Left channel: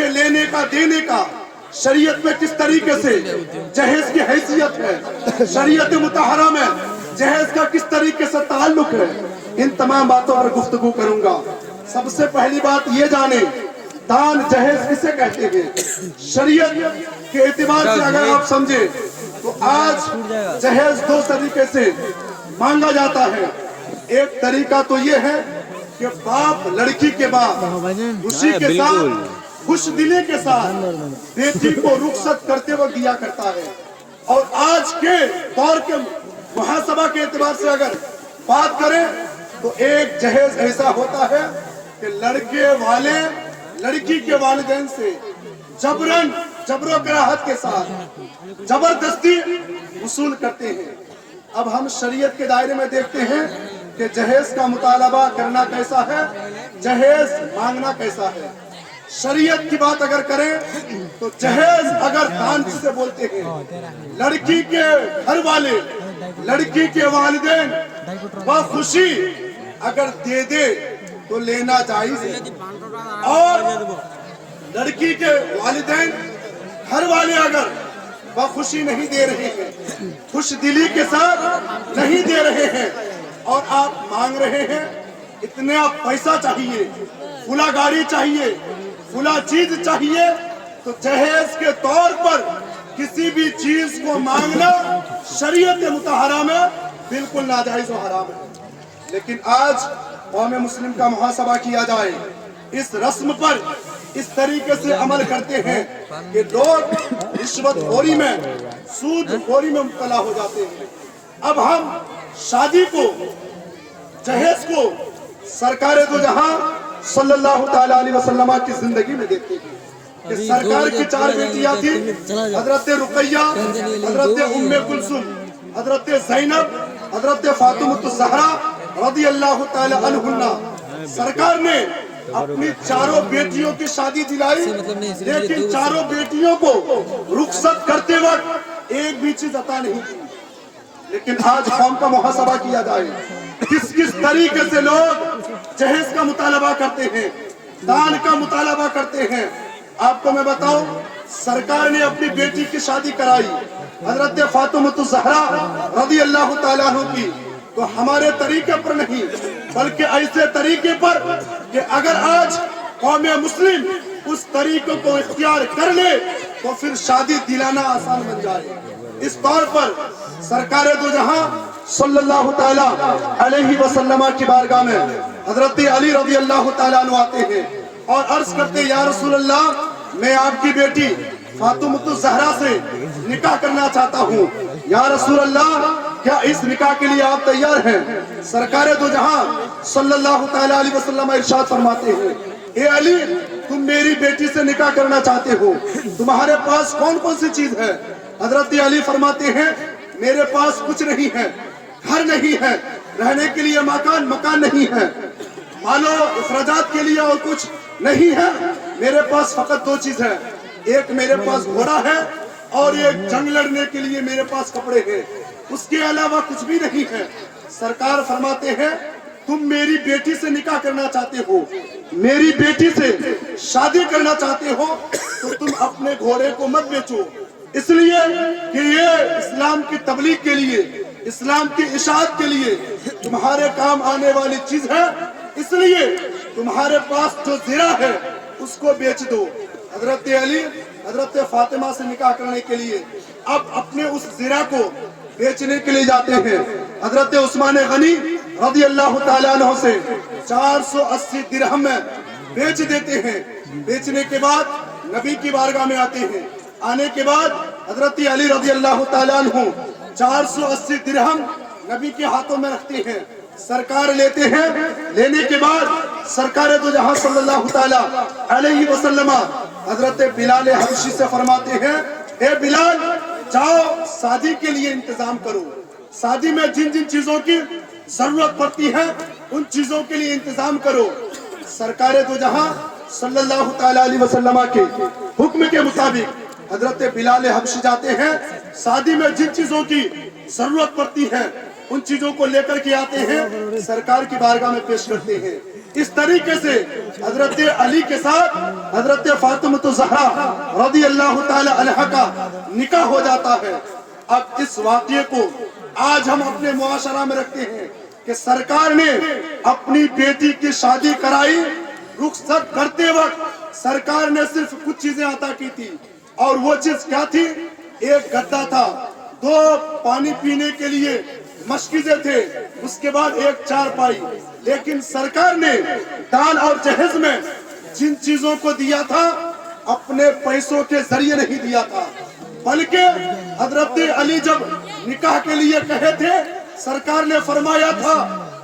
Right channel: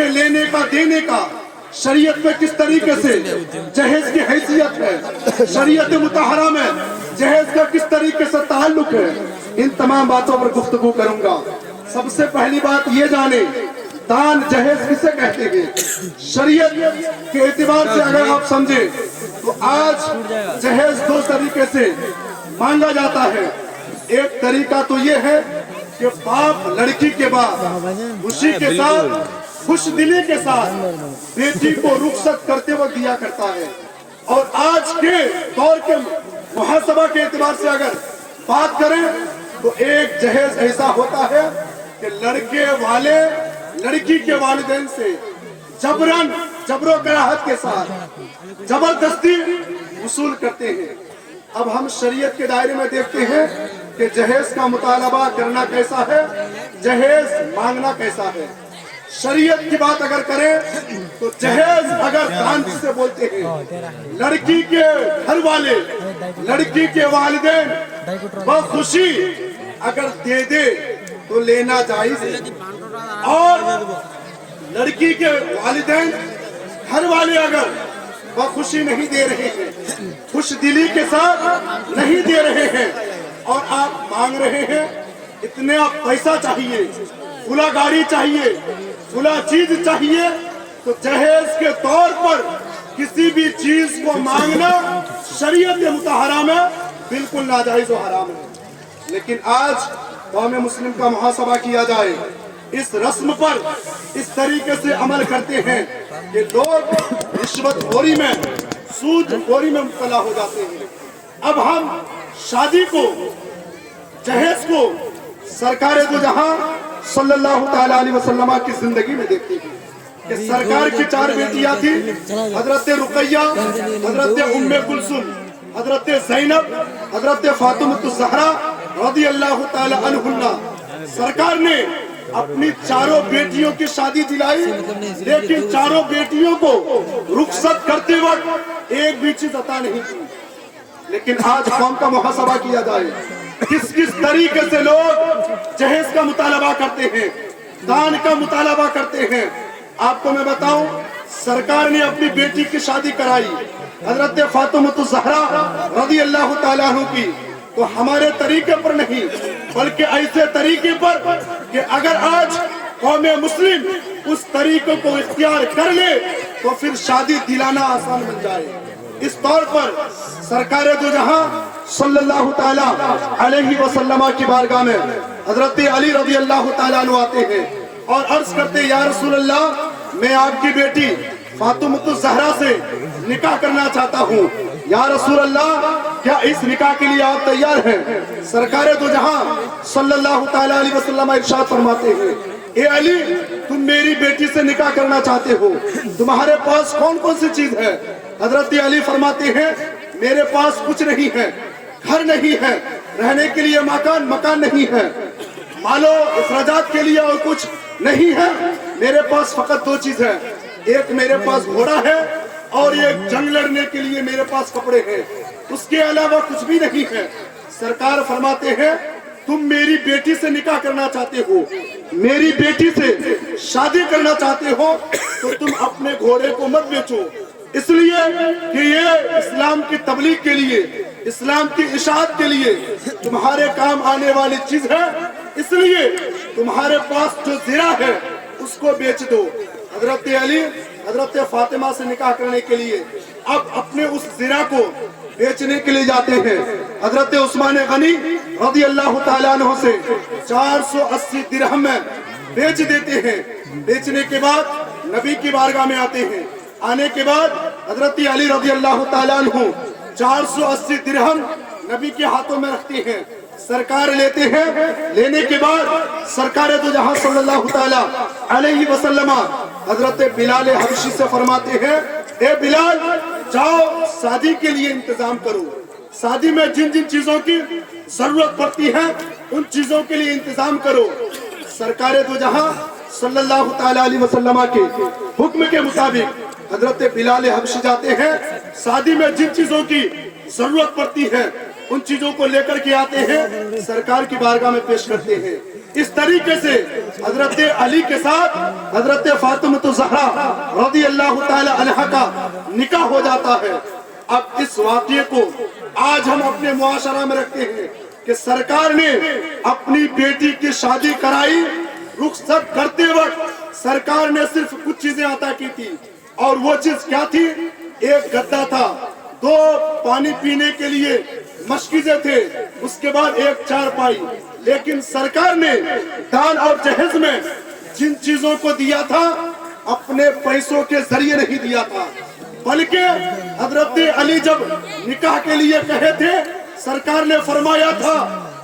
کے لینے کا دینے کا شریعت میں کس طریقے سے جہیز کی حیثیت ہے، شریعت مطہرہ میں جہیز کا کس طریقے سے تعلق ہے، ان تمام باتوں پر گفتگو کروں گا۔ سب سے پہلی بات یہ جانیں دان جہیز کسے کہتے ہیں۔ شریعت کے اعتبار سے اگر آپ سمجھیں تو آج جہیز دو طریقے سے مانگا جاتا ہے۔ ایک طریقہ تو یہ ہے کہ باپ لڑکی کے بعد خوشی کے ساتھ خوش دلی کے ساتھ بیٹی کو رخصت کرتے وقت دیا کرتا ہے، اور آج کے دور کے محاسبہ کے اعتبار سے اگر بات کریں تو ایک جہیز ایسا ہوتا ہے کہ لڑکے والے لڑکی کے والدین سے جبر و کراہت کے ساتھ زبردستی وصول کرتے ہیں۔ اب ہم شریعت کے دائرے میں دیکھتے ہیں کہ جہیز کا مطالبہ کرنا کیسا ہے، جہیز مانگنا کیسا ہے۔ شریعت کی بات اگر کریں تو جہیز اگر دان سے بولتے ہیں، لڑکی کے گھر والے لڑکی کے والدین بخوشی اگر دے دے تو لینا جائز ہے، اور لڑکی کے والدین گھر والے اگر بخوشی نہیں دے رہے ہیں، خوش دلی کے ساتھ نہیں دے رہے ہیں، اور آپ مانگ رہے ہیں اتنے آپ پیسہ چاہیے، فلا گاڑی چاہیے، فلا چیز چاہیے، تو جہیز کے طور پر کسی بھی چیز کو مانگنا شریعت مطہرہ میں بالکل ناجائز و حرام ہے۔ لیکن آج قوم مسلم کا محاسبہ کیا جائے، اس رسم پر اس طریقے سے عمل کرتے ہیں کہ لوگ رشوت خوری میں سود خوری میں مبتلا ہو جاتے ہیں۔ اب ہم شادی کو جہیز کو سرکار دو جہاں صلی اللہ تعالیٰ علیہ وسلم کی زندگی میں دیکھتے ہیں کہ سرکار کی 4 بیٹیاں تھیں، حضرت رقیہ، حضرت ام کلثوم، حضرت زینب، حضرت فاطمہ الزہرا رضی اللہ تعالیٰ عنہن۔ سرکار نے اپنی 4 بیٹیوں کی شادی دلائی، لیکن 4 بیٹیوں کو رخصت کرتے وقت ایک بھی چیز عطا نہیں کی۔ لیکن آج قوم کا محاسبہ کیا جائے، کس طریقے سے لوگ جہیز کا مطالبہ کرتے ہیں، دان کا مطالبہ کرتے ہیں۔ آپ کو میں بتاؤں، سرکار نے اپنی بیٹی کی شادی کرائی حضرت فاطمہ الزہرا رضی اللہ تعالیٰ عنہ کی، تو ہمارے طریقے پر نہیں بلکہ ایسے طریقے پر کہ اگر آج قوم مسلم اس طریقے کو اختیار کر لے تو پھر شادی دلانا آسان بن جائے۔ اس طور پر سرکار دو جہاں صلی اللہ تعالیٰ علیہ وسلم کی بارگاہ میں حضرت علی رضی اللہ تعالیٰ عنہ آتے ہیں اور عرض کرتے یا رسول اللہ، میں آپ کی بیٹی فاطمہ الزہرا سے نکاح کرنا چاہتا ہوں، یا رسول اللہ کیا اس نکاح کے لیے آپ تیار ہیں؟ سرکار دو جہاں صلی اللہ تعالیٰ علیہ وسلم ارشاد فرماتے ہیں، اے علی، تم میری بیٹی سے نکاح کرنا چاہتے ہو، تمہارے پاس کون کون سی چیز ہے؟ حضرت علی فرماتے ہیں میرے پاس کچھ نہیں ہے، گھر نہیں ہے، رہنے کے لیے مکان نہیں ہے، مال و اخراجات کے لیے اور کچھ نہیں ہے، میرے پاس فقط 2 چیز ہے، ایک میرے پاس گھوڑا ہے اور ایک جنگ لڑنے کے لیے میرے پاس کپڑے ہیں، اس کے علاوہ کچھ بھی نہیں ہے۔ سرکار فرماتے ہیں تم میری بیٹی سے نکاح کرنا چاہتے ہو، میری بیٹی سے شادی کرنا چاہتے ہو، تو تم اپنے گھوڑے کو مت بیچو، اس لیے کہ یہ اسلام کی تبلیغ کے لیے، اسلام کی اشاعت کے لیے تمہارے کام آنے والی چیز ہے، اس لیے تمہارے پاس جو زرہ ہے اس کو بیچ دو۔ حضرت علی حضرت فاطمہ سے نکاح کرنے کے لیے اب اپنے اس زرہ کو بیچنے کے لیے جاتے ہیں۔ حضرت عثمان غنی رضی اللہ تعالیٰ عنہ سے 480 درہم میں بیچ دیتے ہیں۔ بیچنے کے بعد نبی کی بارگاہ میں آتے ہیں، آنے کے بعد حضرت علی رضی اللہ تعالیٰ عنہ 480 درہم نبی کے ہاتھوں میں رکھتے ہیں، سرکار لیتے ہیں، لینے کے بعد سرکار دو جہاں صلی اللہ تعالیٰ علیہ وسلم حضرت بلال حبشی سے فرماتے ہیں اے بلال، جاؤ شادی کے لیے انتظام کرو، شادی میں جن جن چیزوں کی ضرورت پڑتی ہے ان چیزوں کے لیے انتظام کرو۔ سرکار دو جہاں صلی اللہ تعالیٰ علیہ وسلم کے حکم کے مطابق حضرت بلال حبشی جاتے ہیں، شادی میں جن چیزوں کی ضرورت پڑتی ہے ان چیزوں کو لے کر کے آتے ہیں، سرکار کی بارگاہ میں پیش کرتے ہیں۔ اس طریقے سے حضرت علی کے ساتھ حضرت فاطمہ الزہرا رضی اللہ تعالی عنہا کا نکاح ہو جاتا ہے۔ اب اس واقعے کو آج ہم اپنے معاشرہ میں رکھتے ہیں کہ سرکار نے اپنی بیٹی کی شادی کرائی، رخصت کرتے وقت سرکار نے صرف کچھ چیزیں عطا کی تھی، اور وہ چیز کیا تھی؟ ایک گدا تھا، 2 پانی پینے کے لیے مشکیزیں تھے، اس کے بعد ایک چارپائی۔ لیکن سرکار نے دان اور جہیز میں جن چیزوں کو دیا تھا اپنے پیسوں کے ذریعے نہیں دیا تھا، بلکہ حضرت علی جب نکاح کے لیے کہے تھے، سرکار نے فرمایا تھا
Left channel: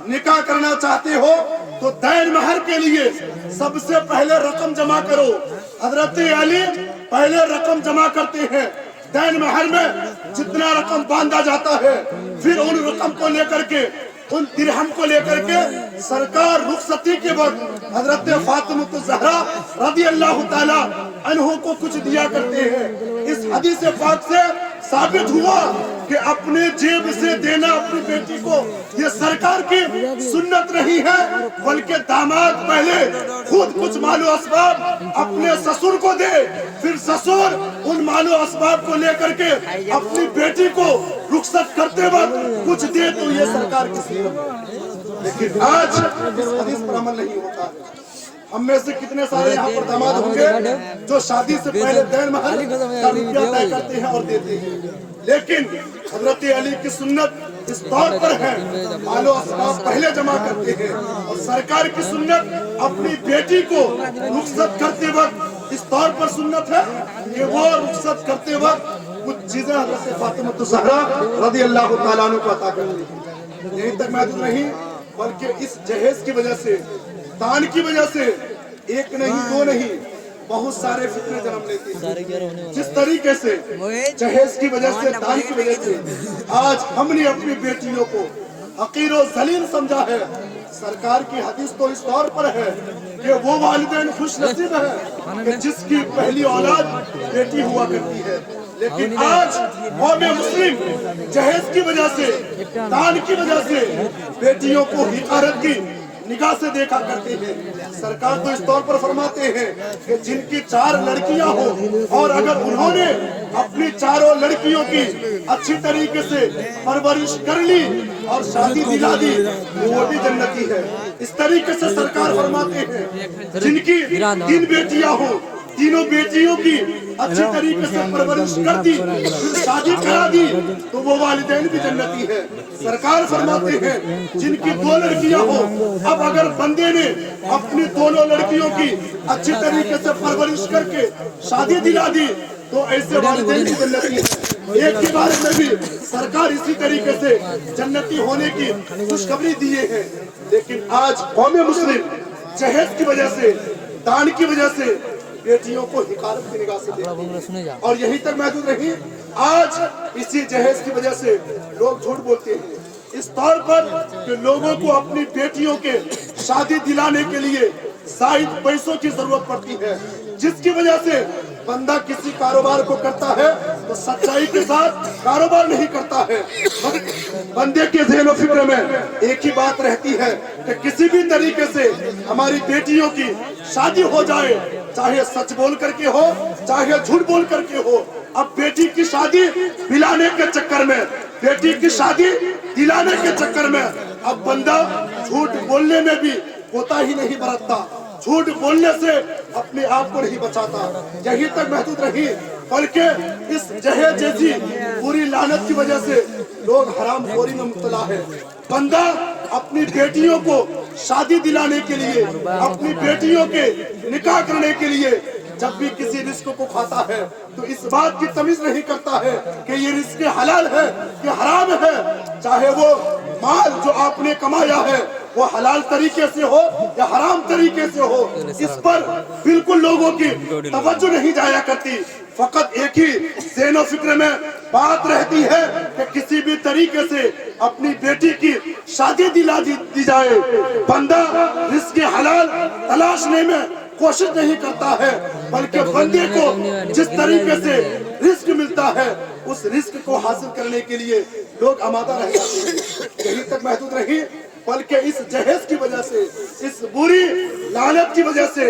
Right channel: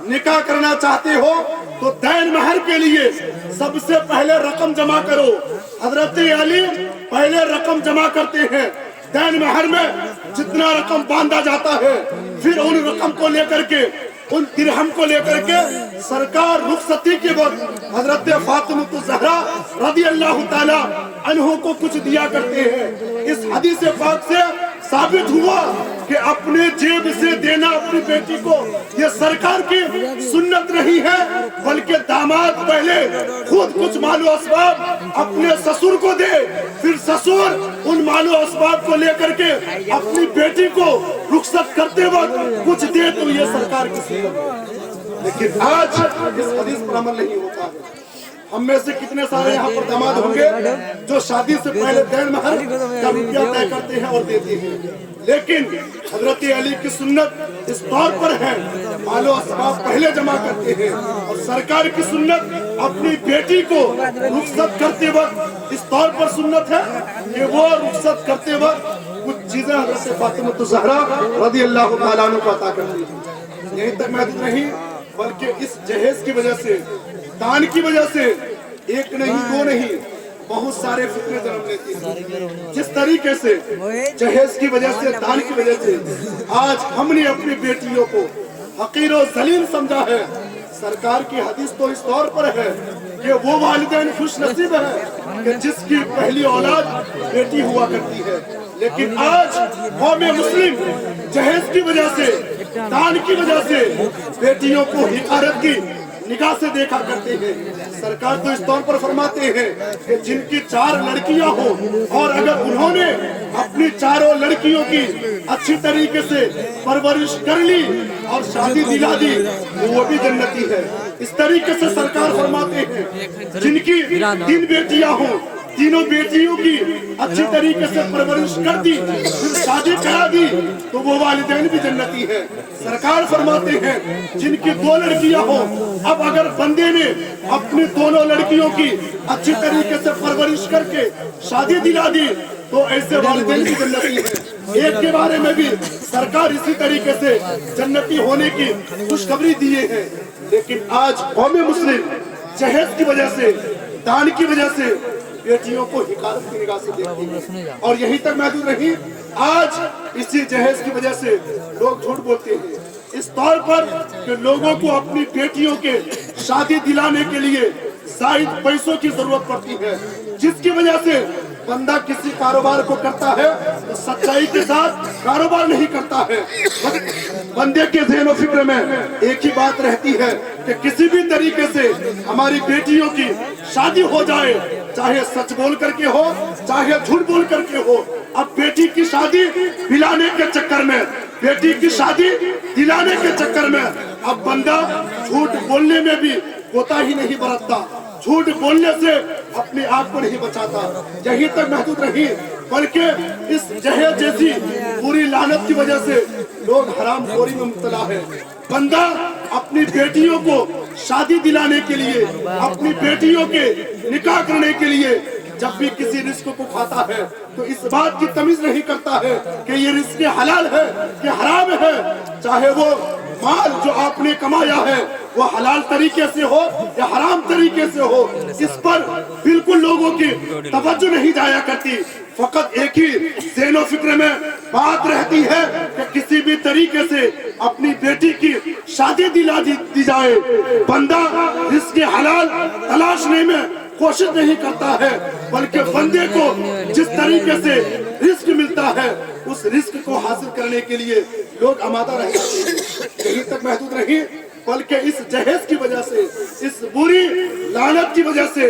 نکاح کرنا چاہتے ہو تو دین مہر کے لیے سب سے پہلے رقم جمع کرو۔ حضرت علی پہلے رقم جمع کرتے ہیں، دین مہر میں جتنا رقم باندھا جاتا ہے، پھر ان رقم کو لے کر کے، ان درہم کو لے کر کے سرکار رخصتی کے وقت حضرت فاطمہ الزہرا رضی اللہ تعالی عنہ کو کچھ دیا کرتے ہیں۔ اس حدیث پاک سے ثابت ہوا کہ اپنے جیب سے دینا اپنی بیٹی کو یہ سرکار کی سنت نہیں ہے، بلکہ داماد پہلے خود کچھ مال و اسباب اپنے سسر کو دے، پھر سسر ان مال و اسباب کو لے کر کے اپنی بیٹی کو رخصت کرتے وقت کچھ دے، تو یہ سرکار کی سنت ہے۔ لیکن آج اس حدیث پر عمل نہیں ہوتا۔ ہم میں سے کتنے سارے یہاں پر داماد ہوں گے جو شادی سے پہلے دین مہر کا روپیہ طے کرتے ہیں اور دیتے ہیں، لیکن حضرت علی کی سنت اس طور پر ہے مال و اسباب پہلے جمع کرتے ہیں، اور سرکار کی سنت اپنی بیٹی کو رخصت کرتے وقت اس طور پر سنت ہے کہ وہ رخصت کرتے وقت کچھ چیزیں حضرت فاطمہ الزہرا رضی اللہ تعالیٰ عنہ کو عطا کرتی ہیں۔ یہیں تک محدود نہیں، بلکہ اس جہیز کی وجہ سے، دان کی وجہ سے ایک نہیں، 2 نہیں، بہت سارے فتنے جنم لیتے ہیں۔ جس طریقے سے جہیز کی وجہ سے، دان کی وجہ سے آج ہم نے اپنی بیٹیوں کو حقیر و ذلیل سمجھا ہے، سرکار کی حدیث تو اس طور پر ہے کہ وہ والدین خوش نصیب ہے کہ جس کی پہلی اولاد بیٹی ہوا کرتی ہے، لیکن آج قوم مسلم جہیز کی وجہ سے، دان کی وجہ سے بیٹیوں کو حقارت کی نگاہ سے دیکھا کرتے ہیں۔ سرکار تو اس طور پر فرماتے ہیں کہ جن کی 4 لڑکیاں ہوں اور اگر انہوں نے اپنی 4 لڑکیوں کی اچھی طریقے سے پرورش کر لی اور شادی دلا دی تو وہ بھی جنتی ہے۔ اس طریقے سے سرکار فرماتے ہیں جن کی 3 بیٹیاں ہوں، تینوں بیٹیوں کی اچھی طریقے سے پرورش کر دی، پھر شادی کرا دی تو وہ والدین بھی جنتی ہے۔ سرکار فرماتے ہیں جن کی 2 لڑکیاں ہوں، اب اگر بندے نے اپنی دونوں لڑکیوں کی اچھی طریقے سے پرورش کر کے شادی دلا دی تو ایسے والدین بھی جنتی ہیں۔ ایک کے بارے میں بھی سرکار اسی طریقے سے جنتی ہونے کی خوشخبری دیے ہیں، لیکن آج قوم مسلم جہیز کی وجہ سے، دان کی وجہ سے بیٹیوں کو حقارت کی نگاہ سے دیکھتے ہیں، اور یہیں تک محدود نہیں، آج اسی جہیز کی وجہ سے لوگ جھوٹ بولتے ہیں اس طور پر کہ لوگوں کو اپنی بیٹیوں کے شادی دلانے کے لیے زائد پیسوں کی ضرورت پڑتی ہے، جس کی وجہ سے بندہ کسی کاروبار کو کرتا ہے تو سچائی کے ساتھ کاروبار نہیں کرتا ہے۔ بندے کے ذہن و فکر میں ایک ہی بات رہتی ہے کہ کسی بھی طریقے سے ہماری بیٹیوں کی شادی ہو جائے، چاہے سچ بول کر کے ہو، چاہے جھوٹ بول کر کے ہو۔ اب بیٹی کی شادی دلانے کے چکر میں، بیٹی کی شادی دلانے کے چکر میں اب بندہ جھوٹ بولنے میں بھی کوتاہی نہیں برتتا، جھوٹ بولنے سے اپنے آپ کو نہیں بچاتا۔ یہیں تک محدود رہی، بلکہ اس جہیز جیسی پوری لعنت کی وجہ سے لوگ حرام خوری میں مبتلا ہے۔ بندہ اپنی بیٹیوں کو شادی دلانے کے لیے، اپنی بیٹیوں کے نکاح کرنے کے لیے جب بھی کسی رزق کو کھاتا ہے تو اس بات کی تمیز نہیں کرتا ہے کہ یہ رزق حلال ہے کہ حرام ہے، چاہے وہ مال جو آپ نے کمایا ہے وہ حلال طریقے سے ہو یا حرام طریقے سے ہو، اس پر بالکل لوگوں کی توجہ نہیں جایا کرتی۔ فقط ایک ہی ذہن و فکر میں بات رہتی ہے کہ کسی بھی طریقے سے اپنی بیٹی کی شادی دلا دی جائے۔ بندہ رزق حلال تلاشنے میں کوشش نہیں کرتا ہے، بلکہ بندے کو جس طریقے سے رزق ملتا ہے اس رزق کو حاصل کرنے کے لیے لوگ آمادہ رہ جاتے ہیں۔ یہیں تک محدود نہیں، बल्कि इस जहेज की वजह से, इस बुरी लानत की वजह से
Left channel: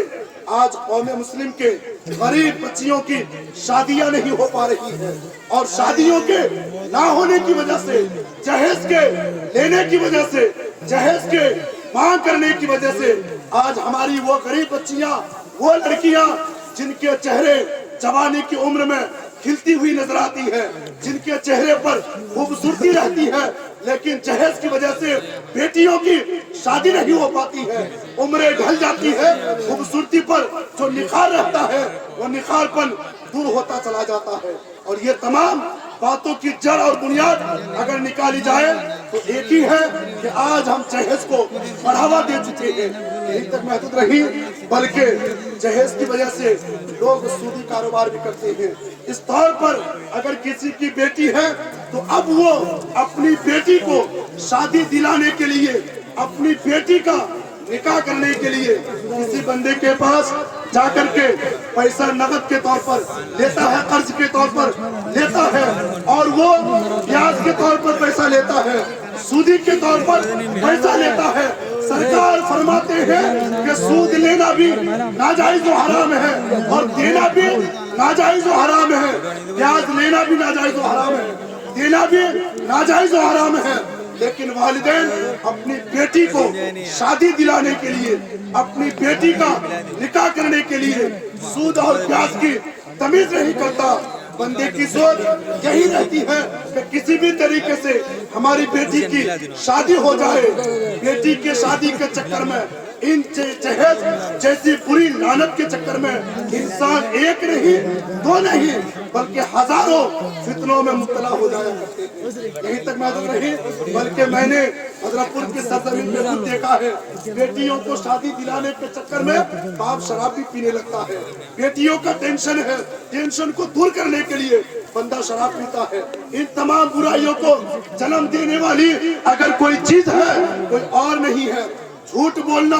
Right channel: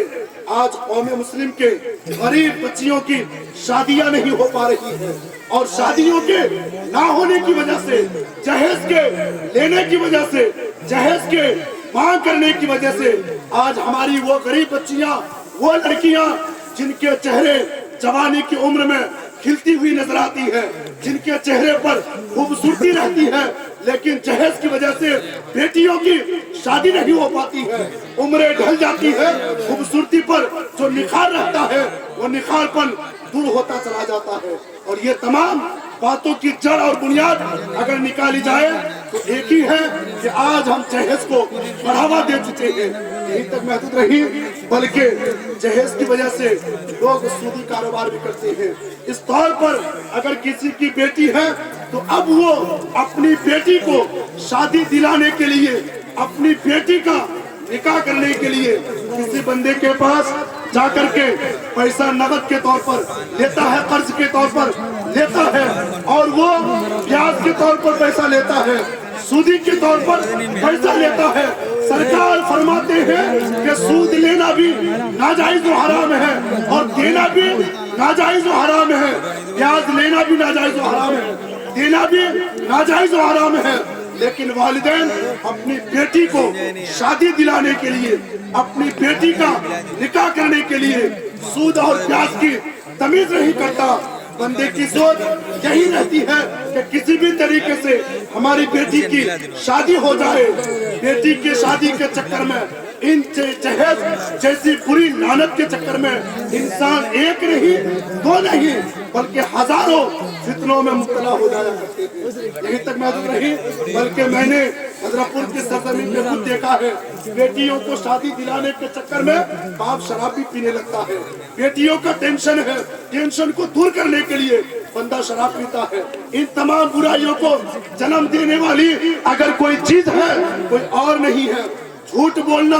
आज कौम मुस्लिम के गरीब बच्चियों की शादियां नहीं हो पा रही है, और शादियों के ना होने की वजह से, जहेज के लेने की वजह से, जहेज के मांग करने की वजह से आज हमारी वो गरीब बच्चियां, वो लड़कियां जिनके चेहरे जवानी की उम्र में खिलती हुई नजर आती है, जिनके चेहरे पर खूबसूरती रहती है, लेकिन जहेज की वजह से बेटियों की शादी नहीं हो पाती है, उम्रें ढल जाती है, खूबसूरती पर जो निखार रहता है वो निखारपन दूर होता चला जाता है। और ये तमाम बातों की जड़ और बुनियाद अगर निकाली जाए तो एक ही है कि आज हम जहेज को बढ़ावा दे चुके हैं। यही तक महदूद रही, बल्कि जहेज की वजह से लोग सूदी कारोबार भी करते हैं। इस तौर पर अगर किसी की बेटी है तो अब वो अपनी बेटी को शादी दिलाने के लिए, अपनी बेटी का निकाह करने के लिए किसी बंदे के पास जाकर के पैसा नगद के तौर पर लेता है, कर्ज के तौर पर लेता है, और वो ब्याज के तौर पर पैसा लेता है, सूदी के तौर पर पैसा लेता है। सरकार फरमाते हैं कि सूद लेना भी नाजायज व हराम है और देना भी नाजायज व हराम है, ब्याज लेना भी नाजायज व हराम है, देना भी नाजायज व हराम है। लेकिन वालिदैन अपनी बेटी को शादी दिलाने के लिए, अपनी बेटी का निकाह करने के लिए सूद और ब्याज की तमीज नहीं करता। बंदे की सोच यही रहती है कि किसी भी तरीके से हमारी बेटी की शादी हो जाए। बेटी की शादी के चक्कर में, इन जहेज जैसी बुरी लानत के चक्कर में इंसान एक नहीं, दो नहीं, बल्कि हजारों फितनों में मुब्तला हो जाया करते हैं। यही तक महदूद रही, बल्कि मैंने हजरतपुर की सरजमीन में खुद देखा है, बेटियों को शादी दिलाने के चक्कर में बाप शराब भी पीने लगता है। बेटियों का टेंशन है, टेंशन को दूर करने के लिए बंदा शराब पीता है। इन तमाम बुराइयों को जन्म देने वाली अगर कोई चीज है, कोई और नहीं है झूठ बोलना,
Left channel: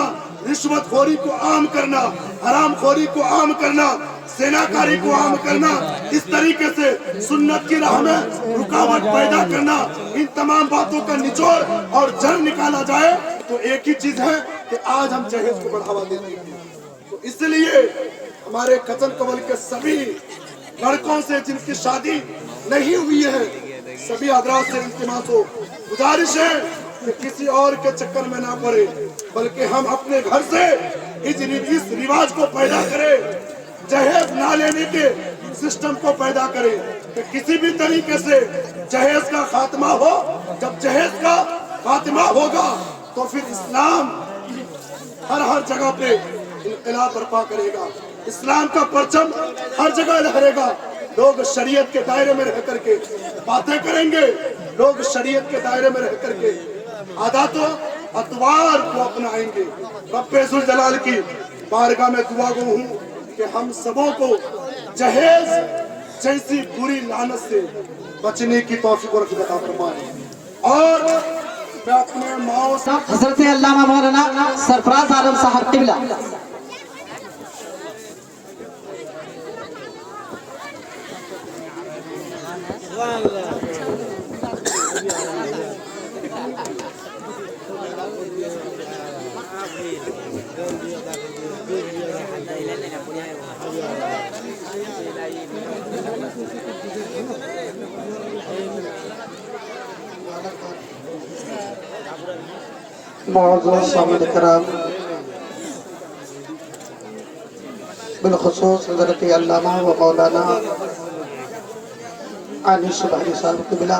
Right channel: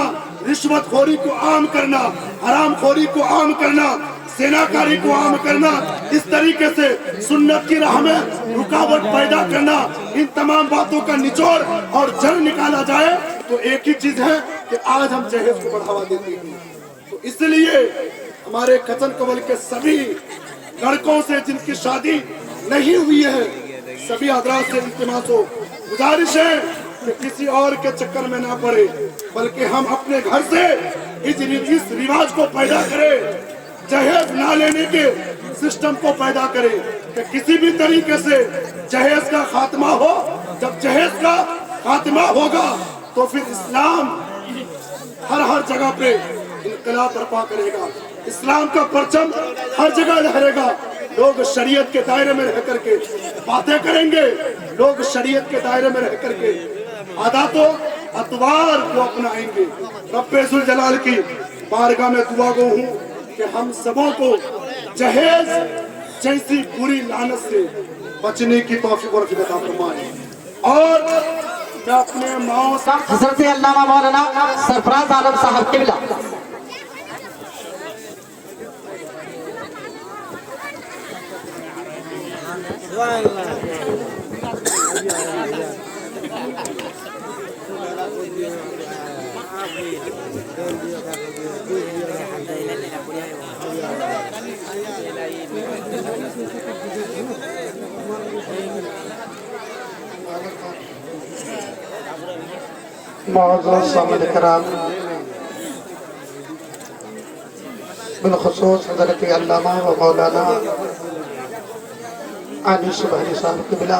रिश्वतखोरी को आम करना, हरामखोरी को आम करना, सेनाकारी को आम करना, इस तरीके से सुन्नत की राह में रुकावट पैदा करना। इन तमाम बातों का निचोड़ और जड़ निकाला जाए तो एक ही चीज है कि आज हम जहेज को बढ़ावा देते हैं। तो इसलिए हमारे कचन कवल के सभी लड़कों से जिनकी शादी नहीं हुई है, सभी हजरात से इल्तिमास हो, गुजारिश है कि किसी और के चक्कर में ना पड़े, बल्कि हम अपने घर से इस रिवाज को पैदा करें, जहेज ना लेने के सिस्टम को पैदा करें कि किसी भी तरीके से जहेज का खात्मा हो। जब जहेज का खात्मा होगा तो फिर इस्लाम हर जगह पे इनकलाब बर्पा करेगा, इस्लाम का परचम हर जगह लहरेगा। लोग शरीयत के दायरे में रह करके बातें करेंगे, लोग शरीयत के दायरे में रह करके आदातो अतवार को अपनाएंगे। रब्बे जुल जलाल की बारगाह में दुआ गो हूँ कि हम सबों को जहेज जैसी बुरी लानत से बचने की तौफीक और अता फरमाए। और मैं अपने माओ सा हजरत अल्लामा मौलाना सरफराज आलम साहब किबला मुअज़्ज़ज़ सामिन किराम, बिलखुसूस हज़रत अल्लामा व मौलाना आनी सुबहानी साहब क़िबला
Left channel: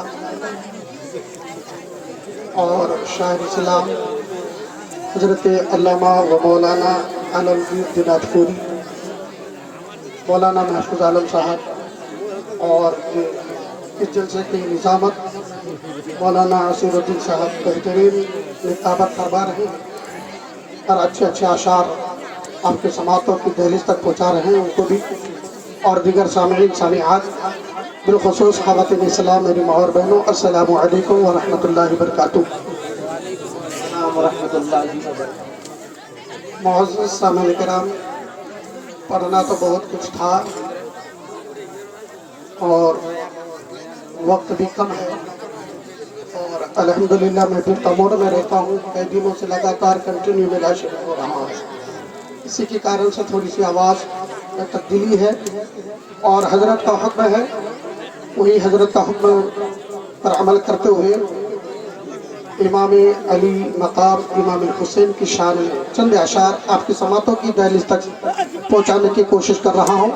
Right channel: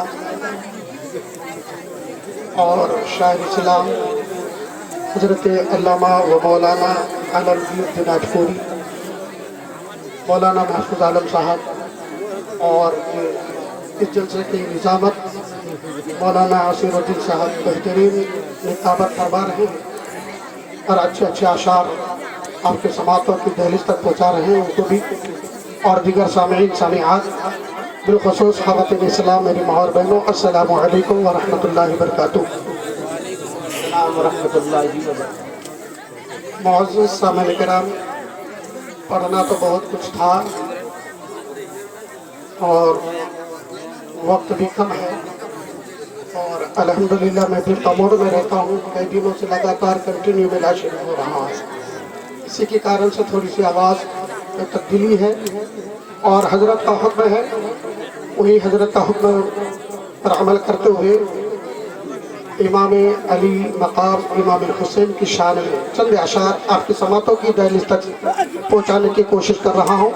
और शायर इस्लाम हज़रत अल्लामा व मौलाना आलमगीर दिनाजपुरी, मौलाना महफूज आलम साहब और इस जलसे की निज़ामत मौलाना आसिरुद्दीन साहब बेहतरीन निकाबत फरमा रहे हैं और अच्छे अच्छे अशार आपके समातों की दहलीज तक पहुँचा रहे हैं उनको भी, और दीगर सामीन सामियात बिलखुसूस ख़वातीन इस्लाम मेरी माँ और बहनों, अस्सलामु अलैकुम व रहमतुल्लाहि व बरकातुहू। मुअज़्ज़ज़ सामीन किराम, पढ़ना तो बहुत कुछ था और वक्त भी कम है, اور الحمدللہ میں بھی تمور میں رہتا ہوں، کئی دنوں سے لگاتار کنٹینیو میرا شروع ہو رہا ہے، اسی کے کارن سے تھوڑی سی آواز میں تبدیلی ہے، اور حضرت کا حکم ہے، وہی حضرت کا حکم پر عمل کرتے ہوئے امام علی مقام امام حسین کی شان میں چند اشعار آپ کی سماعتوں کی دہلیز تک پہنچانے کی کوشش کر رہا ہوں۔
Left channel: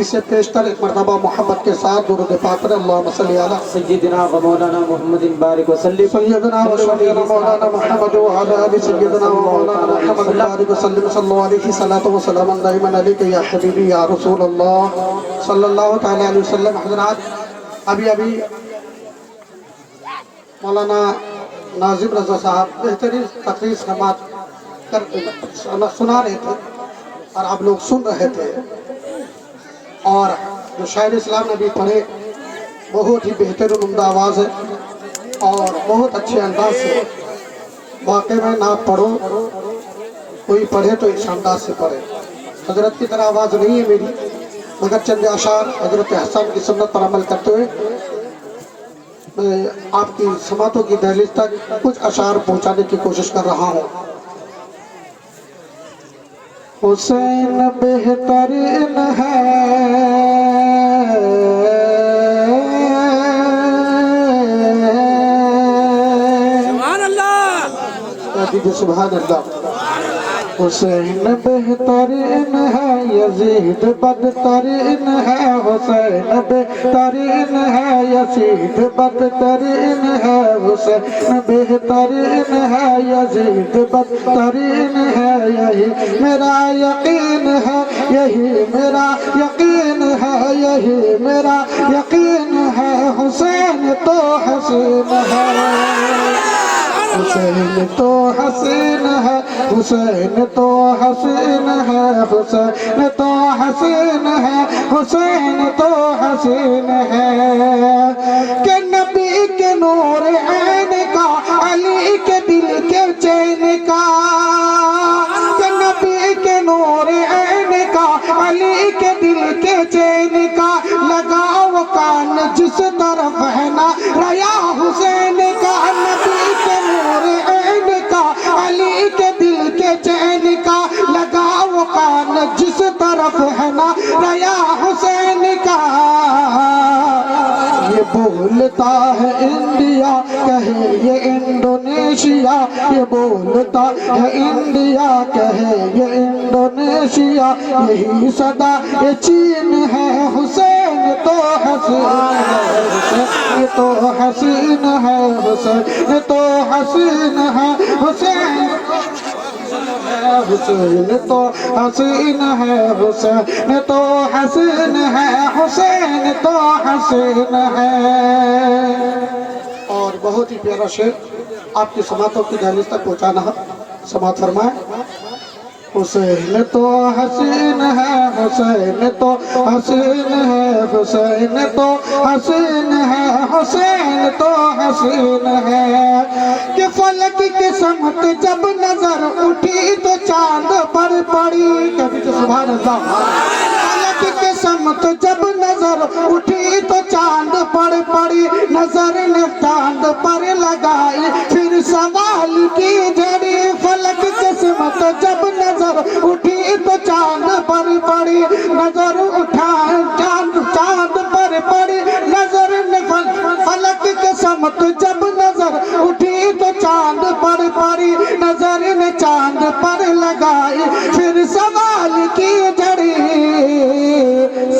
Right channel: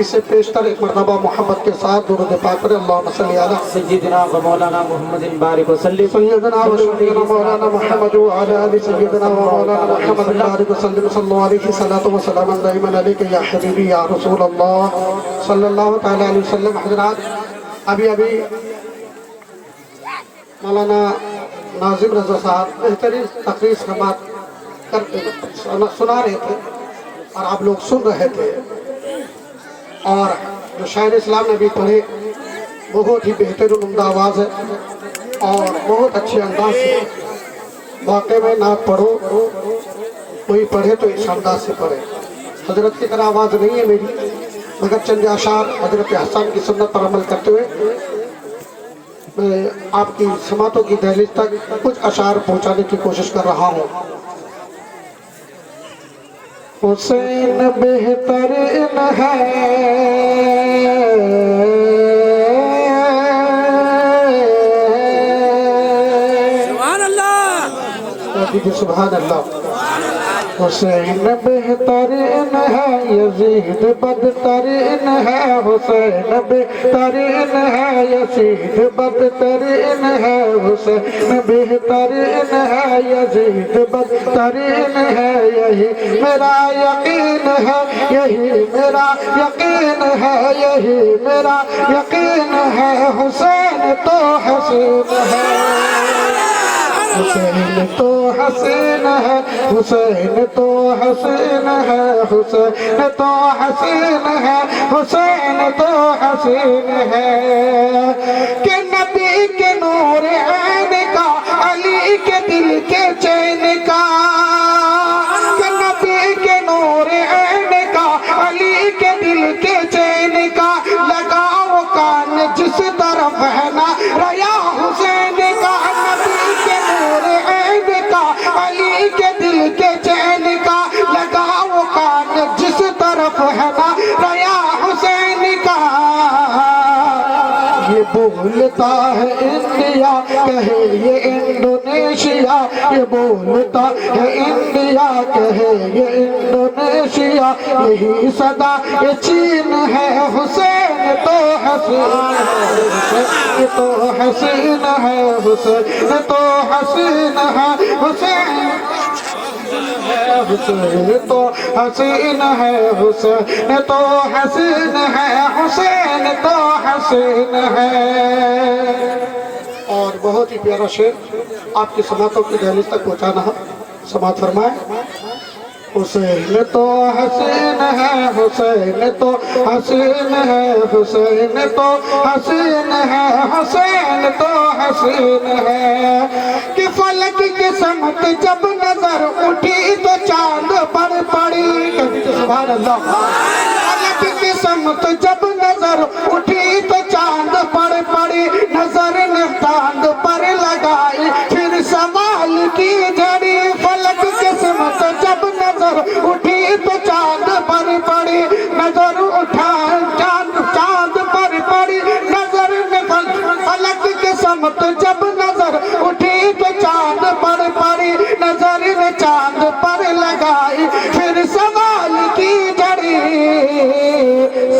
اسے پیشتر ایک مرتبہ محبت کے ساتھ درود پاک پر اللہم صلی علی سیدنا و مولانا محمد بارک وسلم سیدنا و شفیعنا مولانا محمد وعلی آل سیدنا و مولانا محمد بارک وسلم صلی اللہ علیہ صلاۃ و سلام دائما علیک یا حبیبی یا رسول اللہ صلی اللہ تعالی علیہ وسلم۔ حضرات ابھی مولانا ناظم رضا صاحب بہترین تقریر سنا رہے تھے اور آپ لوگ سن رہے تھے، اور جو شاعر اسلام نے بھی پڑھے بہت ہی بہترین عمدہ آواز ہے اور بہت اچھے انداز سے، واقعی میں نہ پڑھو کوئی پڑھے تو اس انداز سے پڑھے، حضرت کی طرح آواز نہیں ہے میری، مگر چند اشعار حضرت حسن کی سنت پر عمل کرتے ہوئے میں آپ کی سماعتوں کی دہلیز تک کچھ اشعار پہنچانے کی کوشش کر رہا ہوں۔ حسین بہترین ہے سبحان اللہ، سبحان اللہ۔ حسین بہترین ہے یزید بدترین ہے، حسین بہترین ہے یزید بدترین ہے، حسین بہترین ہے یزید بدترین ہے، یہی میرا یقین ہے، یہی میرا یقین ہے، یہی میرا یقین ہے، حسین تو حسین ہے، حسین تو حسین ہے، حسین تو حسین ہے، حسین تو حسین ہے، حسین تو حسین ہے، کہ نبی کے نور عین کا، علی کے دل کے چین کا، کہ نبی کے نور عین کا، علی کے دل کے چین کا، لگاؤ کان جس طرف ہے نا ریا حسین کا، نبی کے نور عین کا، علی کے دل کے چین کا، لگاؤ کان جس طرف ہے نا ریا حسین کا، یہ بولتا ہے انڈیا کہے یہ انڈونیشیا، یہ بولتا ہے انڈیا کہے یہ انڈونیشیا، یہی صدا یہ چین ہے، حسین تو حسین ہے، حسین تو حسین ہے، حسین تو حسین ہے، حسین حسین تو حسین ہے، حسین تو حسین ہے، حسین تو حسین ہے۔ اور بہت ہی پیارا شعر آپ کی سماعتوں کی دہلیز تک پہنچانا ہے، سماعت فرمائیں۔ حسین تو حسین ہے، حسین تو حسین ہے، حسین تو حسین ہے، حسین تو حسین ہے، کہ فلک کی سمت جب نظر اٹھی تو چاند پر پڑی، کہتے سبحان اللہ، فلک کی سمت جب نظر اٹھی تو چاند پر پڑی، نظر نے چاند پر لگائی پھر سوال کی جڑی، فلک کی سمت جب نظر اٹھی تو چاند پر پڑی، نظر اٹھائے چاند پر پڑی، نظر نے فلک کی سمت جب نظر اٹھی تو چاند پر پڑی، نظر نے چاند پر لگائی پھر سوال کی جڑی،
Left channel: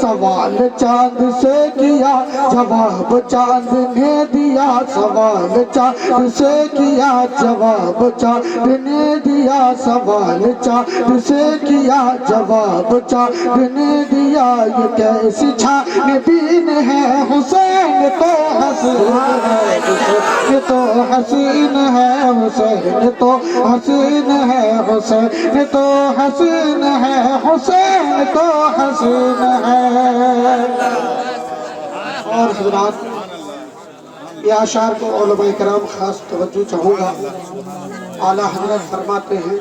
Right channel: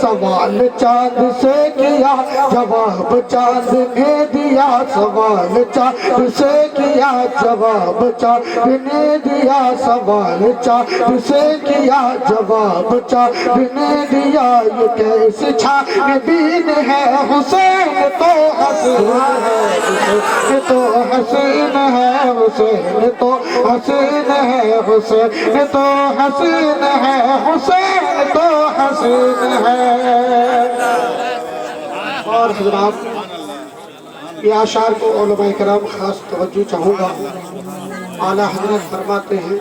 سوال چاند سے کیا جواب چاند نے دیا، سوال چاند سے کیا جواب چاند نے دیا، سوال چاند سے کیا جواب چاند نے دیا، یہ کیسی چھان بین ہے، حسین تو حسین ہے، حسین تو حسین ہے، حسین تو حسین ہے، حسین تو حسین ہے، حسین تو حسین ہے۔ اور حضرات یہ اشعار کو علماء کرام خاص توجہ چاہوں گا، اعلیٰ حضرت فرماتے ہیں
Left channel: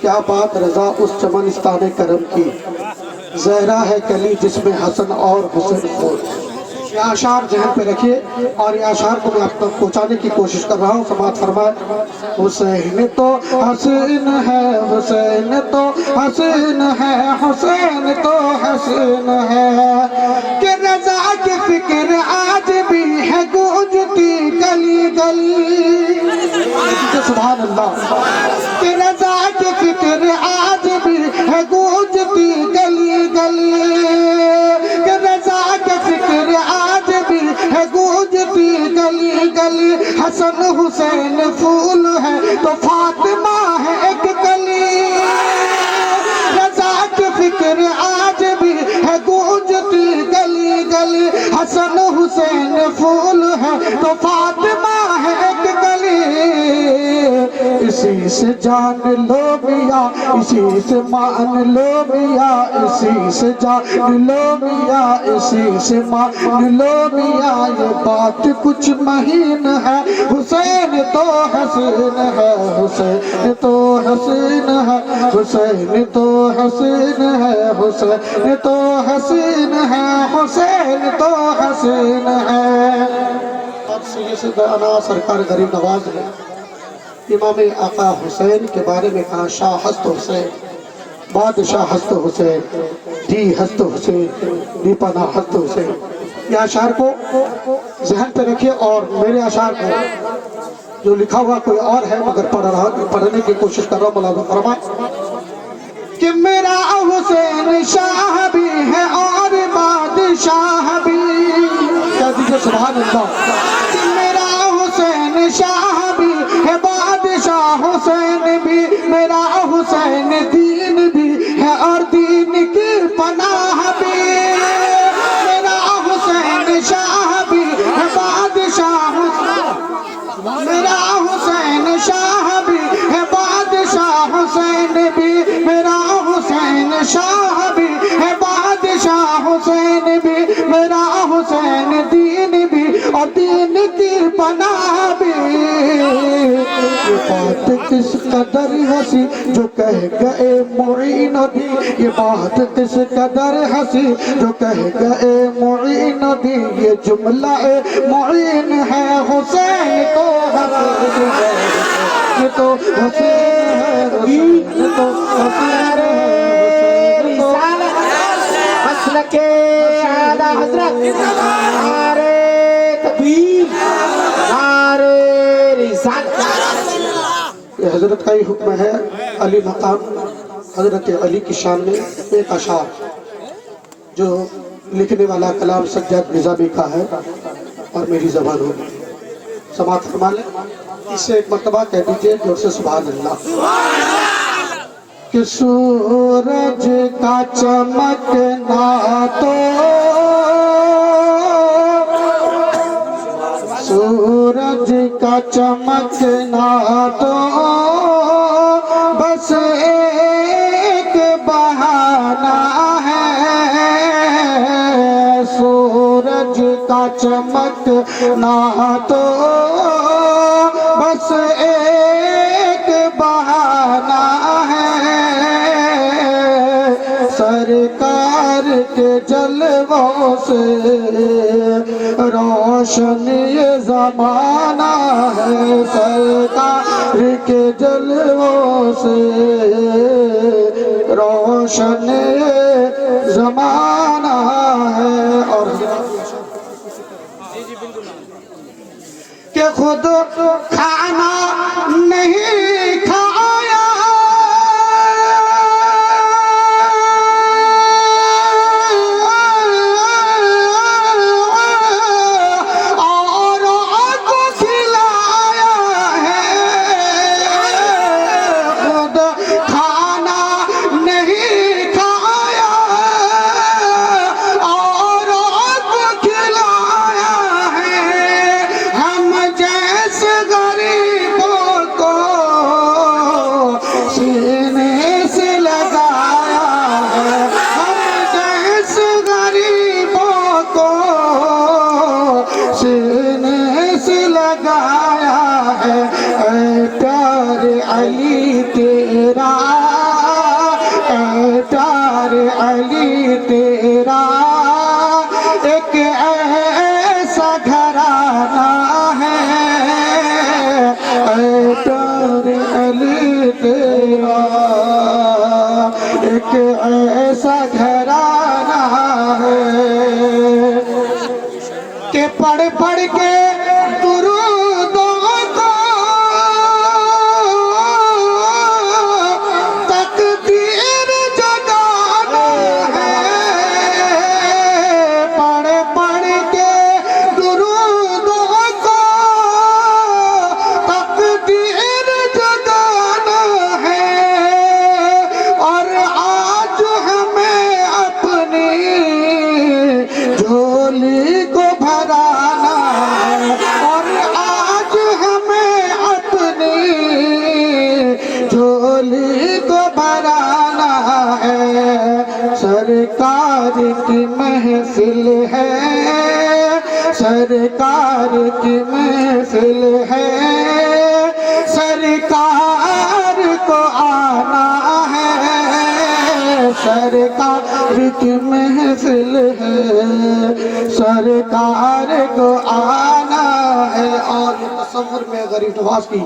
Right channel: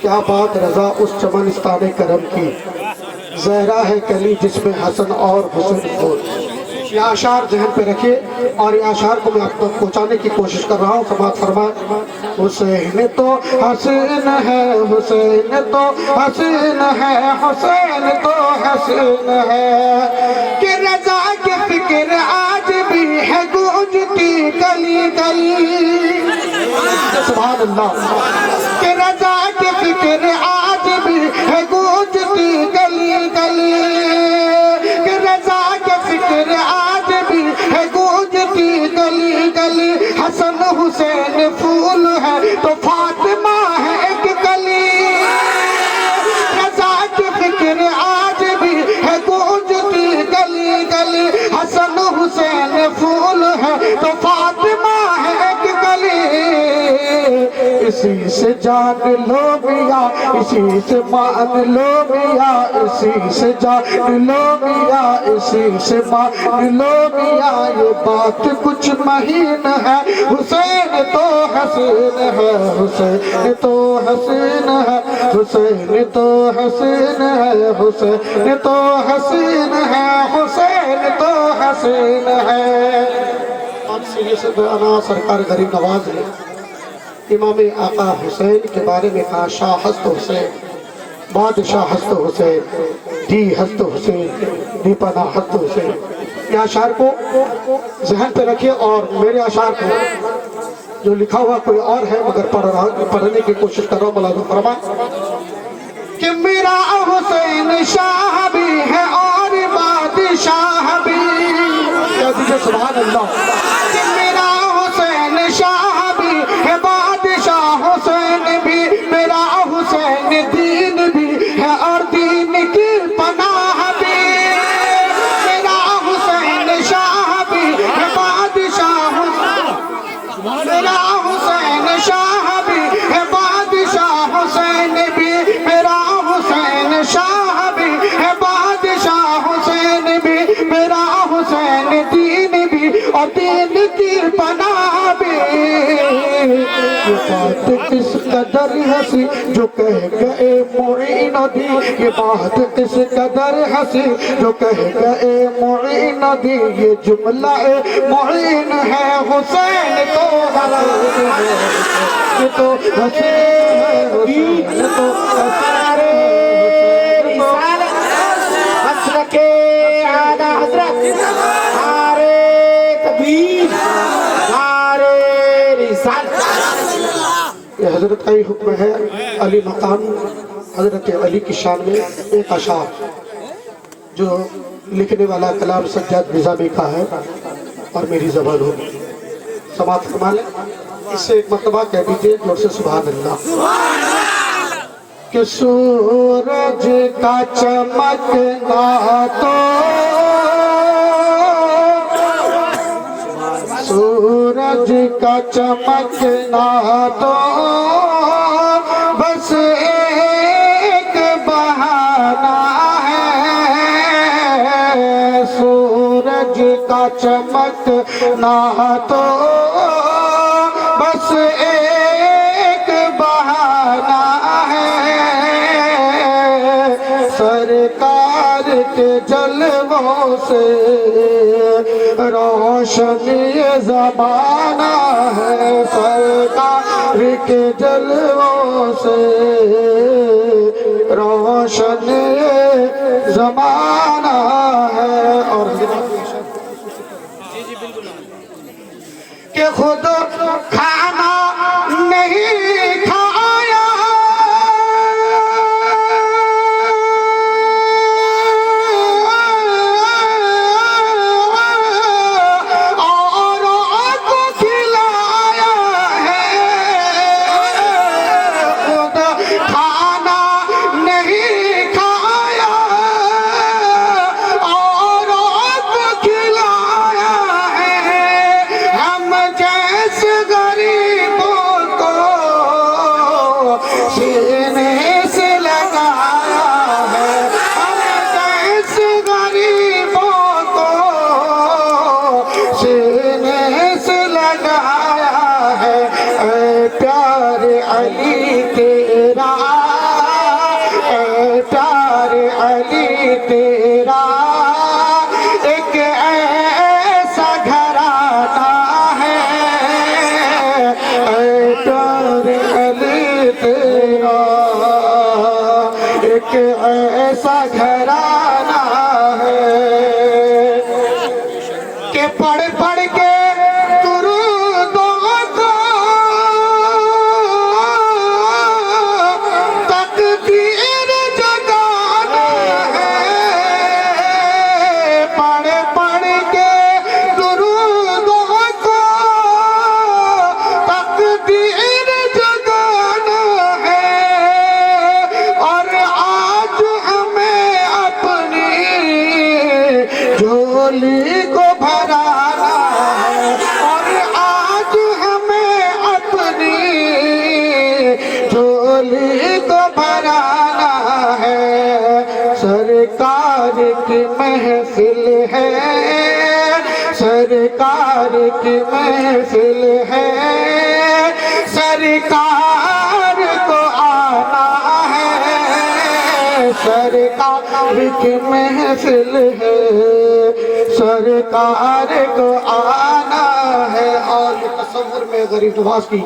کیا بات رضا اس چمنستان کرم کی، زہرا ہے کلی جس میں حسن اور حسن ہو، یہ اشعار ذہن پہ رکھیے اور یہ اشعار کو میں آپ تک پہنچانے کی کوشش کر رہا ہوں. سماعت فرمائے. حسین تو حسین ہے, حسین تو حسین ہے, حسین تو حسین ہے, کہ رضا کی فکر آج بھی ہے گونجتی گلی گلی. سبحان اللہ. کہ رضا کی فکر آج بھی ہے گونجتی گلی گلی, کہ رضا کی فکر آج بھی ہے گونجتی گلی گلی. حسن حسین پھول ہے تو فاطمہ ہے ایک کلی, رضا کی فکر آج بھی ہے گونجتی گلی گلی. حسن حسین پھول ہے تو فاطمہ ہے ایک کلی. اسی سے جان لو میاں, اسی سے مان لو میاں, اسی سے جان لو میاں, اسی سے مان لو میاں. یہ بات کچھ مہین ہے, حسین تو حسین ہے, حسین تو حسین ہے, حسین تو حسین ہے, حسین تو حسین ہے, حسین تو حسین ہے. اور سیدھے سے انا سرکار غریب نواز نے امام آقا حسین کے بارے میں کہا, شاہ ہست حسین, بادشاہ ہست حسین, دی ہست حسین, دی پناہ ہست حسین. یہ اشعار کو ذہن پہ رکھیے اور میرے اشعار کو جو لکھا ہوا کوئی اور ہے مگر پڑھنے کی کوشش کر رہا ہوں. ملازم فرمائے کہ میرا حسین شاہ بھی ہے اور بادشاہ بھی. کہہ دیجئے سبحان اللہ. کہ میرا حسین شاہ بھی ہے, بادشاہ حسین بھی, میرا حسین دین بھی ہے اور دین کی پناہ بھی. میرا حسین شاہ بھی ہے, بادشاہ حسین, میرا حسین شاہ بھی ہے, بادشاہ حسین بھی, میرا حسین شاہ بھی ہے, بادشاہ حسین بھی, میرا حسین دین بھی اور دین کی پناہ بھی. یہ بات کس قدر ہنسی جو کہہ گئے معین الدین, یہ بات کس قدر ہنسی جو کہہ گئے معین الدین. یہ جملہ معین ہے, حسین تو حسین ہے, یہ تو حسین ہے, حسین تو حسین ہے. مسلک اعلیٰ حضرت نعرہ تکبیر, نعرہ رسالت. یہ حضرت کا ہی حکم ہے. علی مقام حضرت علی کی شان میں ایک اشعار جو لکھنے والا کلام سجاد نظامی کا ہے اور میری زبان ہوگی. سماعت فرما لیں. اسے ایک مرتبہ کہہ دیجئے جور سے سبحان اللہ. کہ سورج کا چمکنا تو سورج کا چمکنا تو بس ایک بہانہ ہے, سورج کا چمکنا تو بس ایک بہانہ ہے, سرکار کے جلووں سے روشن یہ زمانہ ہے, سرکار کے جلووں سے روشن یہ زمانہ ہے. اور کہ خود کھانا نہیں کھایا اور کو کھلایا ہے, خود کھانا نہیں کھایا اور کو کھلایا ہے. ہم جیسے غریبوں کو سینے سے لگایا ہے, ہم جیسے غریبوں کو سینے سے لگایا ہے. اے پیار علی تیرا, اے پیار علی تیرا, ایک سرکار کی محفل ہے، سرکار کی محفل ہے، سرکار کو آنا ہے، سرکار کی محفل ہے، سرکار کو آنا ہے۔ اور یہ تصور میں غریب نواز کی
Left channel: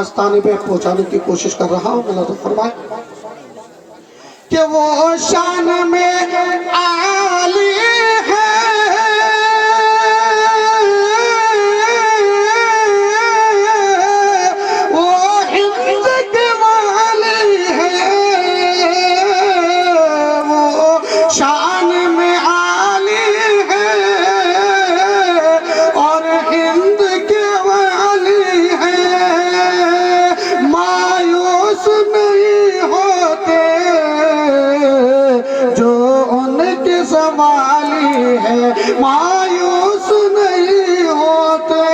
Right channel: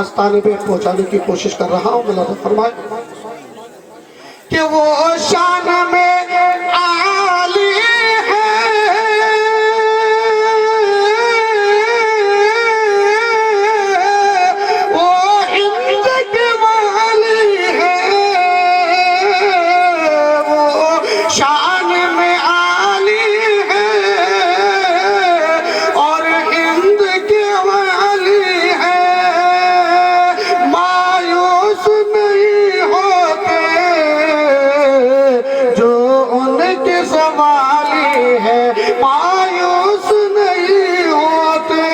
آستانے پہ پہنچانے کی کوشش کر رہا ہوں۔ اللہ فرمائے کہ وہ شان میں عالی ہے، وہ ہند کے والی ہے، وہ شان میں عالی ہے اور ہند کے والی ہے، مایوس نہیں ہوتے جو ان کے سنبھالی ہے، مایوس نہیں ہوتے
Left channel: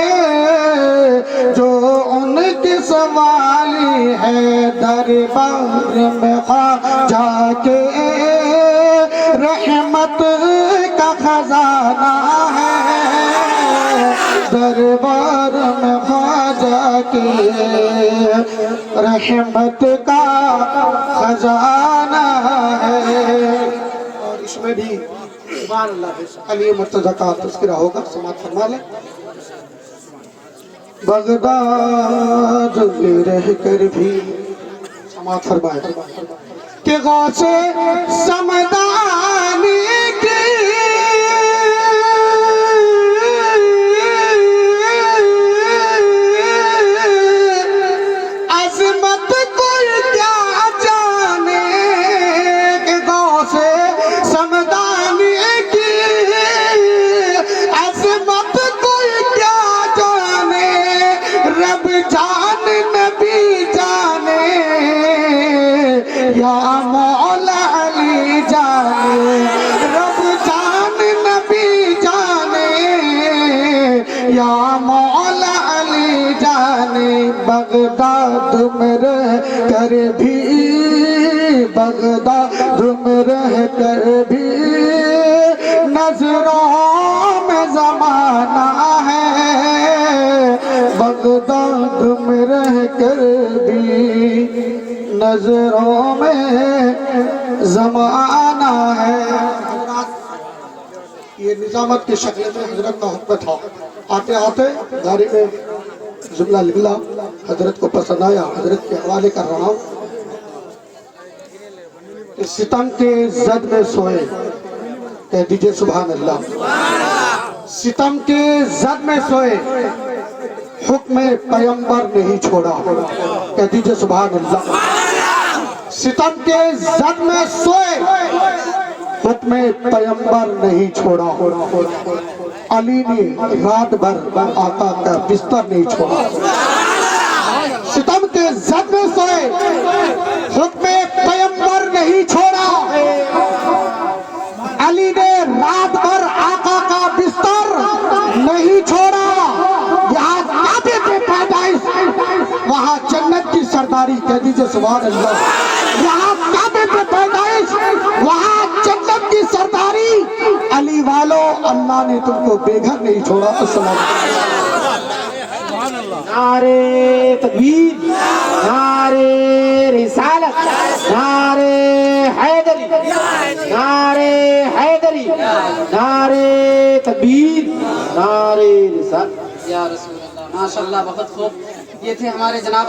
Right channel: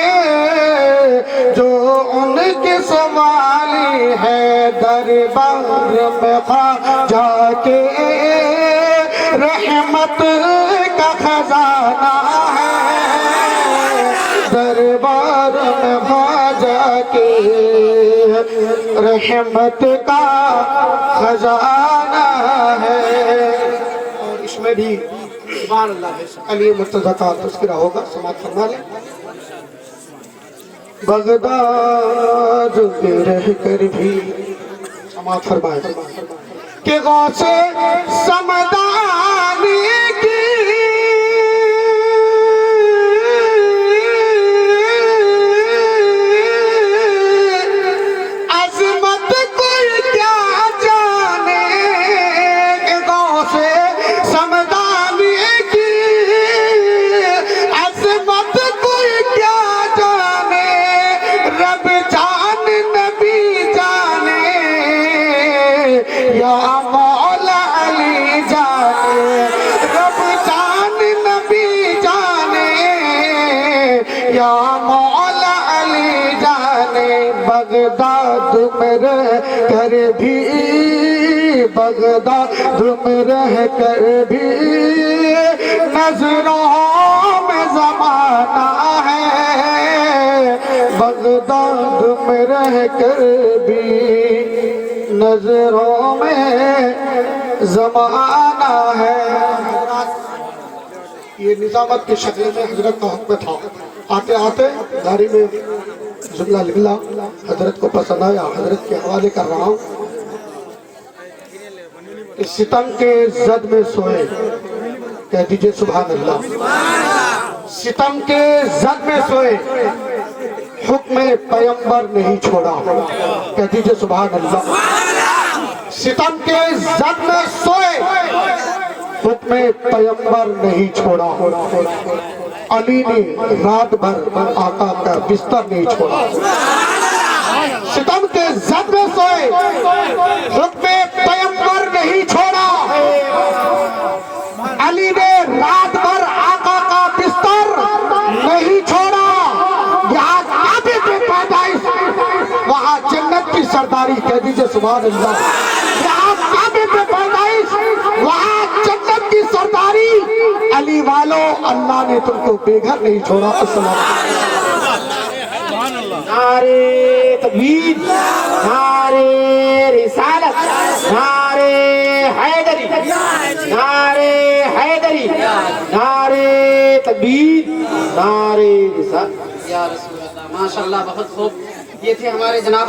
جو ان کے سنبھالی ہے، دربار میں خواجہ کے رحمت کا خزانہ ہے، دربار میں خواجہ کے رحمت کا خزانہ ہے۔ اور اس میں بھی سبحان اللہ ہے، علی مرتضیٰ کا تذکرہ ہوگا، سماعت فرما لیں۔ بغداد میں رہ کر بھی سماعت فرمائے کہ غوث سمدانی کی عظمت کوئی کیا جانے، کہ غوث سمدانی کی عظمت کوئی کیا جانے، رب جان نبی جانے یا مولا علی جانے، رب جان نبی جانے یا مولا علی جانے، بغداد میں رہ کر بھی، بغداد میں رہ کر بھی نظروں میں زمانہ ہے، بغداد میں رہ کر بھی نظروں میں زمانہ ہے۔ یہ نظامت کی شکل میں حضرت کا حکم تھا، آتے آتے گاڑی میں جملہ نکلا، حضرت کو پسند آیا، حضرت کے حوالے کر رہا ہوں کہ ستم کے زد میں سوئے، کہہ دیجئے سبحان اللہ، ستم کے زد میں سوئے، حکم پیمبر نہیں چھوڑا، کہہ دیجئے سبحان اللہ، ستم کے زد میں سوئے، حکم پیمبر نہیں چھوڑا، علی نے رات بھر آقا کا بستر نہیں چھوڑا، ستم کے زد میں سوئے، حکم پیمبر نہیں چھوڑا، علی نے رات بھر آقا کا بستر نہیں چھوڑا، یہاں کعبے پہ پیدائش، وہاں جنت کی سرداری، کہہ دیجئے سبحان اللہ، یہاں کعبے پہ پیدائش، وہاں جنت کی سرداری، علی والو اللہ نے تم کو بے گھر نہیں چھوڑا۔ السلام نعرے تکبیر، نعرے رسالت، نعرے حیدری، نعرے حیدری، نعرے تکبیر، نعرے رسالت۔ یا رسول اللہ، ماشاءاللہ بہت خوب۔ یہ تھے ہمارے جناب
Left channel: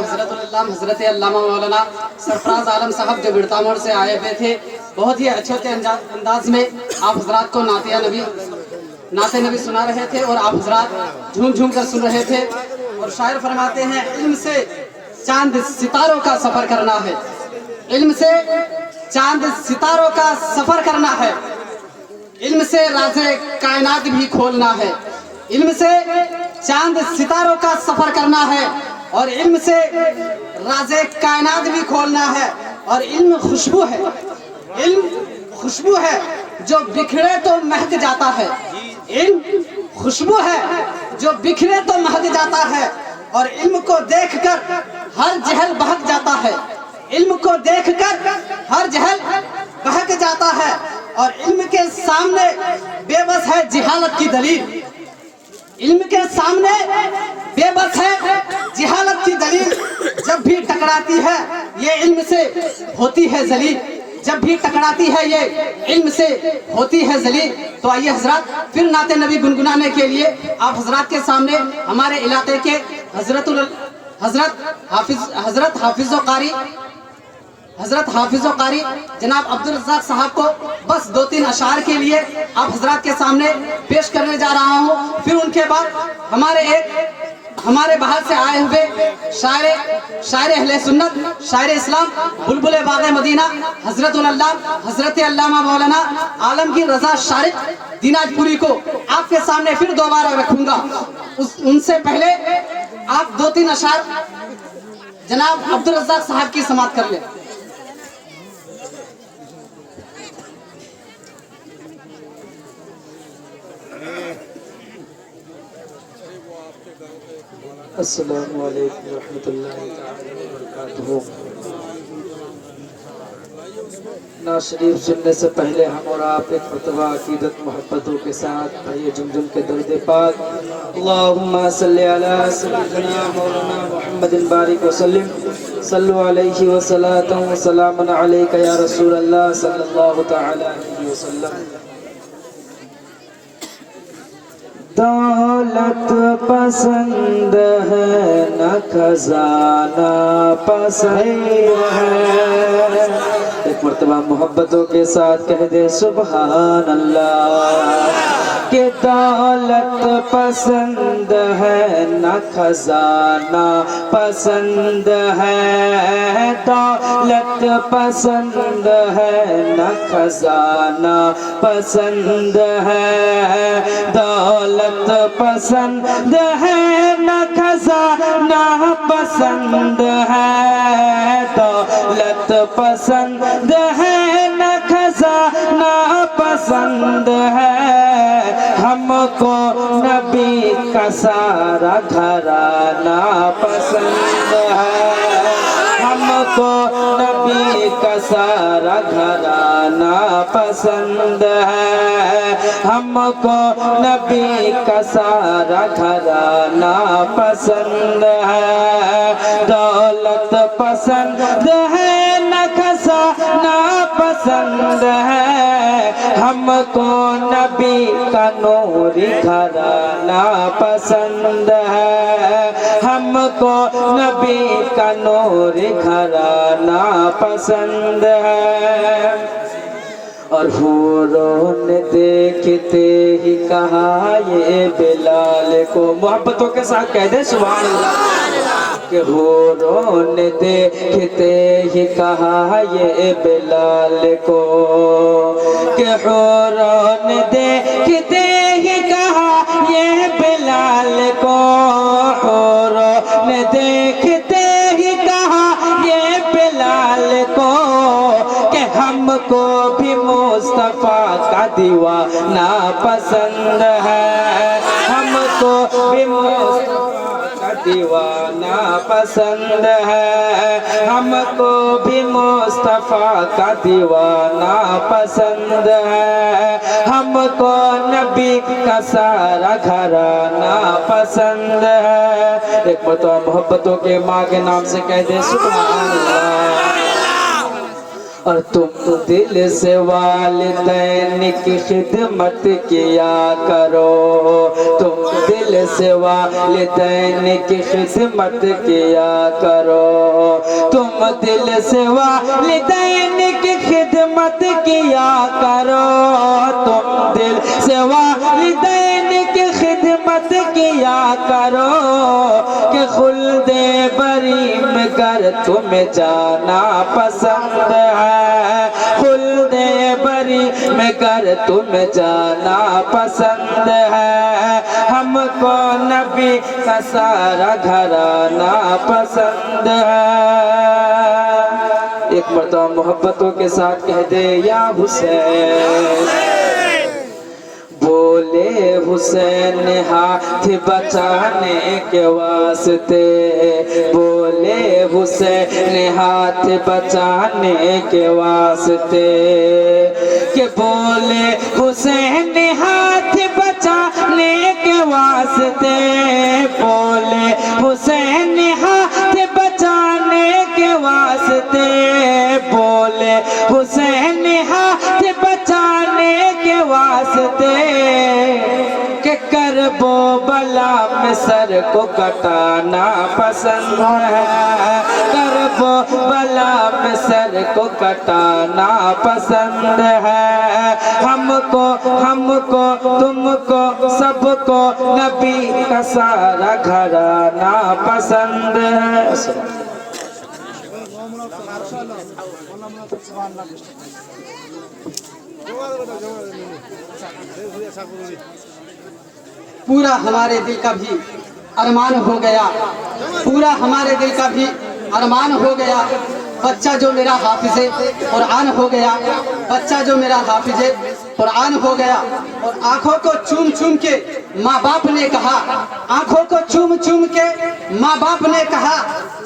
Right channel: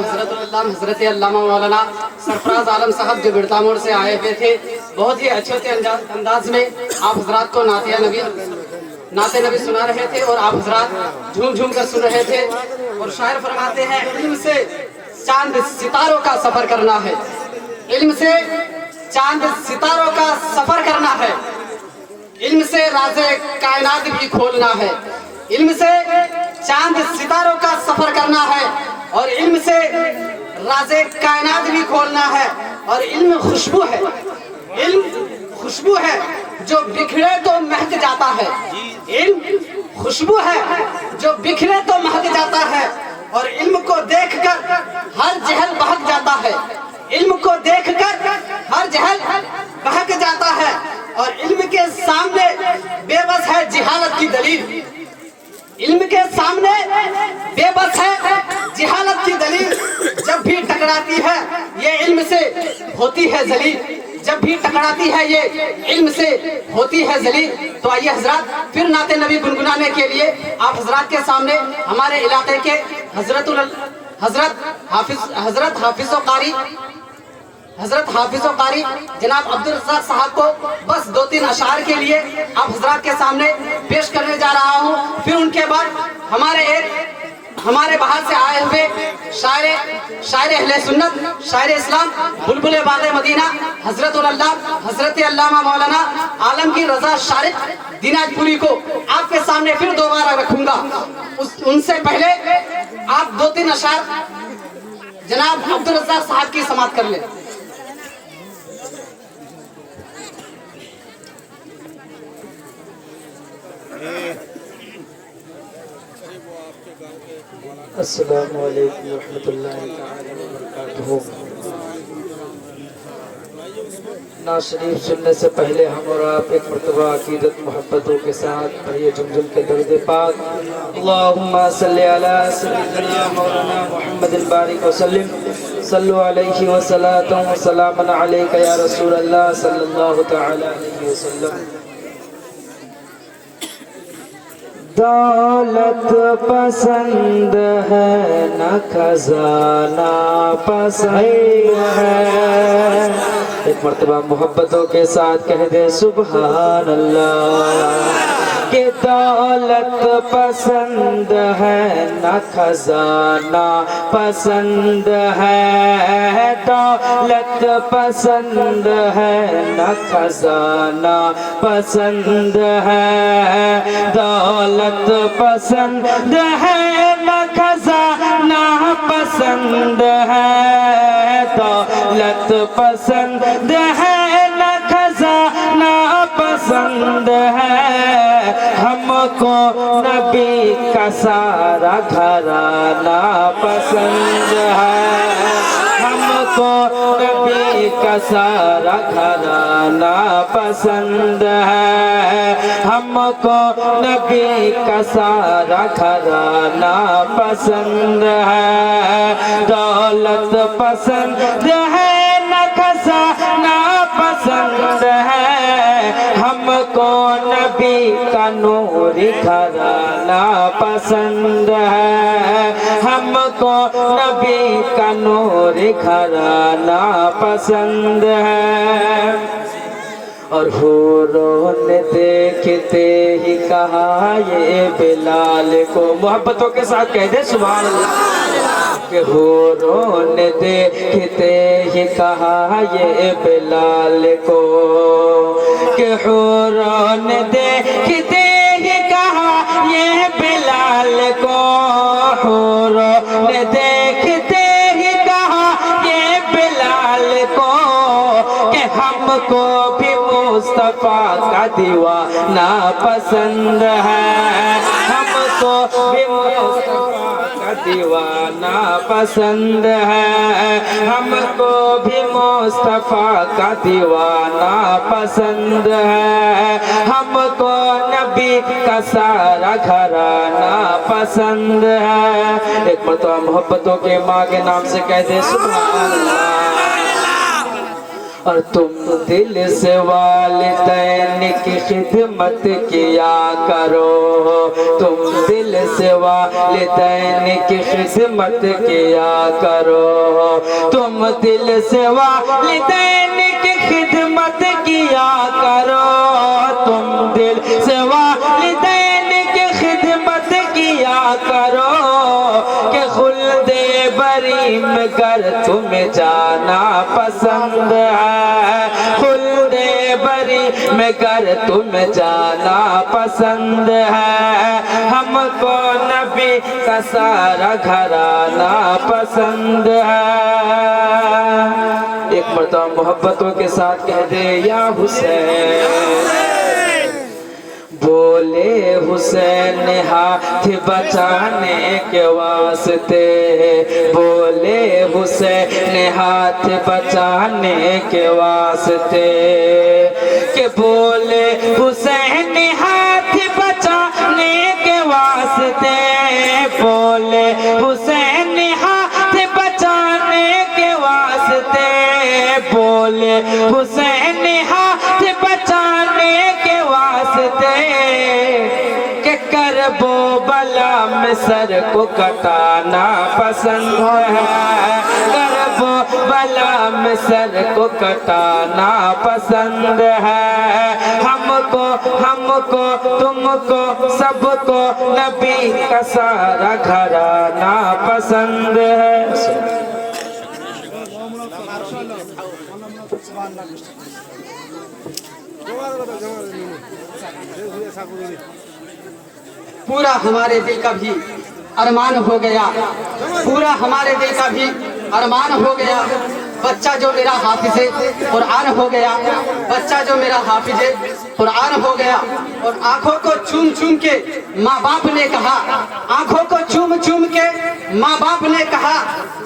حضرت علامہ مولانا سرفراز عالم صاحب جو بڑتا موڑ سے آئے ہوئے تھے، بہت ہی اچھے انداز میں آپ حضرات کو نعت نبی سنا رہے تھے اور آپ حضرات جھوم جھوم کر سن رہے تھے۔ اور شاعر فرماتے ہیں علم سے چاند ستاروں کا سفر کرنا ہے، علم سے چاند ستاروں کا سفر کرنا ہے، علم سے راز کائنات بھی کھولنا ہے، علم سے چاند ستاروں کا سفر کرنا ہے اور علم سے راز کائنات بھی کھولنا ہے، اور علم خوشبو ہے، علم خوشبو ہے جو بکھرے تو مہک جاتا ہے، علم خوشبو ہے جو بکھرے تو مہک جاتا ہے، اور علم کو دیکھ کر ہر جہل بہک جاتا ہے، علم کو دیکھ کر ہر جہل بہک جاتا ہے، और इल्म के सामने बेबस है जिहालत की दलील। इल्म के सामने बेबस है जिहालत की दलील। जब भी टकराती है ये इल्म से होती है जलील। जब भी टकराती है ये इल्म से होती है जलील। तो आइए हजरत फिर नाते नबी गुनगुनाने के लिए आप हजरत के सामने हमारे इलाके के हजरत हाफिज़ो कारी जनाब अब्दुल रज़ाक साहब को बस 2-3 अशार के लिए आप हजरत के सामने पेश करने जा रहा हूँ। फिर उनके बाद हमारे बाहर से आए हुए शायर अहले सुन्नत, शायर इस्लाम, बुलबुल बाग़े मदीना हजरत अल्लामा मौलाना आलमगीर रज़ा शारिक दिनाजपुरी को आपके सामने फिर दोबारा रखूंगा। उनसे पहले आप 2-3 अशार जनाब अब्दुल रज़ाक साहब की समाअत कर ले। अस्सलामु अलैकुम रहमतुल्लाहि तआला वबरकातुहू। नात शरीफ सुनने से पहले हम और आप एक मरतबा अकीदत मोहब्बतों के साथ पढ़िए जुमजुल के दर्द पाक। अल्लाहुम्मा सल्ली अला सय्यिदना मौलाना मुहम्मदिन बारिक वसल्लिम सल्लु अलैहि व सलातु व सलामन अलैका या रसूल अल्लाह सल्लल्लाहु तआला अलैहि वसल्लम। दौलत पसंद है न खजाना पसंद है। एक मर्तबा मोहब्बतों के साथ कह दे सुभान अल्लाह। कि दौलत पसंद है न खजाना पसंद है। दौलत पसंद है न खजाना पसंद है। दौलत पसंद है न खजाना पसंद है। दौलत पसंद है न खजाना पसंद है। हमको नबी का सारा घराना पसंद है। हमको नबी का सारा घराना पसंद है। हमको नबी का सारा घराना पसंद है। दौलत पसंद है न खजाना पसंद है। हमको नबी का नूरी घराना पसंद है। हमको नबी का नूरी घराना पसंद है। और हूरों ने देखते ही कहा ये बिलाल को, मोहब्बतों के साथ कह दे सुभान अल्लाह। कि हूरों ने देखते ही कहा ये बिलाल को। कि हूरों ने देखते ही कहा ये बिलाल को। हूरों ने देखते ही कहा ये बिलाल को। कि हमको भी मुस्तफा का दीवाना पसंद है। हमको भी मुस्तफा का दीवाना पसंद है। हमको भी मुस्तफा का दीवाना पसंद है। हमको नबी का सारा घराना पसंद है। एक मरतबा मोहब्बतों के माँ के नाम से कह दे सुभान अल्लाह। और तुम दिल से वालिदैन की खिदमत किया करो। तुम दिल से वालिदैन की खिदमत किया करो। तुम दिल से वालिदैन की खिदमत किया करो। तुम दिल से वालिदैन की खिदमत किया करो। कि खुल्दे बरी में घर तुम्हें जाना पसंद है। खुल्दे बरी में घर तुम्हें जाना पसंद है। हमको नबी का सारा घराना पसंद है। एक मर्तबा मोहब्बतों के साथ कह दे या हुसैन। बोले हुसैन हाथ बचाने के वास्ते। बोले हुसैन हाथ बचाने के वास्ते। कि बोले واسطے کہ کربو بلا میں سر کو کٹانا پسند ہے کربو بلا میں سر کو کٹانا پسند ہے ہم کو تم کو سب کو نبی کا سارا گھرانہ پسند ہے پورا ہمارے دل کا بھی ارمان ہو گیا پورا ہمارے دل کا بھی ارمان ہو گیا بچہ جو میرا حافظ قرآن ہو گیا بچہ جو میرا حافظ قرآن ہو گیا اور آنکھوں کو چوم چوم کے ماں باپ نے کہا آنکھوں کو چوم چوم کے ماں باپ نے کہا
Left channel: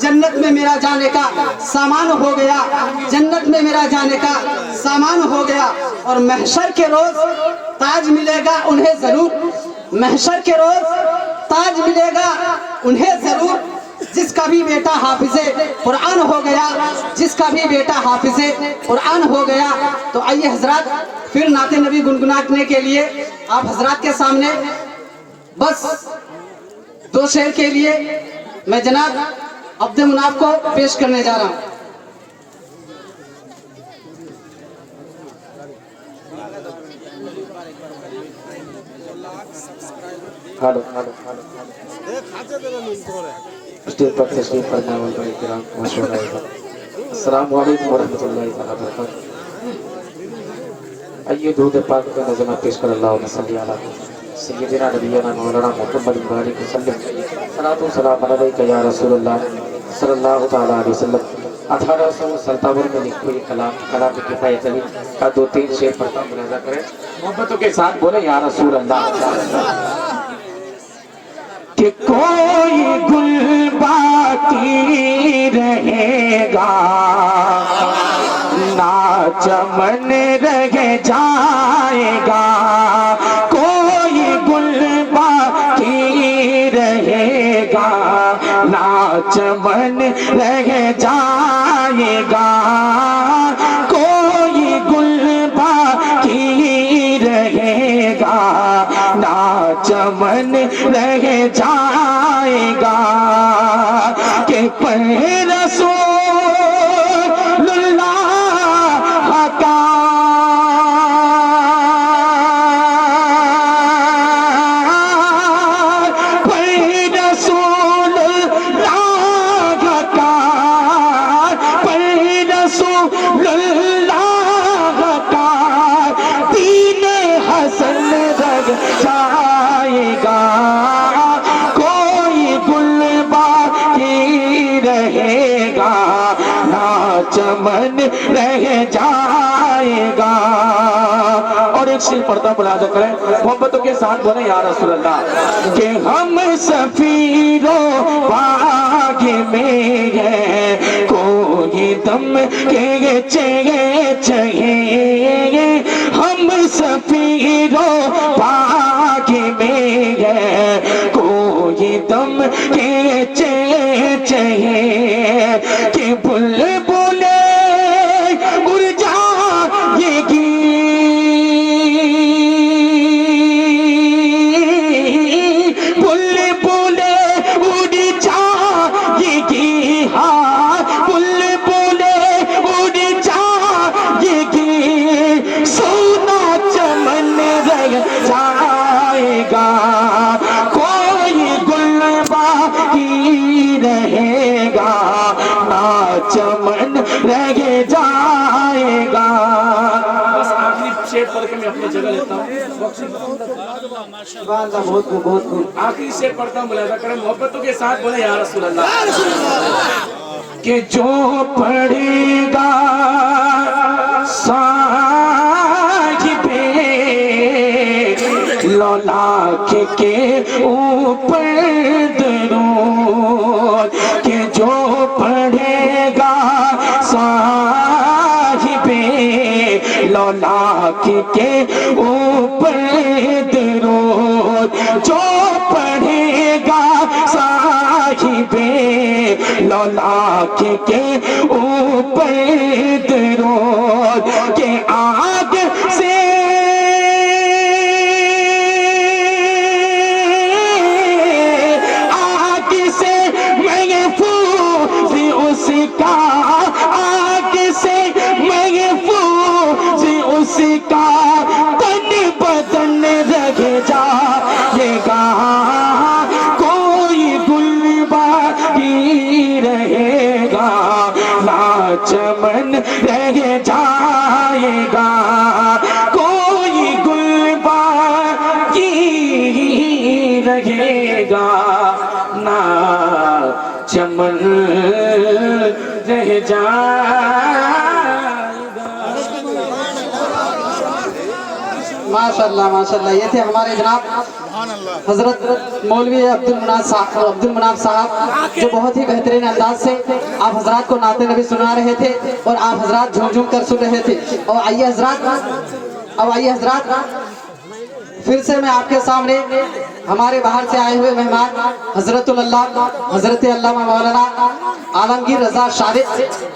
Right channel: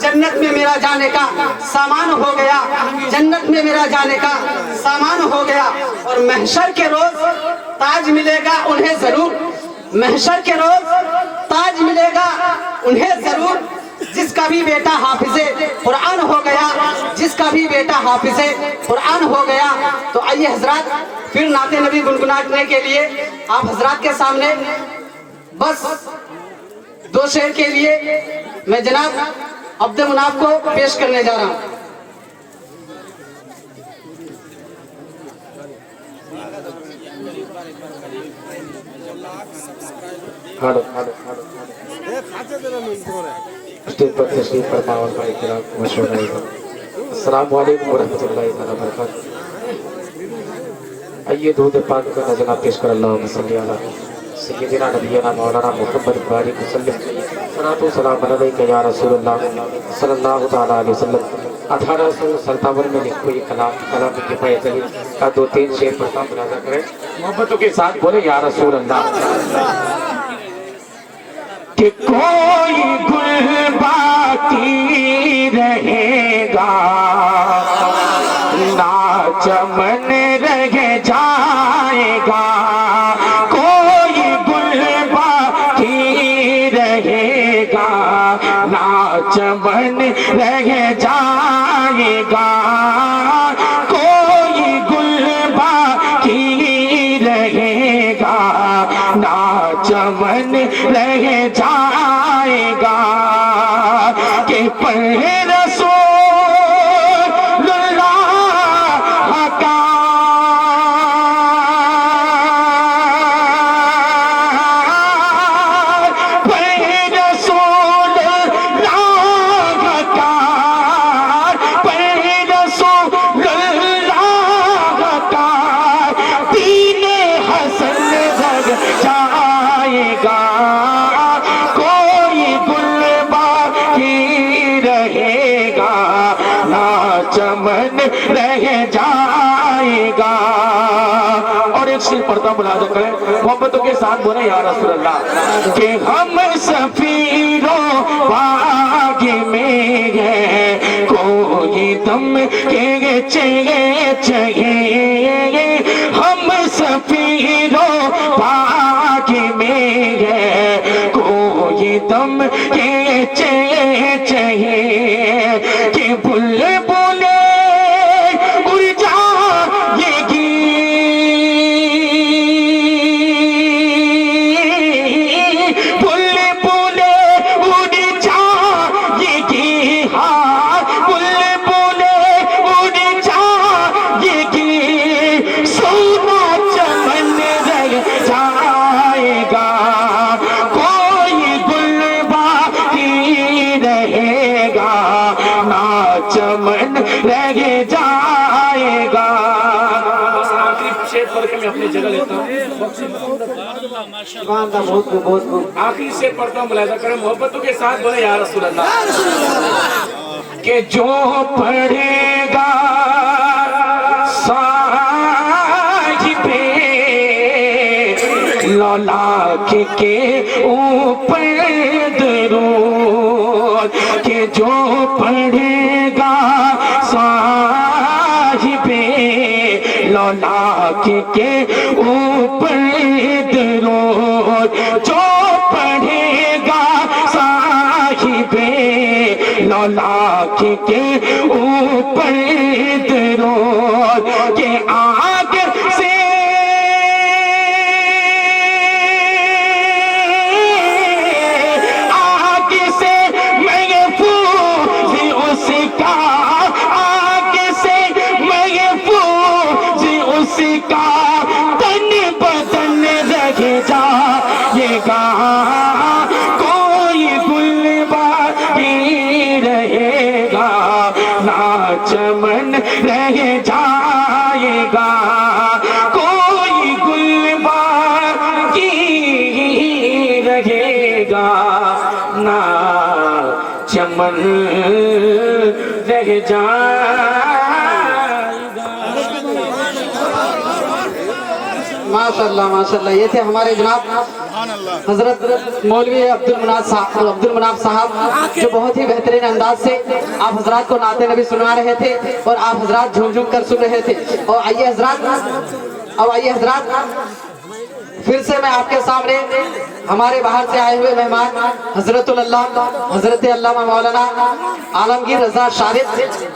جنت میں میرا جانے کا سامان ہو گیا جنت میں میرا جانے کا سامان ہو گیا اور محشر کے روز تاج ملے گا انہیں ضرور محشر کے روز تاج ملے گا انہیں ضرور جس کا بھی بیٹا حافظ قرآن ہو گیا جس کا بھی بیٹا حافظ قرآن ہو گیا تو آئیے حضرات پھر نعت نبی گنگنانے کے لیے آپ حضرات کے سامنے بس 2 شعر کے لیے میں جناب عبد مناف کو پیش کرنے جا رہا ہوں اسٹیج پر تشریف فرما علماء کرام مشورہ السلام علیکم ورحمۃ اللہ تعالیٰ وبرکاتہ آئیے درود پاک کا نظمہ پیش کر اللہم صلی علی سیدنا نبینا مولانا محمد بارک وسلم صلاۃ و سلام علیک یا رسول اللہ صلی اللہ تعالیٰ علیہ وسلم 1857 میں لکھی ہوئی کلام کفایت علی کا 2-3 شعر پر ملاحظہ کریں محبتوں کے ساتھ بولے یا رسول اللہ کہ کوئی گل باقی رہے گا نہ چمن رہ جائے گا کوئی گل باقی رہے گا نہ چمن رہ جائے گا کوئی گل باقی رہے گا نہ چمن رہ جائے گا کہ پر رسول اللہ کا پر رسول اللہ کا پر رسول اللہ کا دین حسن رہ جائے گا کوئی گل باقی رہے گا نہ چمن رہ جائے گا اور ایک شعر پڑھتا ملاحظہ کریں محبتوں کے ساتھ بولے یا رسول اللہ کہ ہم سفیروں باغ میں گئے کوئی دم کے چاہیے ہم سفیروں باغ میں گئے کوئی دم کے چاہیے کہ بلبلیں اڑ جائے گی بلبلیں اڑ جائے گی ہاں بلبلیں اڑ جائے گی سونا چمن رہ جائے گا کوئی گل باقی رہے گا نہ چمن رہ جائے گا بس آخری شعر پڑھ کے میں اپنی جگہ لیتا ہوں آخری شعر پڑھتا ہوں ملاحظہ کریں محبتوں کے ساتھ بولے یا رسول اللہ کہ جو پڑھے گا صاحب لاکھ کے اوپر درود کہ جو پڑھے گا صاحب لاکھ کے اوپر درود جو پڑھے گا صاحب لاکھ کے اوپر درود کہ آگ سے अमर रह जाएगा। माशाल्लाह माशाल्लाह। ये थे हमारे जनाब हजरत मौलवी अब्दुल मनाफ साहब, जो बहुत ही बेहतरीन अंदाज से आप हजरात को नाते नबी सुना रहे थे और आप हजरात झूम झूम कर सुन रहे थे। और आइए हजरात, फिर से मैं आपके सामने हमारे बाहर से आए हुए मेहमान हजरत अल्लामा मौलाना आलमगीर रजा शारिफ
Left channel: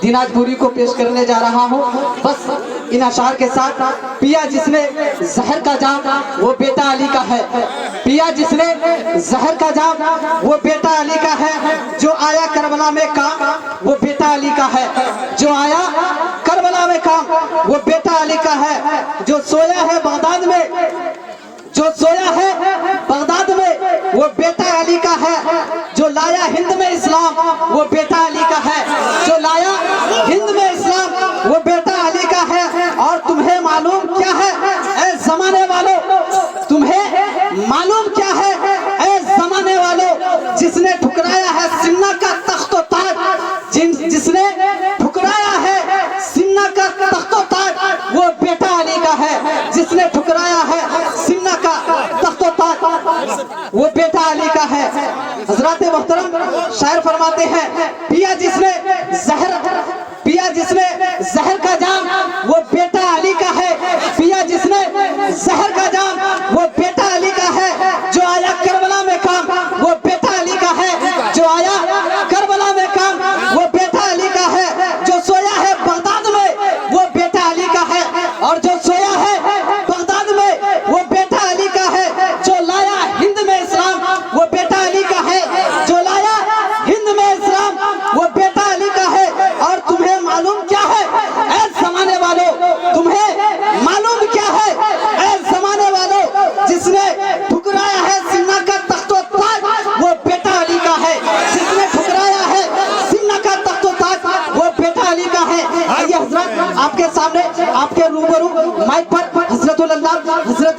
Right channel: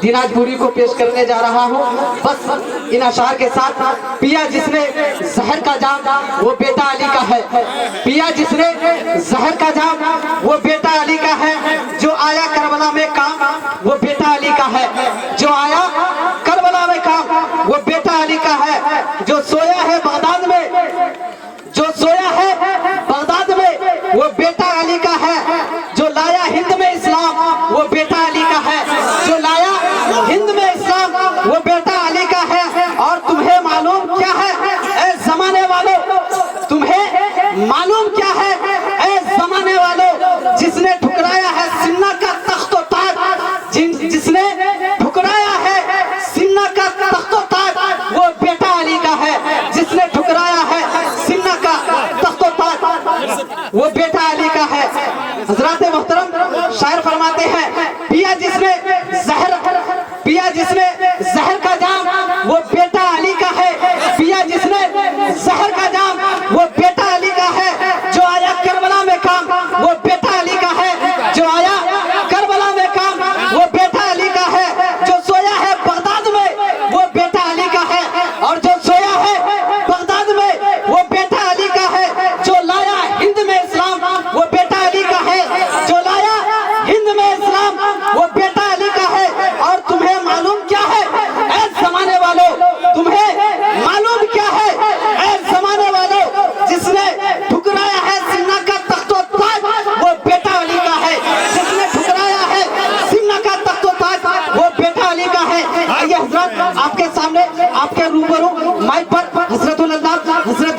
दिनाजपुरी को पेश करने जा रहा हूँ। बस इन अशार के साथ, पिया जिसने जहर का जाम वो बेटा अली का है, पिया जिसने जहर का जाम वो बेटा अली का है, जो आया करबला में काम वो बेटा अली का है, जो आया करबला में काम वो बेटा अली का है, जो सोया है बगदाद में, जो सोया है बगदाद में वो बेटा अली का है, जो लाया हिंद में इस्लाम वो बेटा अली का है, जो लाया हिंद में इस्लाम वो बेटा अली का है। और तुम्हें मालूम क्या है ऐ जमाने वालों, तुम्हें मालूम क्या है ऐ जमाने वालों, जिसने ठुकराया है सिन्ना का तख्तो ताज, जिसने ठुकराया है सिन्ना का तख्तो ताज वो बेटा अली का है, जिसने ठुकराया है सिन्ना का तख्तो ताज वो बेटा अली का है। हजरात मोहतरम शायर फरमाते हैं, पिया जिसने जहर का जाम वो बेटा अली का है, पिया जिसने जहर का जाम वो बेटा अली का है, जो आया करबला में काम वो बेटा अली का है, जो आया करबला में काम वो बेटा अली का है, जो सोया है बगदाद में वो बेटा अली का है, और जो सोया है बगदाद में वो बेटा अली का है, जो लाया हिंद में इस्लाम वो बेटा अली का है, जो लाया हिंद में इस्लाम वो बेटा अली का है। और तुम्हें मालूम क्या है ऐ जमाने वालों, तुम्हें मालूम क्या है ऐ जमाने वालों, जिसने ठुकराया है सिन्ना का तख्तो ताज वो बेटा अली का है, जिसने ठुकराया है सिन्ना का तख्तो ताज वो बेटा अली का है। आइए हजरत, आपके सामने आपके रूबरू माइक पर हजरत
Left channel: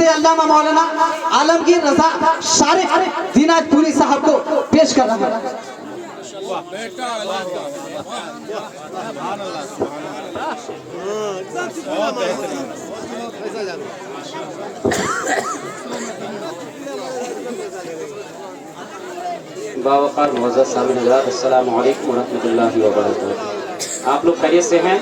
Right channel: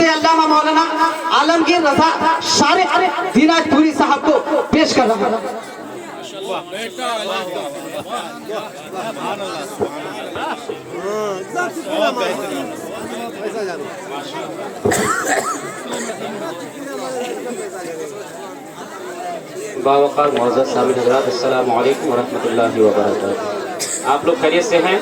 अल्लामा मौलाना आलमगीर रजा शारिफ दिनाजपुरी साहब को पेश कर रहा है। बावकार मौजूद सामीन हज़रात, अस्सलामु अलैकुम व रहमतुल्लाहि व बरकातहू। आप लोग खैरियत से हैं?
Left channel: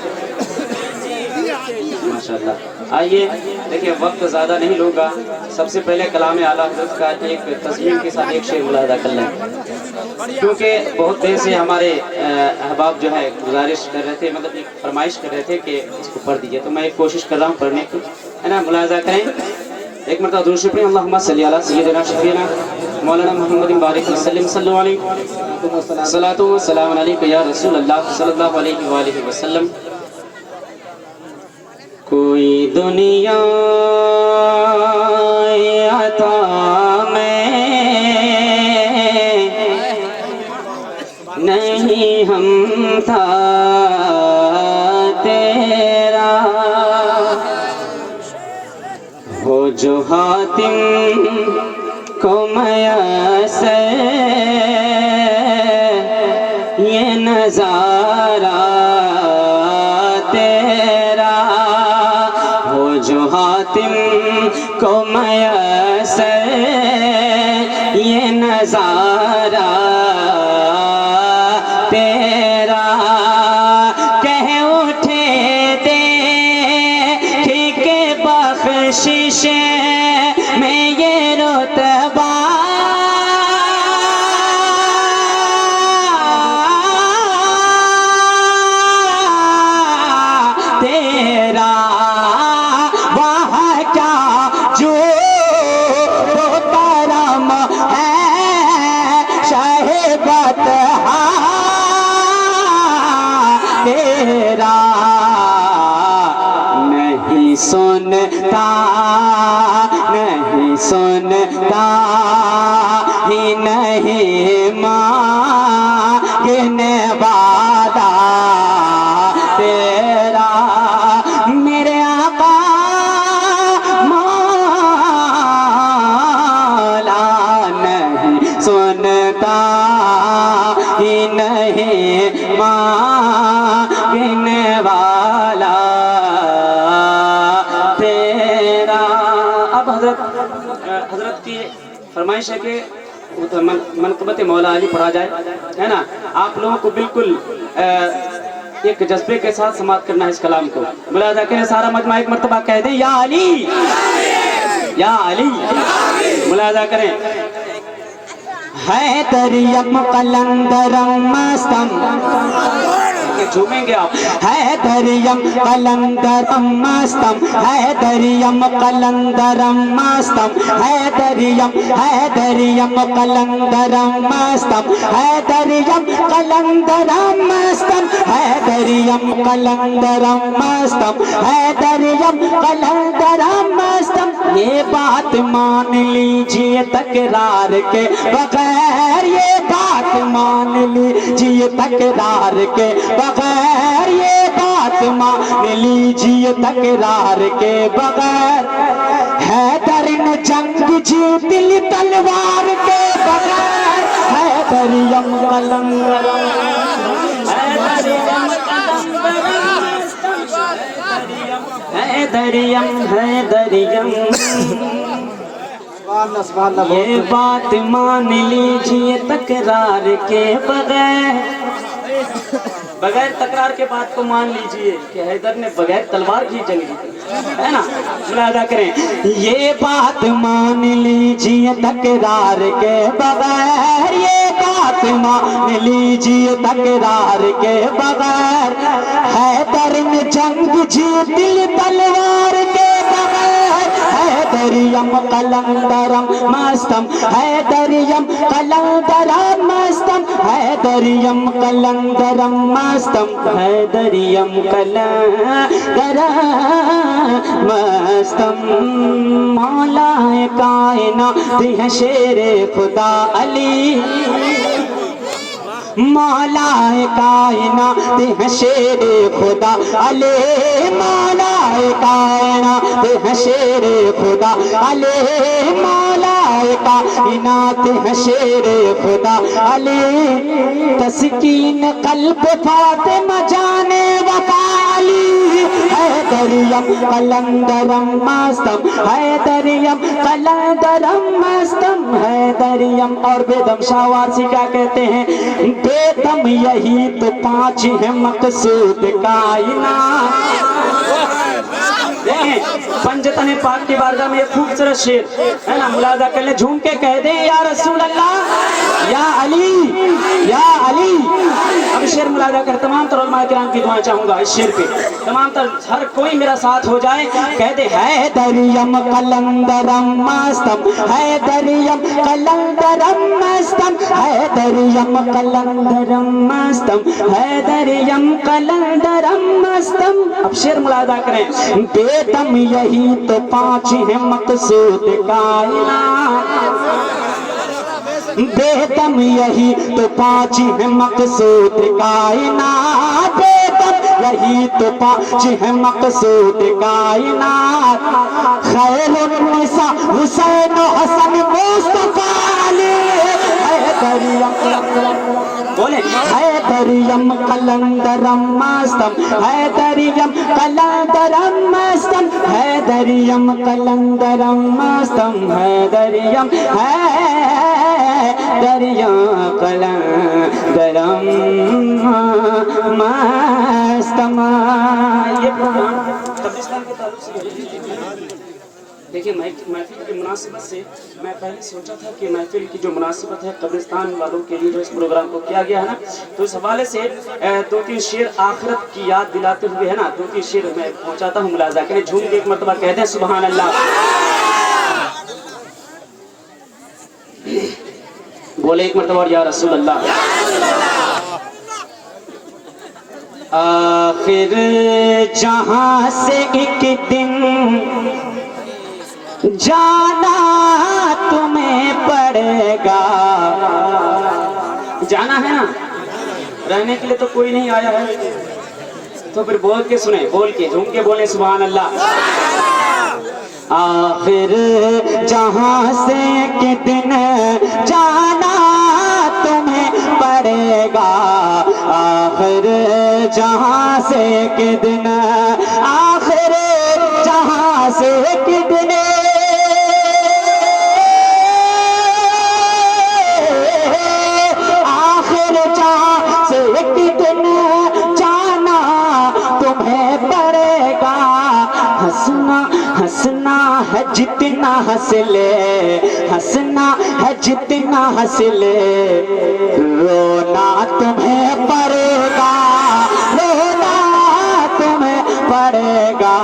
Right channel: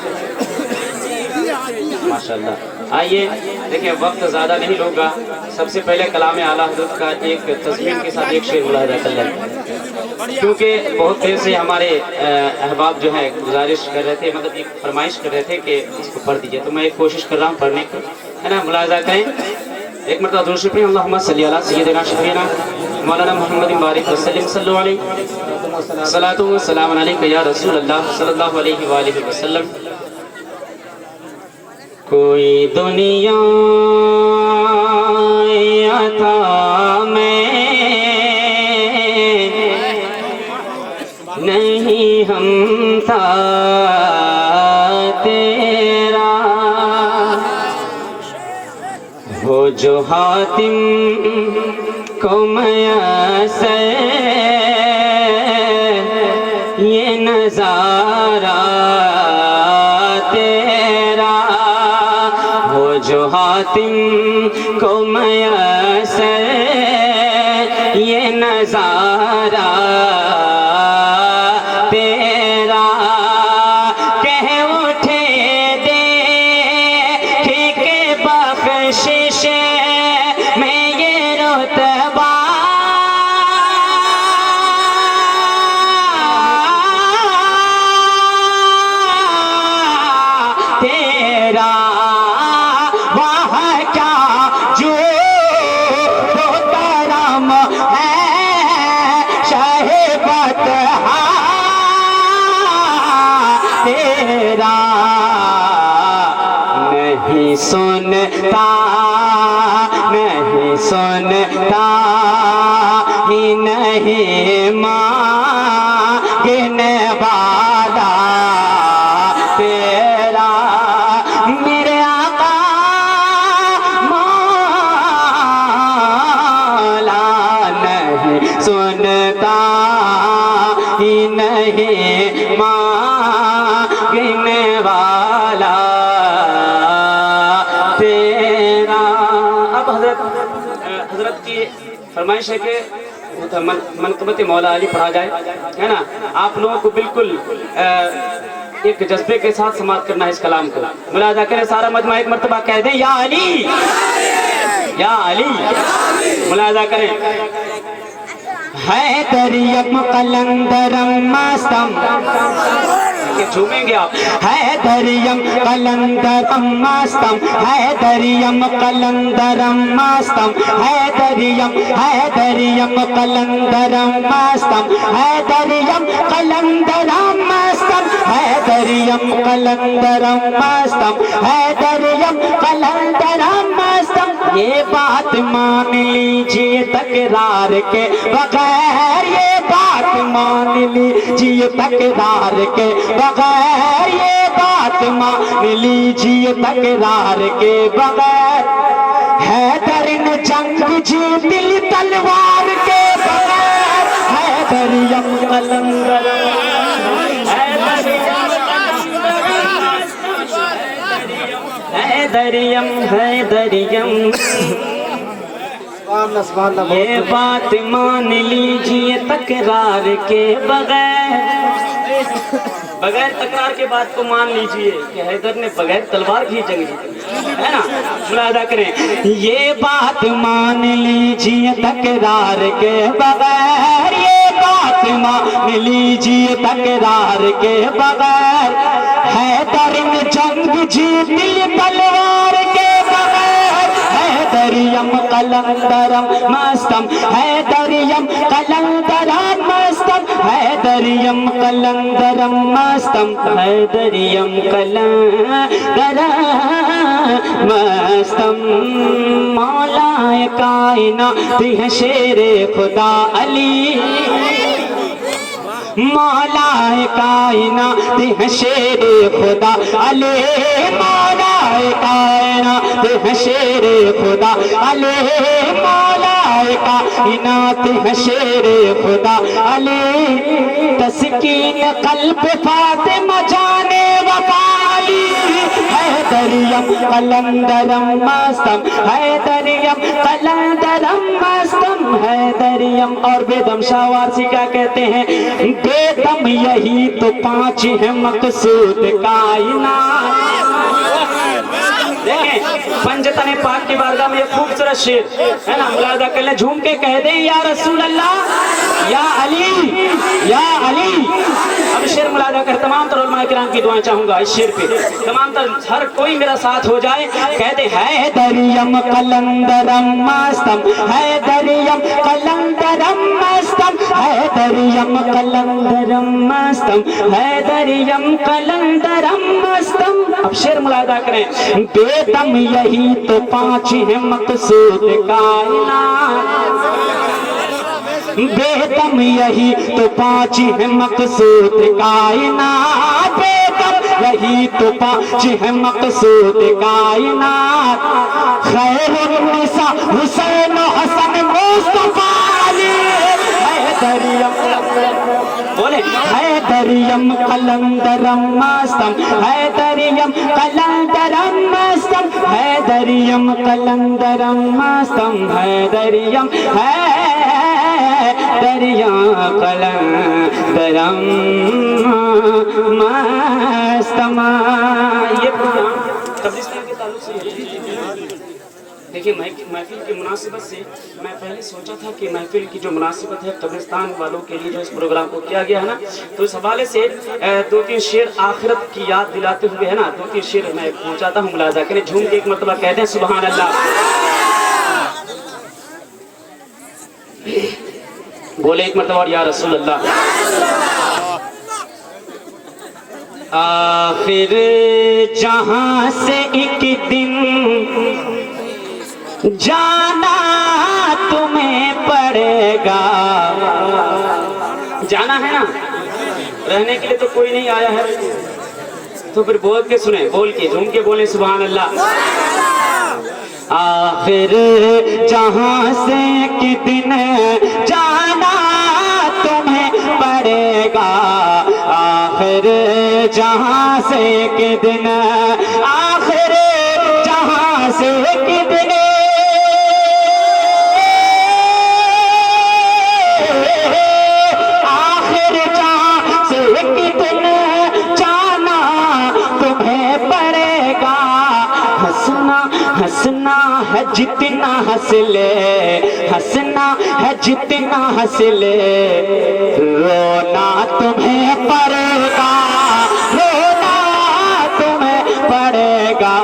माशाल्लाह। आइए देखिए, वक्त ज़्यादा नहीं लूँगा, सबसे पहले कलाम आला हज़रत का एक तस्मीन के साथ एक शेर मुलाहज़ा कर लें, क्योंकि बहुत देर से हमारे अहबाब जो है गुजारिश कर रहे थे, मतलब एक फरमाइश कर रहे थे कि इसको पढ़ दीजिए, तो मैं एक कोशिश कर रहा हूँ पढ़ने की, है ना। मुलाहज़ा करें एक मरतबा दुरूद शरीफ, अल्लाहुम्मा सल्ली अला सय्यिदिना शफीना मौलाना मुहम्मद बारिक वसल्लम सल्लल्लाहु अलैहि सलातु व सलाम अलैका या रसूल अल्लाह सल्लल्लाहु अलैहि व आलिहि वसल्लम। कोई दुनिया अता में नहीं हम था तेरा, हो जो हातिम को मयसर ये नजारा तेरा, हो जो हातिम को मयसर ये नजारा तेरा, कह उठे देखी के बख्शिश में ये रुतबा तेरा, वह क्या जो करम है शहीबत तेरा, नहीं सुनता नहीं सुनता ही नहीं मांगने वाला तेरा, मेरे आका मौला नहीं सुनता ही नहीं नहीं मांगने वाला तेरा। अब हजरत की फरमाइश है कि मनकबत मौला अली पढ़ा जाए, है ना। आप लोगों को बिल्कुल एक जज्बे के साथ समाप्त करना है इस कलाम को। मुलाजा करें सारा मजमा एक मर्तबा कह दें या अली या अली। मुलाजा करें। हैदरियम कलंदरम मस्तम, झूमेंगे आप। हैदरियम कलंदरम मस्तम, हैदरियम कलंदरम मस्तम, हैदरियम हैदरियम कलंदरम मस्तम, हैदरियम कलंदरम मस्तम, हैदरियम कलंदरम मस्तम, हैदरियम कलंदरम मस्तम। ये बात मान लीजिए तकरार के बगैर, ये बात मान लीजिए तकरार के बगैर, ये बात मान लीजिए तकरार के बगैर। हैदर ने जंग जीत ली तलवार के बगैर। हैदरियम कलंदरम, हैदरियम हैदरियम। ये बात मान लीजिए तकरार के बगैर, बगैर तकरार के बात को मान लीजिए कि हैदर ने बगैर तलवार की जंग जीती, है ना। मुलाजा करें। ये बात मान लीजिए तकरार के बगैर, ये बात मान लीजिए तकरार के बगैर। हैदर ने जंग जीत ली तलवार के बगैर। हैदरियम कलंदरम मस्तम, हैदरियम कलंदरम मस्तम, हैदरियम कलंदरम मस्तम, हैदरियम कलंदरम मस्तम। मौलाए कायनात है शेरे खुदा अली, मौलाए कायनात है शेरे खुदा अली, मौलाए कायनात है शेरे खुदा अली, मौलाए कायनात है शेरे खुदा अली। तस्कीन कल्ब फातिमा जाने वफाली। हैदरियम कलंदरम मस्तम, हैदरियम कलंदरम मस्तम, हैदरियम। और बेदम शाह वारसी क्या कहते हैं? बेदम यही तो पांच है मकसूद कायनात। देखें पंजतने पाक की बारगाह में खूबसूरत शेर, है ना। मुलाजा कर ले, झूम के कह दे या रसूल अल्लाह या अली या अली। अब शेर मुलाजा कर, तमाम तर उलमा किराम की दुआ चाहूंगा इस शेर पे, तमाम तर हर कोई मेरा साथ हो जाए। कह दे हैदरियम कलंदरम मस्तम, हैदरियम कलंदरम मस्तम, हैदरियम कलंदरम मस्तम, हैदरियम कलंदरम मस्तम। अब शेर मुलाजा करें। बेदम यही तो पांच है मकसूद कायनात, बेदम यही तो पांच है मकसूद कायनात, बेदम यही तो पांच है मकसूद कायनात। खैरुन्निसा हुसैन हसन मुस्तफा अली। हैदरियम बोले हैदरियम कलंदरम मस्तम, हैदरियम कलंदरम मस्तम, हैदरियम कलंदरम मस्तम, हैदरियम हैदरियम कलंदरम मस्तम। ये प्रोग्राम कब्रिस्तान के ताल्लुक से है। देखिए महफिल की मुनासिबत से मैं पहले सोचा था कि महफिल की जो मुनासिबत है कब्रिस्तान वालों के लिए जो इस प्रोग्राम को किया गया है ना, तो इस हवाले से दो तीन शेर आखिरत की याद दिलाते हुए, है ना, दो तीन शेर मैं पहुंचाता हूँ। मुलाजा करें, झूम के एक मरतबा कह दें सुभान अल्लाह। बोले एक मरतबा या रसूल अल्लाह। आखिर जहां से एक दिन जाना तुम्हें पड़ेगा, जाना है ना, रहने के लिए तो कोई नहीं आया है। तो फिर बोल के सुने, बोल के झूम के बोले सुभान अल्लाह। आखिर जहां से एक दिन जाना तुम्हें पड़ेगा, जहां से एक दिन आखिर जहां से एक दिन आखिर जहां से एक दिन जाना तुम्हें पड़ेगा हंसना हंसना है जितना हंस ले हंसना है जितना हंस ले रोना तुम्हें पड़ेगा रोना तुम्हें पड़ेगा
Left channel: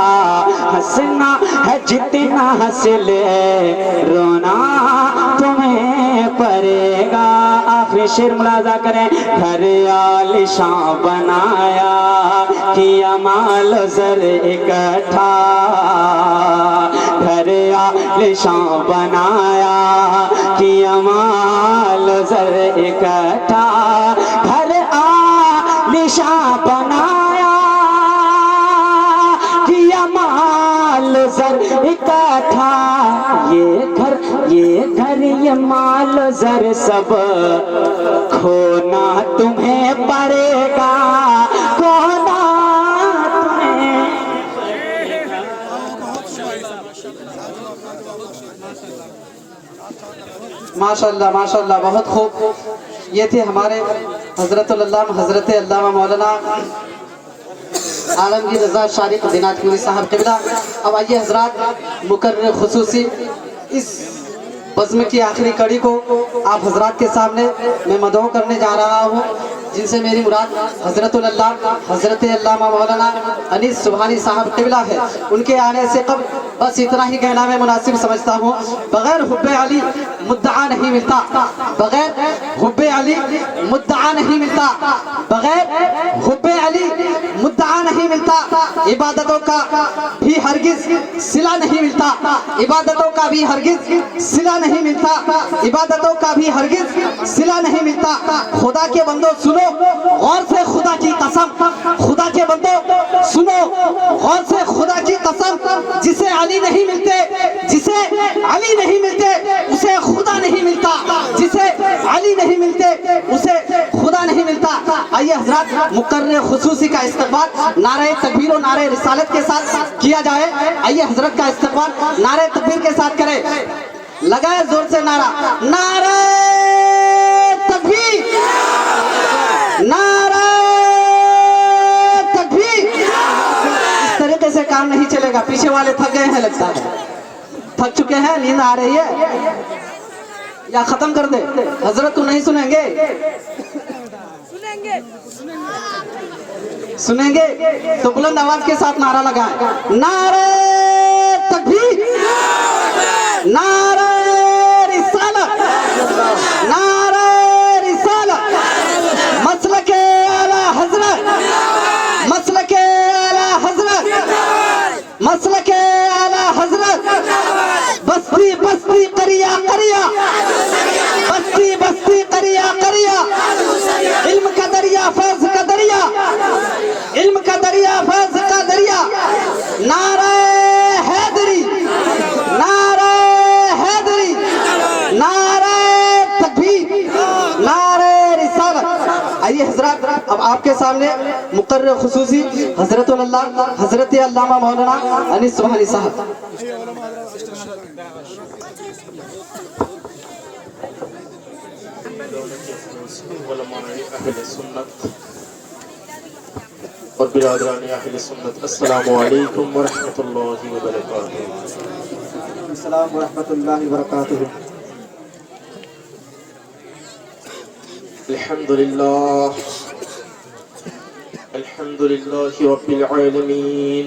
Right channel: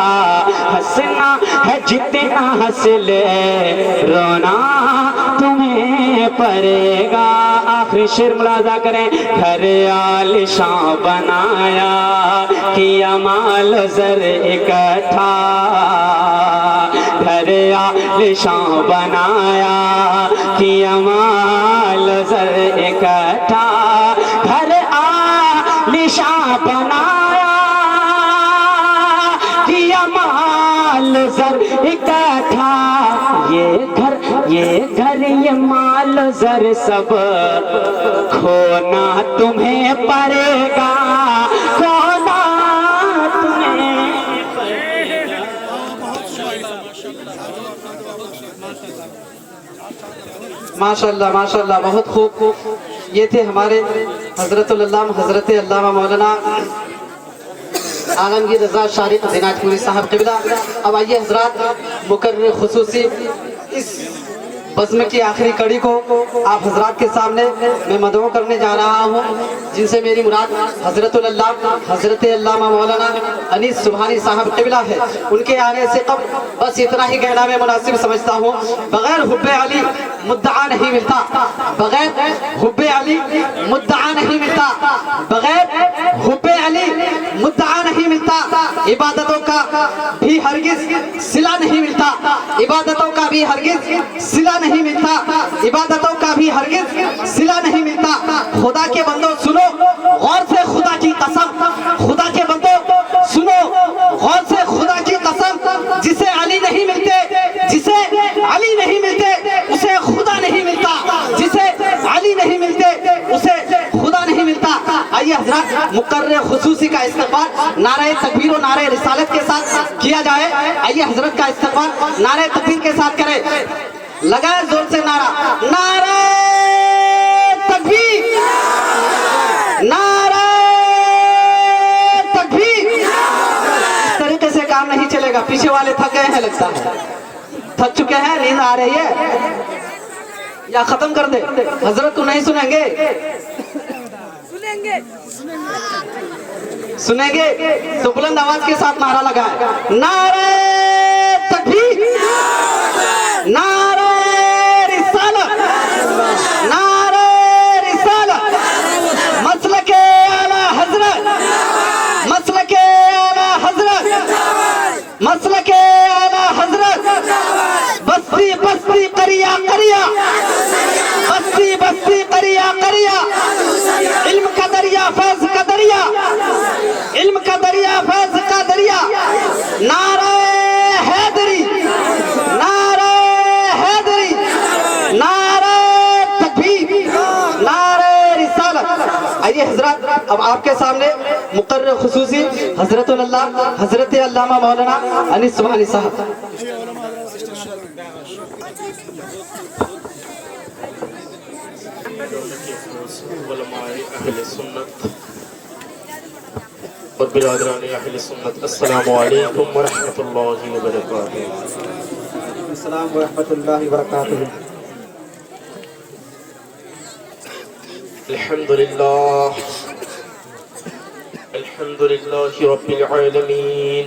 हंसना है जितना हंस ले रोना तुम्हें पड़ेगा। आखिरी शेर मुलाजा करें। घर आलिशान बनाया किया माल ज़र इकट्ठा घर आलिशान बनाया किया माल ज़र इकट्ठा घर आलिशान बनाया किया माल ज़र इकट्ठा ये घर ये माल ज़र सब खोना तुम्हें पड़ेगा खोना तुम्हें माशाल्लाह माशाल्लाह, बहुत खूब। ये थे हमारे हजरतुल अल्लामा हजरत अल्लामा मौलाना आलमगीर रज़ा शारिक दिनाजपुरी साहब क़िबला। अब आइए हजरात मुकर्रर खुसूसी इस बज़्म की आखिरी कड़ी को आप हजरात के सामने मैं मदऊ करने जा रहा हूँ, जिनसे मेरी मुराद हजरतुल अल्लामा हजरत अल्लामा मौलाना अनीस सुबहानी साहब क़िबला है। उनके आने से कब बस इतना ही कहना मैं मुनासिब समझता हूँ। बगैर हुब्बे अली मुद्दआ नहीं मिलता, बगैर हुब्बे अली मुद्दआ नहीं मिलता, बगैर हुब्बे अली मुद्दआ नहीं मिलता। इबादतों का भी हरगिज सिला नहीं मिलता, इबादतों का भी हरगिज सिला नहीं मिलता, इबादतों का भी हरगिज सिला नहीं मिलता। खुदा के बंदो सुनो गौर से खुदा की कसम, खुदा के बंदो सुनो गौर से खुदा की कसम। जिसे अली नहीं मिलते, जिसे अली नहीं मिलते उसे खुदा नहीं मिलता, जिसे अली नहीं मिलते उसे खुदा नहीं मिलता। आइए हजरत मुकर्रर खुसूसी का इस्तकबाल नारे तकबीर और नारे रिसालत के साथ किया जाए। आइए हजरत का इस्तकबाल नारे तकबीर के साथ करें। लगाए जोर से नारा, नारे तकबीर, नारे तकबीर। इस तरीके से काम नहीं चलेगा, पीछे वाले थक गए हैं लगता है, थक चुके हैं, नींद आ रही है, या खत्म कर दे। हजरत तो नहीं सुनेंगे, सुनेंगे तो बुलंद आवाज के साथ नारा लगाए। नारे तकबीर, नारे रिसालत, नारे रिसालत, मसलके आला हजरत, मसलके आला हजरत, मसलके आला हजरत। बस्ती बस्ती करिया करिया, बस्ती बस्ती करिया करिया, इल्म का दरिया फैज का दरिया, इल्म का दरिया फैज का दरिया। नारे हैदरी, नारे हैदरी, नारे तकबीर, नारे रिसालत। आइए हजरत अब आपके सामने मुकर्रर खुसूसी हजरतुल अल्लामा हजरत अल्लामा मौलाना अनीस सुबहानी साहब। अस्सलामु अलैकुम व रहमतुल्लाहि व बरकातुहू। अस्सलाम व रहमतुल्लाहि व बरकातुहू। अल्हम्दुलिल्लाह, अल्हम्दुलिल्लाहि रब्बिल आलमीन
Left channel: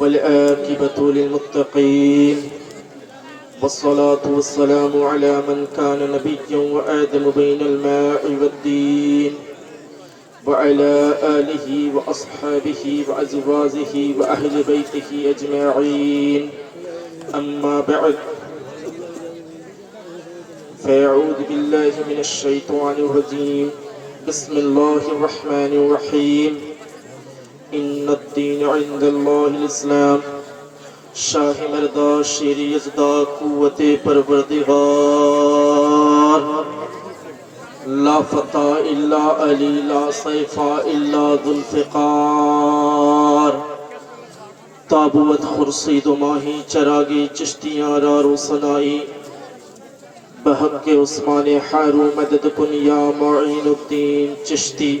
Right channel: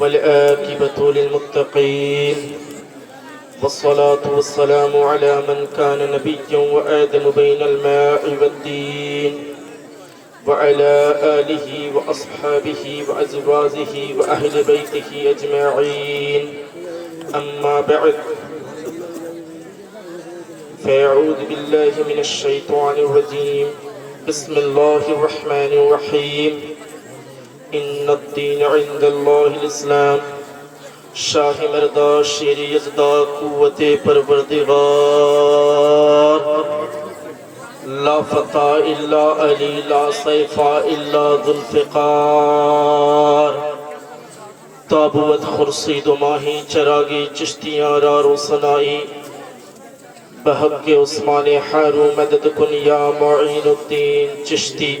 वल आकिबतु लिल मुत्तकीन वस्सलातु वस्सलामु अला मन कान नबिय्यन व आदम बैनल मा'i वद्दीन وعلى آله وأصحابه وأزواجه وأهل بيته أجمعين. أما بعد، فأعوذ بالله من الشيطان الرجيم. بسم الله الرحمن الرحيم. إن الدين عند الله الإسلام. شاہ مردہ شیر یزدہ قوت پروردگار لا فتى إلا علي لا سيف إلا ذو الفقار تابوت خرسید و ماہی چراغی چشتیاں را روسنائی بحق کے عثمان حارو مدد کن یا معین الدین چشتی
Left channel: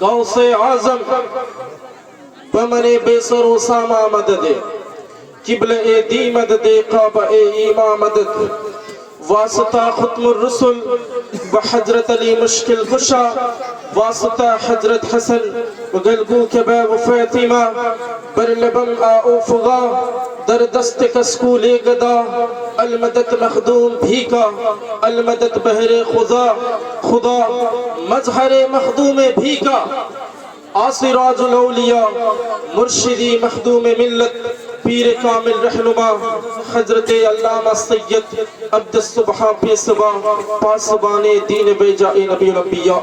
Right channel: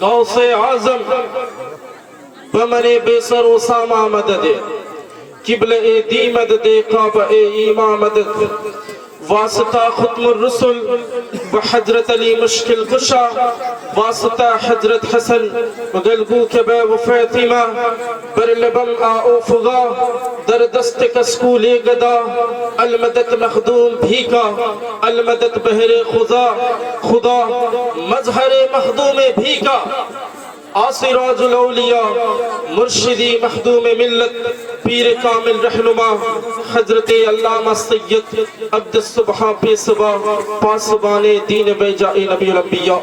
غوث اعظم بمن بے سر اسامہ مدد قبل دی مدد کعبہ ایماں مدد واسطہ ختم الرسل وحضرت علی مشکل کشا واسطہ حضرت حسن وگلگو کبا و فاطمہ برلبم آؤ فغا در دست کسکول گدا المدد مخدوم بھیکا المدد بہر خدا مظہر مخدوم بھیکا آسراج الاولیاء مرشدی مخدوم ملت پیر کامل رہنما حضرت علامہ سید عبد الصبح پی صبح پاسبان دین بیجائی نبی الانبیاء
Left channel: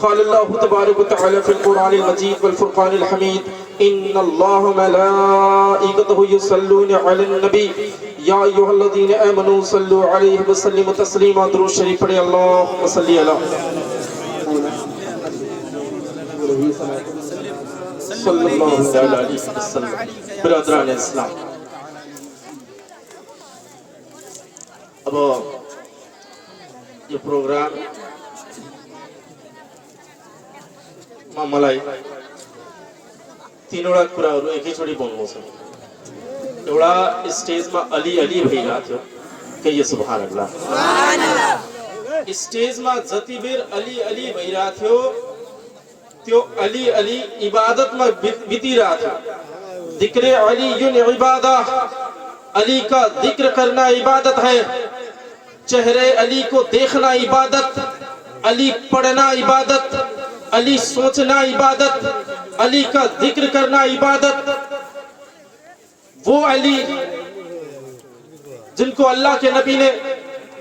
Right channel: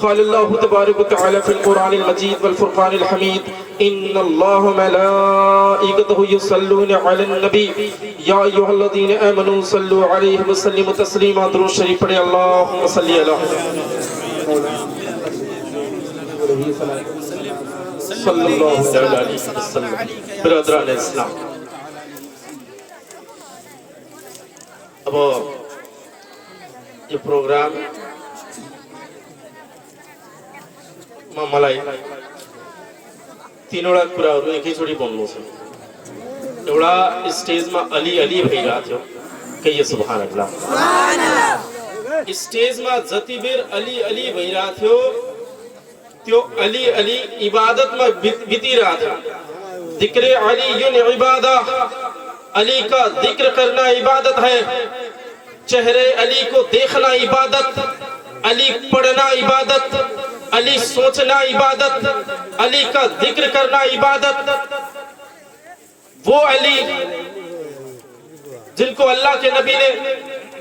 قال اللہ تبارک وتعالی فی القرآن المجید والفرقان الحمید ان اللہ ملائکتہ یصلون علی النبی یا ایہا الذین آمنوا صلوا علیہ وسلم تسلیما درود شریف پڑھے اللہم صلی علی صلی اللہ علیہ وسلم برادران اسلام اب یہ پروگرام ملائی تینوڑا پورا اور ایک ہی چھوڑی بولنو سے ایوڑا اسٹیج میں علی علی بھائی رہا تھے کہیے سبحان اللہ اسٹیج میں ذاتی بیر علی علی بھائی رہا تھے تو علی علی عبادت میں بیتی رہا تھا ذکر علی عبادہ علی کا ذکر کرنا عبادت ہے چہرے علی کو دیکھنا عبادت علی پڑھنا عبادت علی سوچنا عبادت علی کا ذکر کرنا عبادت وہ علی جن کو اللہ کے نبی نے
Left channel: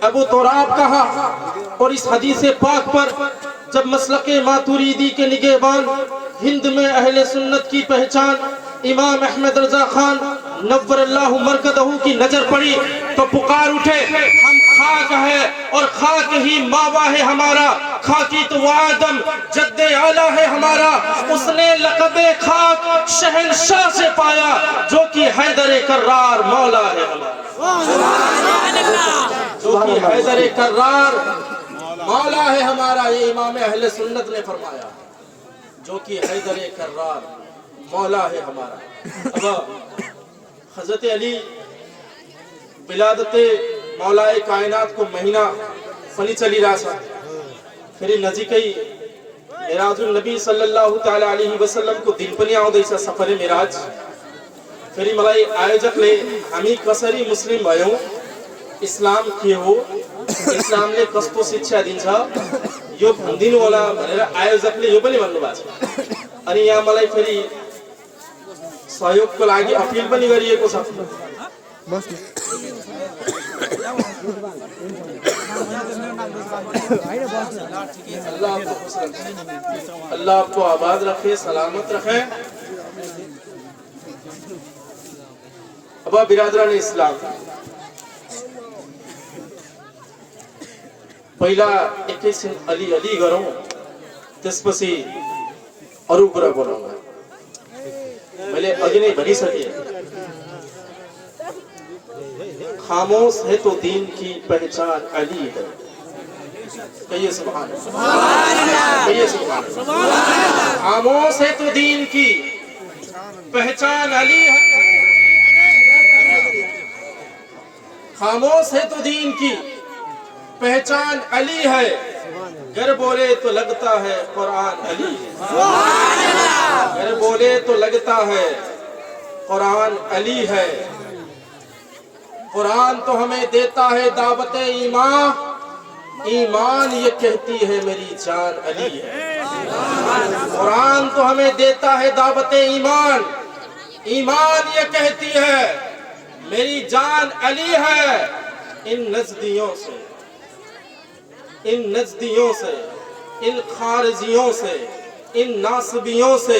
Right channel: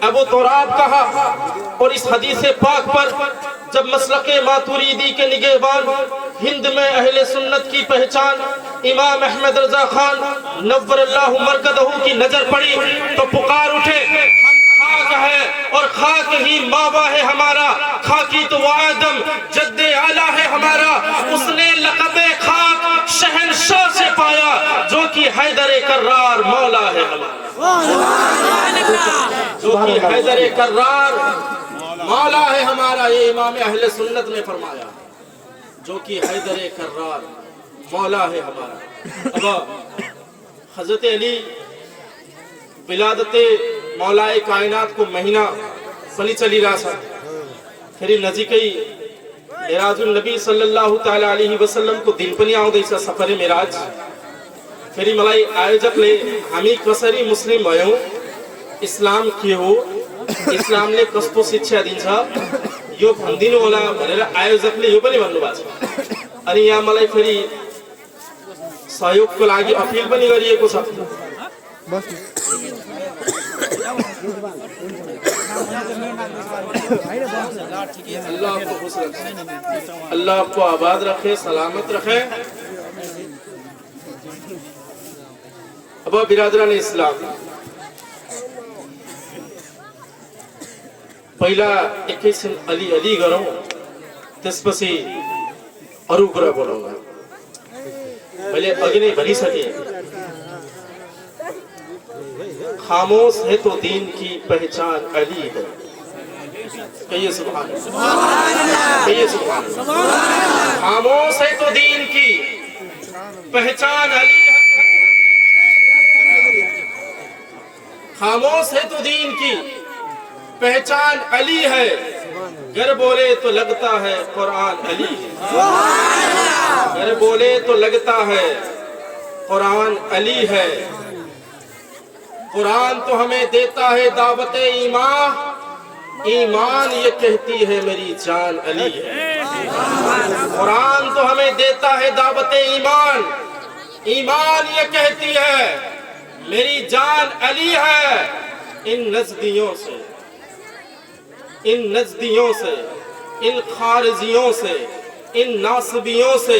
ابو تراب کہا اور اس حدیث پاک پر جب مسلک ماتوریدی کے نگہبان ہند میں اہل سنت کی پہچان امام احمد رضا خان نور اللہ مرکزہ کی نظر پڑی تو پکار اٹھے ہم خاک ہے اور خاک ہی ماوا ہے ہمارا خاکی تو وہ آدم جد اعلیٰ ہے ہمارا اس نے لقب خاک شہنشاہ سے پایا جو کہ حیدر کرار مولا ہے ہمارا جو کہ حیدر کرار مولا ہے ہمارا یہ امام اہل سنت نے فرمایا جو کہ حیدر کرار مولا ہے ہمارا اب حضرت علی ولادت مولا کائنات کو مہینہ فلی چلی رہا تھا پھر نزدیکی معراج النبی صلی اللہ تعالی علیہ وسلم کو دل پنی آؤ دیسا سفر معراج پھر ملائی آیوجک لے ہمیں کسری مسلم آئے ہوں اسلام کی ہو اسلام نے کسپو سچھا دین تھا یہ بھندین والا بنیرہ آیوجک لے یہ بنی بنو بات انی یہاں ملائی پھری سایوک کو لاغی اپیل بنی گری ہے کو سب اللہ آپ کو خوش رکھے اللہ آپ کو آباد رکھے سلامت رکھے ابا برادران اسلام پہلا اکیس علی علی گروں تس پسی ارو برا بولوں گا پہلے اگے نہیں بنی سکے خاموش ہے تو دین کی پہچان علی ہے کہیے سبحان اللہ کہیے سبحان اللہ خاموش ہے تو دین کی پہچان علی ہے خاموش ہے تو دین کی پہچان علی ہے گر بولے تو لگتا ہے قرآن علی ہے گر بولے تو لگتا ہے قرآن علی ہے قرآن تو ہمیں دیتا ہے دعوت ایمان ایمان یہ کہتی ہے میری جان علی ہے قرآن تو ہمیں دیتا ہے دعوت ایمان ایمان یہ کہتی ہے میری جان علی ہے ان نزدیوں سے ان خارجیوں سے ان ناصبیوں سے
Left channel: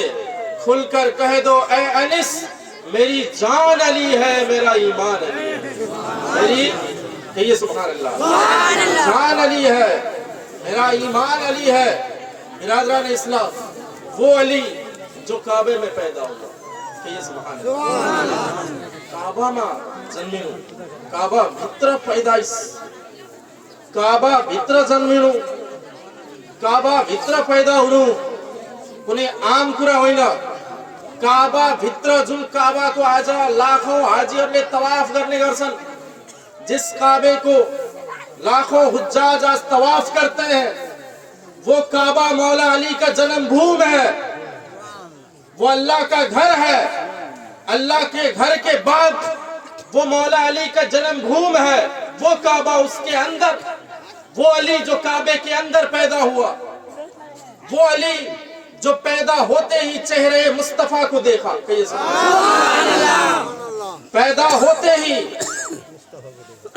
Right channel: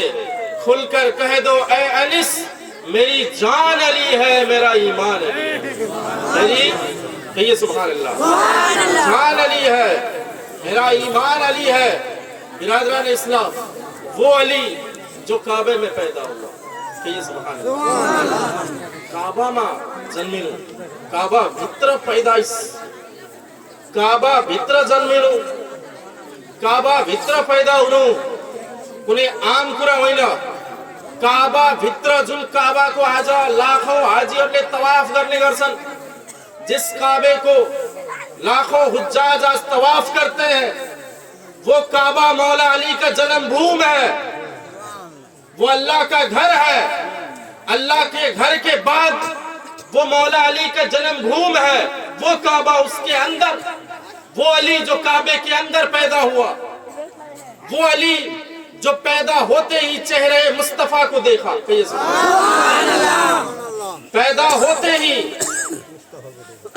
کھل کر کہہ دو اے انس میری جان علی ہے میرا ایمان علی ہے میری کہیے سبحان اللہ جان علی ہے मेरा ईमान अली है। बिरादरान इस्लाम, वो अली जो काबे में पैदा हुआ। कहिए सुभान अल्लाह। काबा में जन्मिनु, काबा भित्र पैदाइश, काबा भित्र जन्मिनु, काबा भित्र पैदा हुनु कुनै आम कुरा होइन। काबा भित्र जुन काबाको आज लाखौं हाजीहरूले तवाफ गर्ने गर्छन्, जिस काबे को लाखों हुज्जाज आज तवाफ करते हैं, वो काबा मौला अली का जन्म भूमि है, वो अल्लाह का घर है। अल्लाह के घर के बाद वो मौला अली का जन्म भूमि है, वो काबा, उसके अंदर वो अली जो काबे के अंदर पैदा हुआ, वो अली जो पैदा होते ही चेहरे मुस्तफा को देखा। कहिए सुभान अल्लाह। पैदा होते ही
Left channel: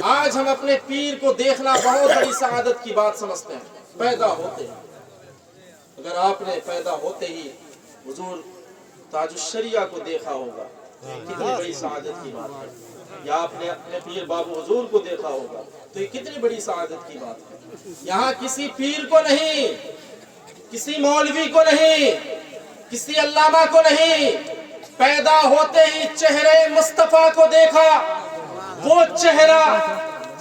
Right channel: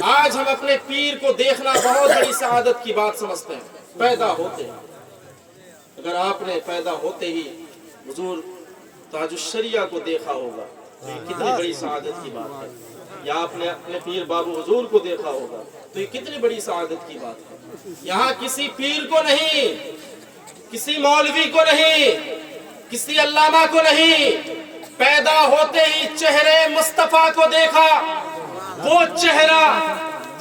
आज हम अपने पीर को देखना बहुत बड़ी सआदत की बात समझते हैं। पैदा होते ही, अगर आपने पैदा होते ही हुजूर ताजुश्शरिया को देखा होगा तो ये कितनी बड़ी सआदत की बात है। या आपने अपने पीर बाबू हुजूर को देखा होगा तो ये कितनी बड़ी सआदत की बात है। यहाँ किसी पीर को नहीं, किसी मौलवी को नहीं, किसी अल्लामा को नहीं, पैदा होते ही चेहरे मुस्तफा को देखा। वो चेहरा,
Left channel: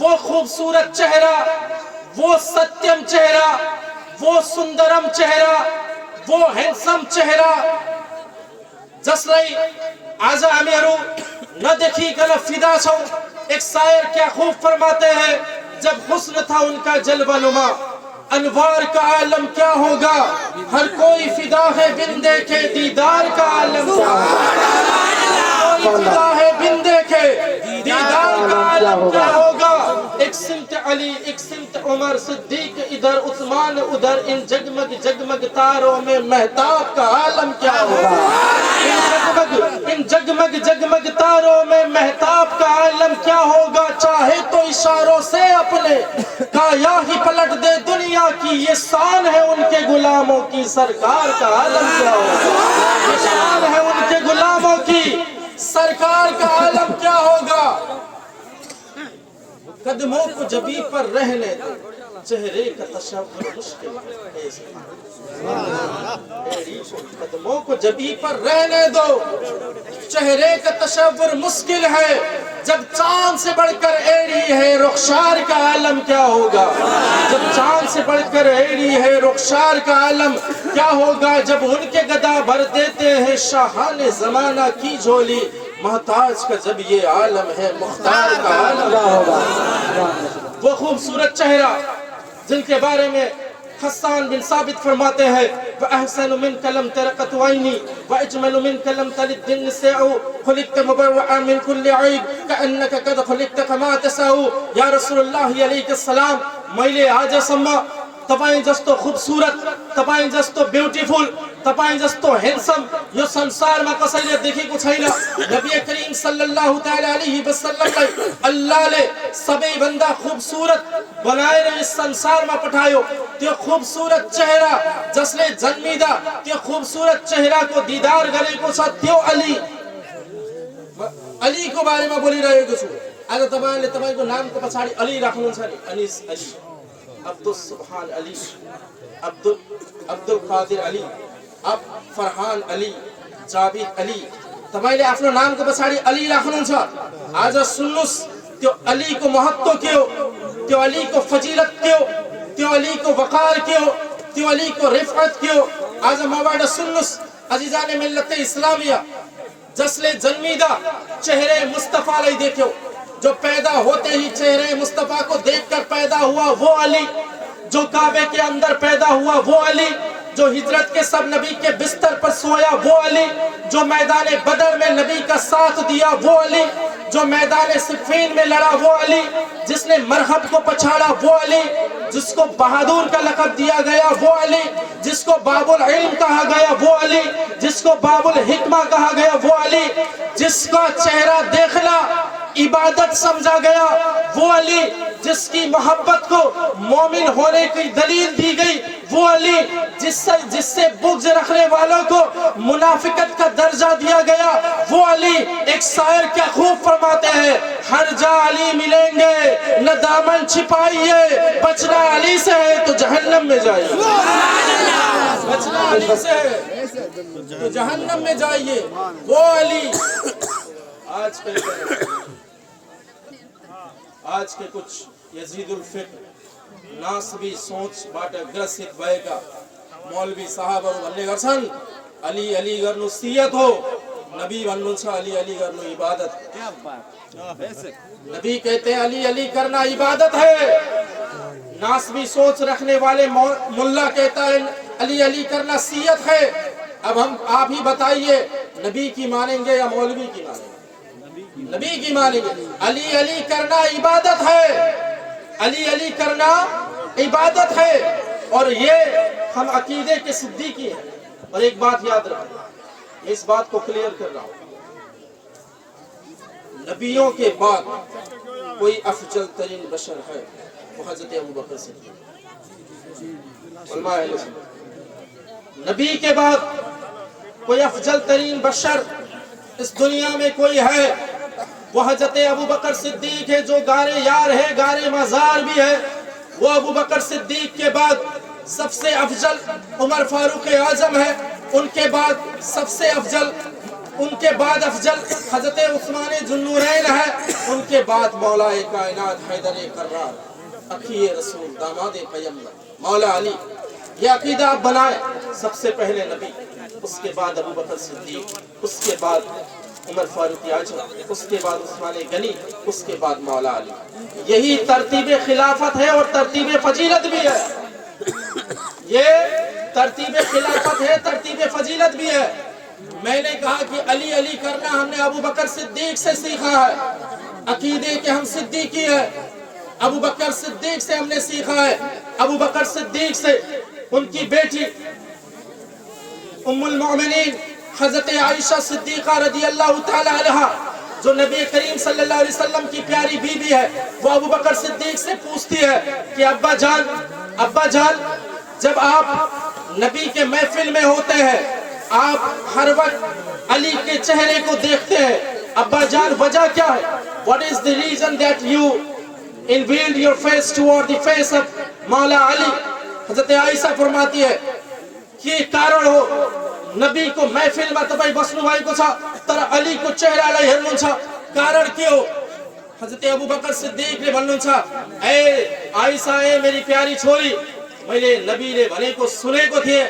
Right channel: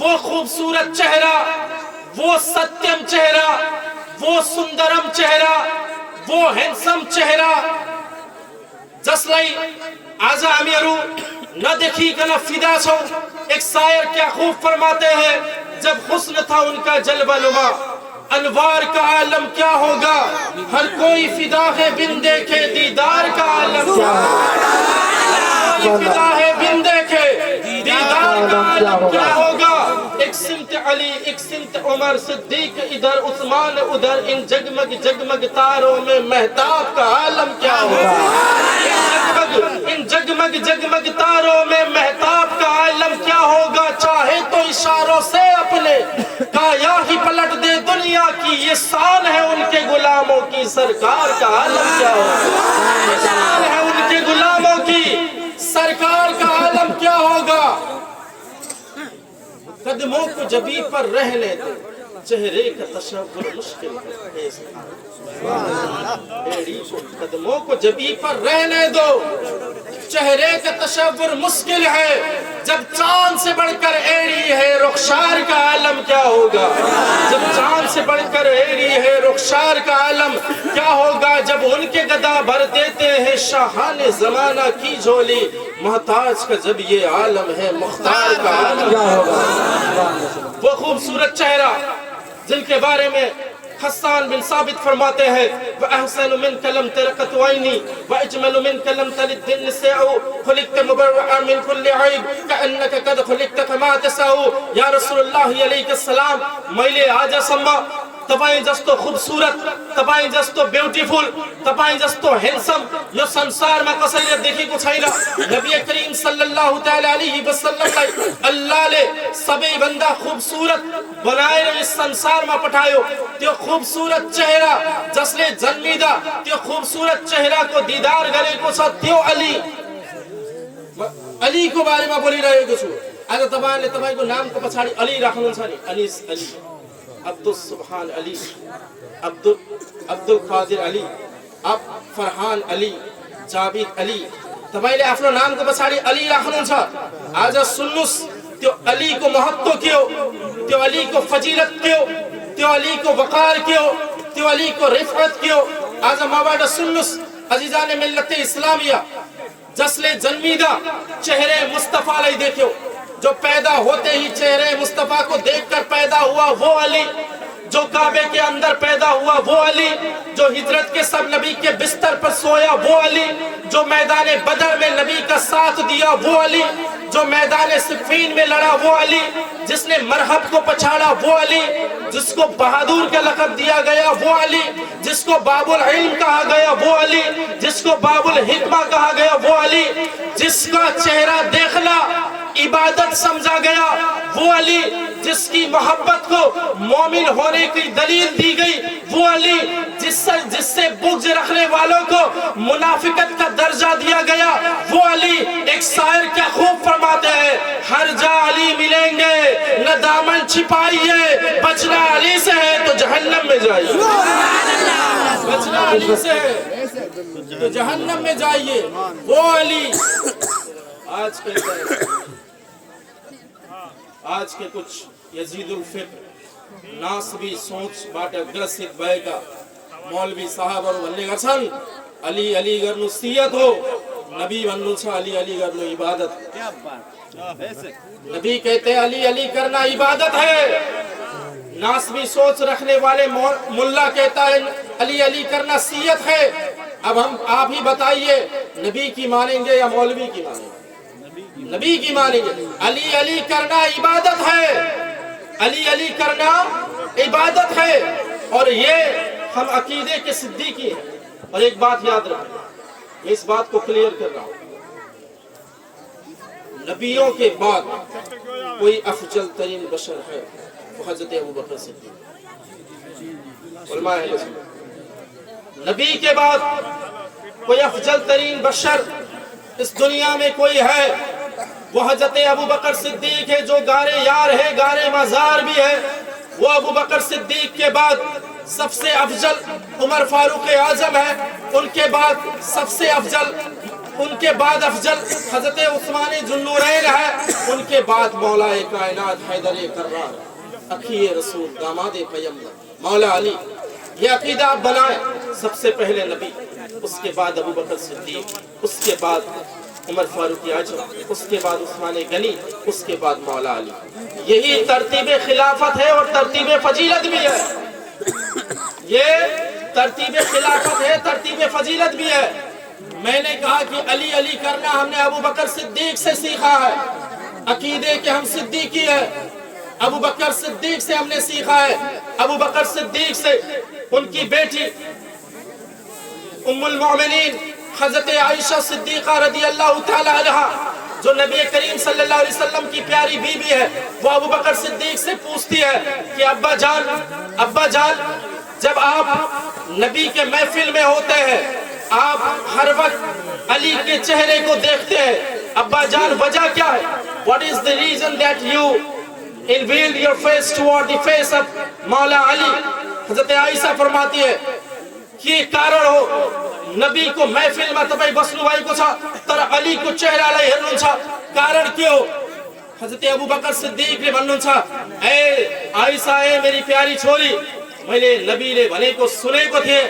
वो खूबसूरत चेहरा, वो सत्यम चेहरा, वो सुंदरम चेहरा, वो हैंडसम चेहरा, जसलाई आज हामीहरू नदेखिकन फिदा छौं। एक शायर क्या खूब फरमाते हैं, जब हुस्न था उनका जलवानुमा, अनवार का आलम क्या होगा, हर कोई फिदा है बिन देखे दीदार का आलम क्या होगा। फिदा है बिन देखे दीदार का आलम क्या होगा। एक सिमत अली, एक सिमत उमर सिद्दीक, इधर उस्मान उधर, इन जगमग जगमग तारों में महताब का आलम क्या होगा। इन जगमग जगमग तारों में महताब का आलम क्या होगा। चाहे तो इशारों से अपने काया ही पलट दे दुनिया की, ये शान है उनके गुलामों की, सरकार का आलम क्या होगा। ये शान है उनके गुलामों की, सरकार का आलम क्या होगा। कदमों को जबी पर रहने दो, चेहरे का तशव्वुर मुश्किल है। कदमों को जबी पर रहने दो, चेहरे का तशव्वुर मुश्किल है। जब चांद से बढ़कर एड़ी है, रुखसार का आलम क्या होगा। जब चांद से बढ़कर एड़ी है, रुखसार का आलम क्या होगा। जब उनके गदा भर देते हैं शाहाने जमाना की झोली, महताज का जब ये आलम है, मुख्तार का आलम क्या होगा। वो खूबसूरत चेहरा जिनके बारे में हसन बिन साबित फरमाते हैं, व अहसन मिन कलम तरकत वैनी व अजमल मिन कलम तलिद दिन सेउ, खुलिकत मुबर्रअ मिन कुल्लि ऐब कअन्नक कद खुलिकत कमा तसाउ। या रसूलुल्लाह अलैहिस्सलाम, मैले आजसम्म तपाईं जस्तो खूबसूरत, तपाईं जस्तो ब्यूटीफुल, तपाईं जस्तो हैंडसम यो संसारमा कसैले देखेको छैन। नबी करीम सल्लल्लाहु तआला अलैहि वसल्लमलाई अल्लाहले सबैभन्दा खूबसूरत बनाएर यस संसारमा पठायो। त्यो खूबसूरत चेहरा जसले जन्मिदा त्यो खूबसूरत चेहराको दीदार गरेको छ, त्यो अलीको बारेमा बोलिरहेको छु। आज तपाईले तपाईको नामको पछाडी अली राख्नुहुन्छ नि, अनिस अली, अब्दुल सुब्हान अली, अब्दुल कादिर अली, अब फरहान अली, जाबिद अली, तपाईले आफ्नो नामको पछाडी अली राख्नुहुन्छ। आज सुन्नुस् त्यो अलीको महत्व के हो, त्यो अलीको फजिलत के हो, त्यो अलीको वकार के हो, त्यो अलीको रिफअत के हो। आज मबाट सुन्नुस् अजीजाने मिल्लत इस्लामिया, जसले जन्मिदा चेहरे मुस्तफालाई देख्यो, जो पैदा होते ही चेहरे मुस्तफा को देखकर पैदा हुआ वो अली, जो काबे के अंदर पैदा हुआ वो अली, जो हिजरत के सब नबी के बिस्तर पर सोया वो अली, जो मैदान बदर में नबी का साथ दिया वो अली, जो मैदान सिफ़ीन में लड़ा वो अली, जिसने मरहब को पछाड़ा वो अली, जिसको बहादुर का लक़ब दिया गया वो अली, जिसको बाबुल इल्म कहा गया वो अली, जिसको बाबुल हिकमा कहा गया वो अली, जिसका चेहरा देखना इबादत समझा गया वो अली, जिसकी मोहब्बत को मोमिन होने की दलील दी गई वो अली, जिससे बुग़्ज़ रखने वालों को मुनाफिकत का दर्जा दिया गया वो अली। एक शायर क्या खूब फरमाते हैं, हर जा अली मिलेंगे न दामन छिपाइए, बचना अली से है तो जहन्नम में जाइए, बचना अली से है तो जहन्नम में जाइए, वो अली। आज के कुछ यजीदुल फिक्र नासबी सोच बाटे ग्रसित भय का मौलवी साहब और वन्ने गसन अली अली करनु सियत हो, नबी वन्नु छा अली अली करनु इबादत। नबी कहते हैं अली अली करना इबादत है। नासबी सोच रखने वाले मुल्ला कहता है अली अली करना सियत है। अब हम आप ही बताइए, नबी की मानेंगे या मौलवी की मानेंगे? नबी की मानेंगे। अली अली करना इबादत है, अली अली करना इबादत है, और ये हम अकीदे के सिद्दीकी हैं। और एक बात याद रखें, मैं इस बात को क्लियर कर रहा हूं, नबियों के बाद कोई अफजल तरीन बशर है वो हजरत अबू बकर सिद्दीक। उलमा अहले सुन्नत, नबी के बाद कोई अफजल तरीन बशर इस दुनिया में कोई है वो हजरत अबू बकर सिद्दीक है, जो गारे यार है, गारे मजार भी है। वो अबू बकर सिद्दीक के बाद सबसे अफजल उमर फारूक आजम है, उनके बाद सबसे अफजल, उनके बाद अफजल हजरत उस्मान जुन्नूरैन है, उनके बाद मौला कायनात हैदर कर्रार, अखी रसूल, दामाद पैगंबर मौला अली। ये अकीदा आप बनाए, सबसे पहले नबी, उसके बाद अबू बकर सिद्दीक, उसके बाद उमर फारूक आजम, उसके बाद उस्मान गनी, उसके बाद मौला अली। यही तरतीब खिलाफत है और तरतीब फजीलत भी है। ये तरतीब खिलाफत है, तरतीब फजीलत भी है। मैंने कहा कि अली अली करना हमने अबू बकर सिद्दीक से सीखा है, अकीदे के हम सिद्दीकी है, अबू बकर सिद्दीक से हमने सीखा है। अबू बकर सिद्दीक से उनकी बेटी उम्मुल मोमिनीन हजरत आयशा सिद्दीका रदी अल्लाह तआला अन्हा, जो नबी करीम सल्लल्लाहु अलैहि वसल्लम की प्यारी बीबी है, वो अबू बकर सिद्दीक से पूछती है कि अब्बा जान, जब आप नबी के महफिल में होते हैं, आप हर वक्त अली के चेहरे को देखते हैं, अब्बा जान वजह क्या है? What is the reason that you unveiled your face toward the face of मौला अली? हजरत आयशा फरमाती है कि कारण हो नबी को महफिल में तपाईं बस्नु भएको छ तर अली को चेहरालाई हेर्नुहुन्छ, कारण के हो? हजरत अबू बकर सिद्दीकले भन्नुहुन्छ, ए आयशा, ए मेरी प्यारी छोरी, मैले नबीले भनेको सुनेको थिए,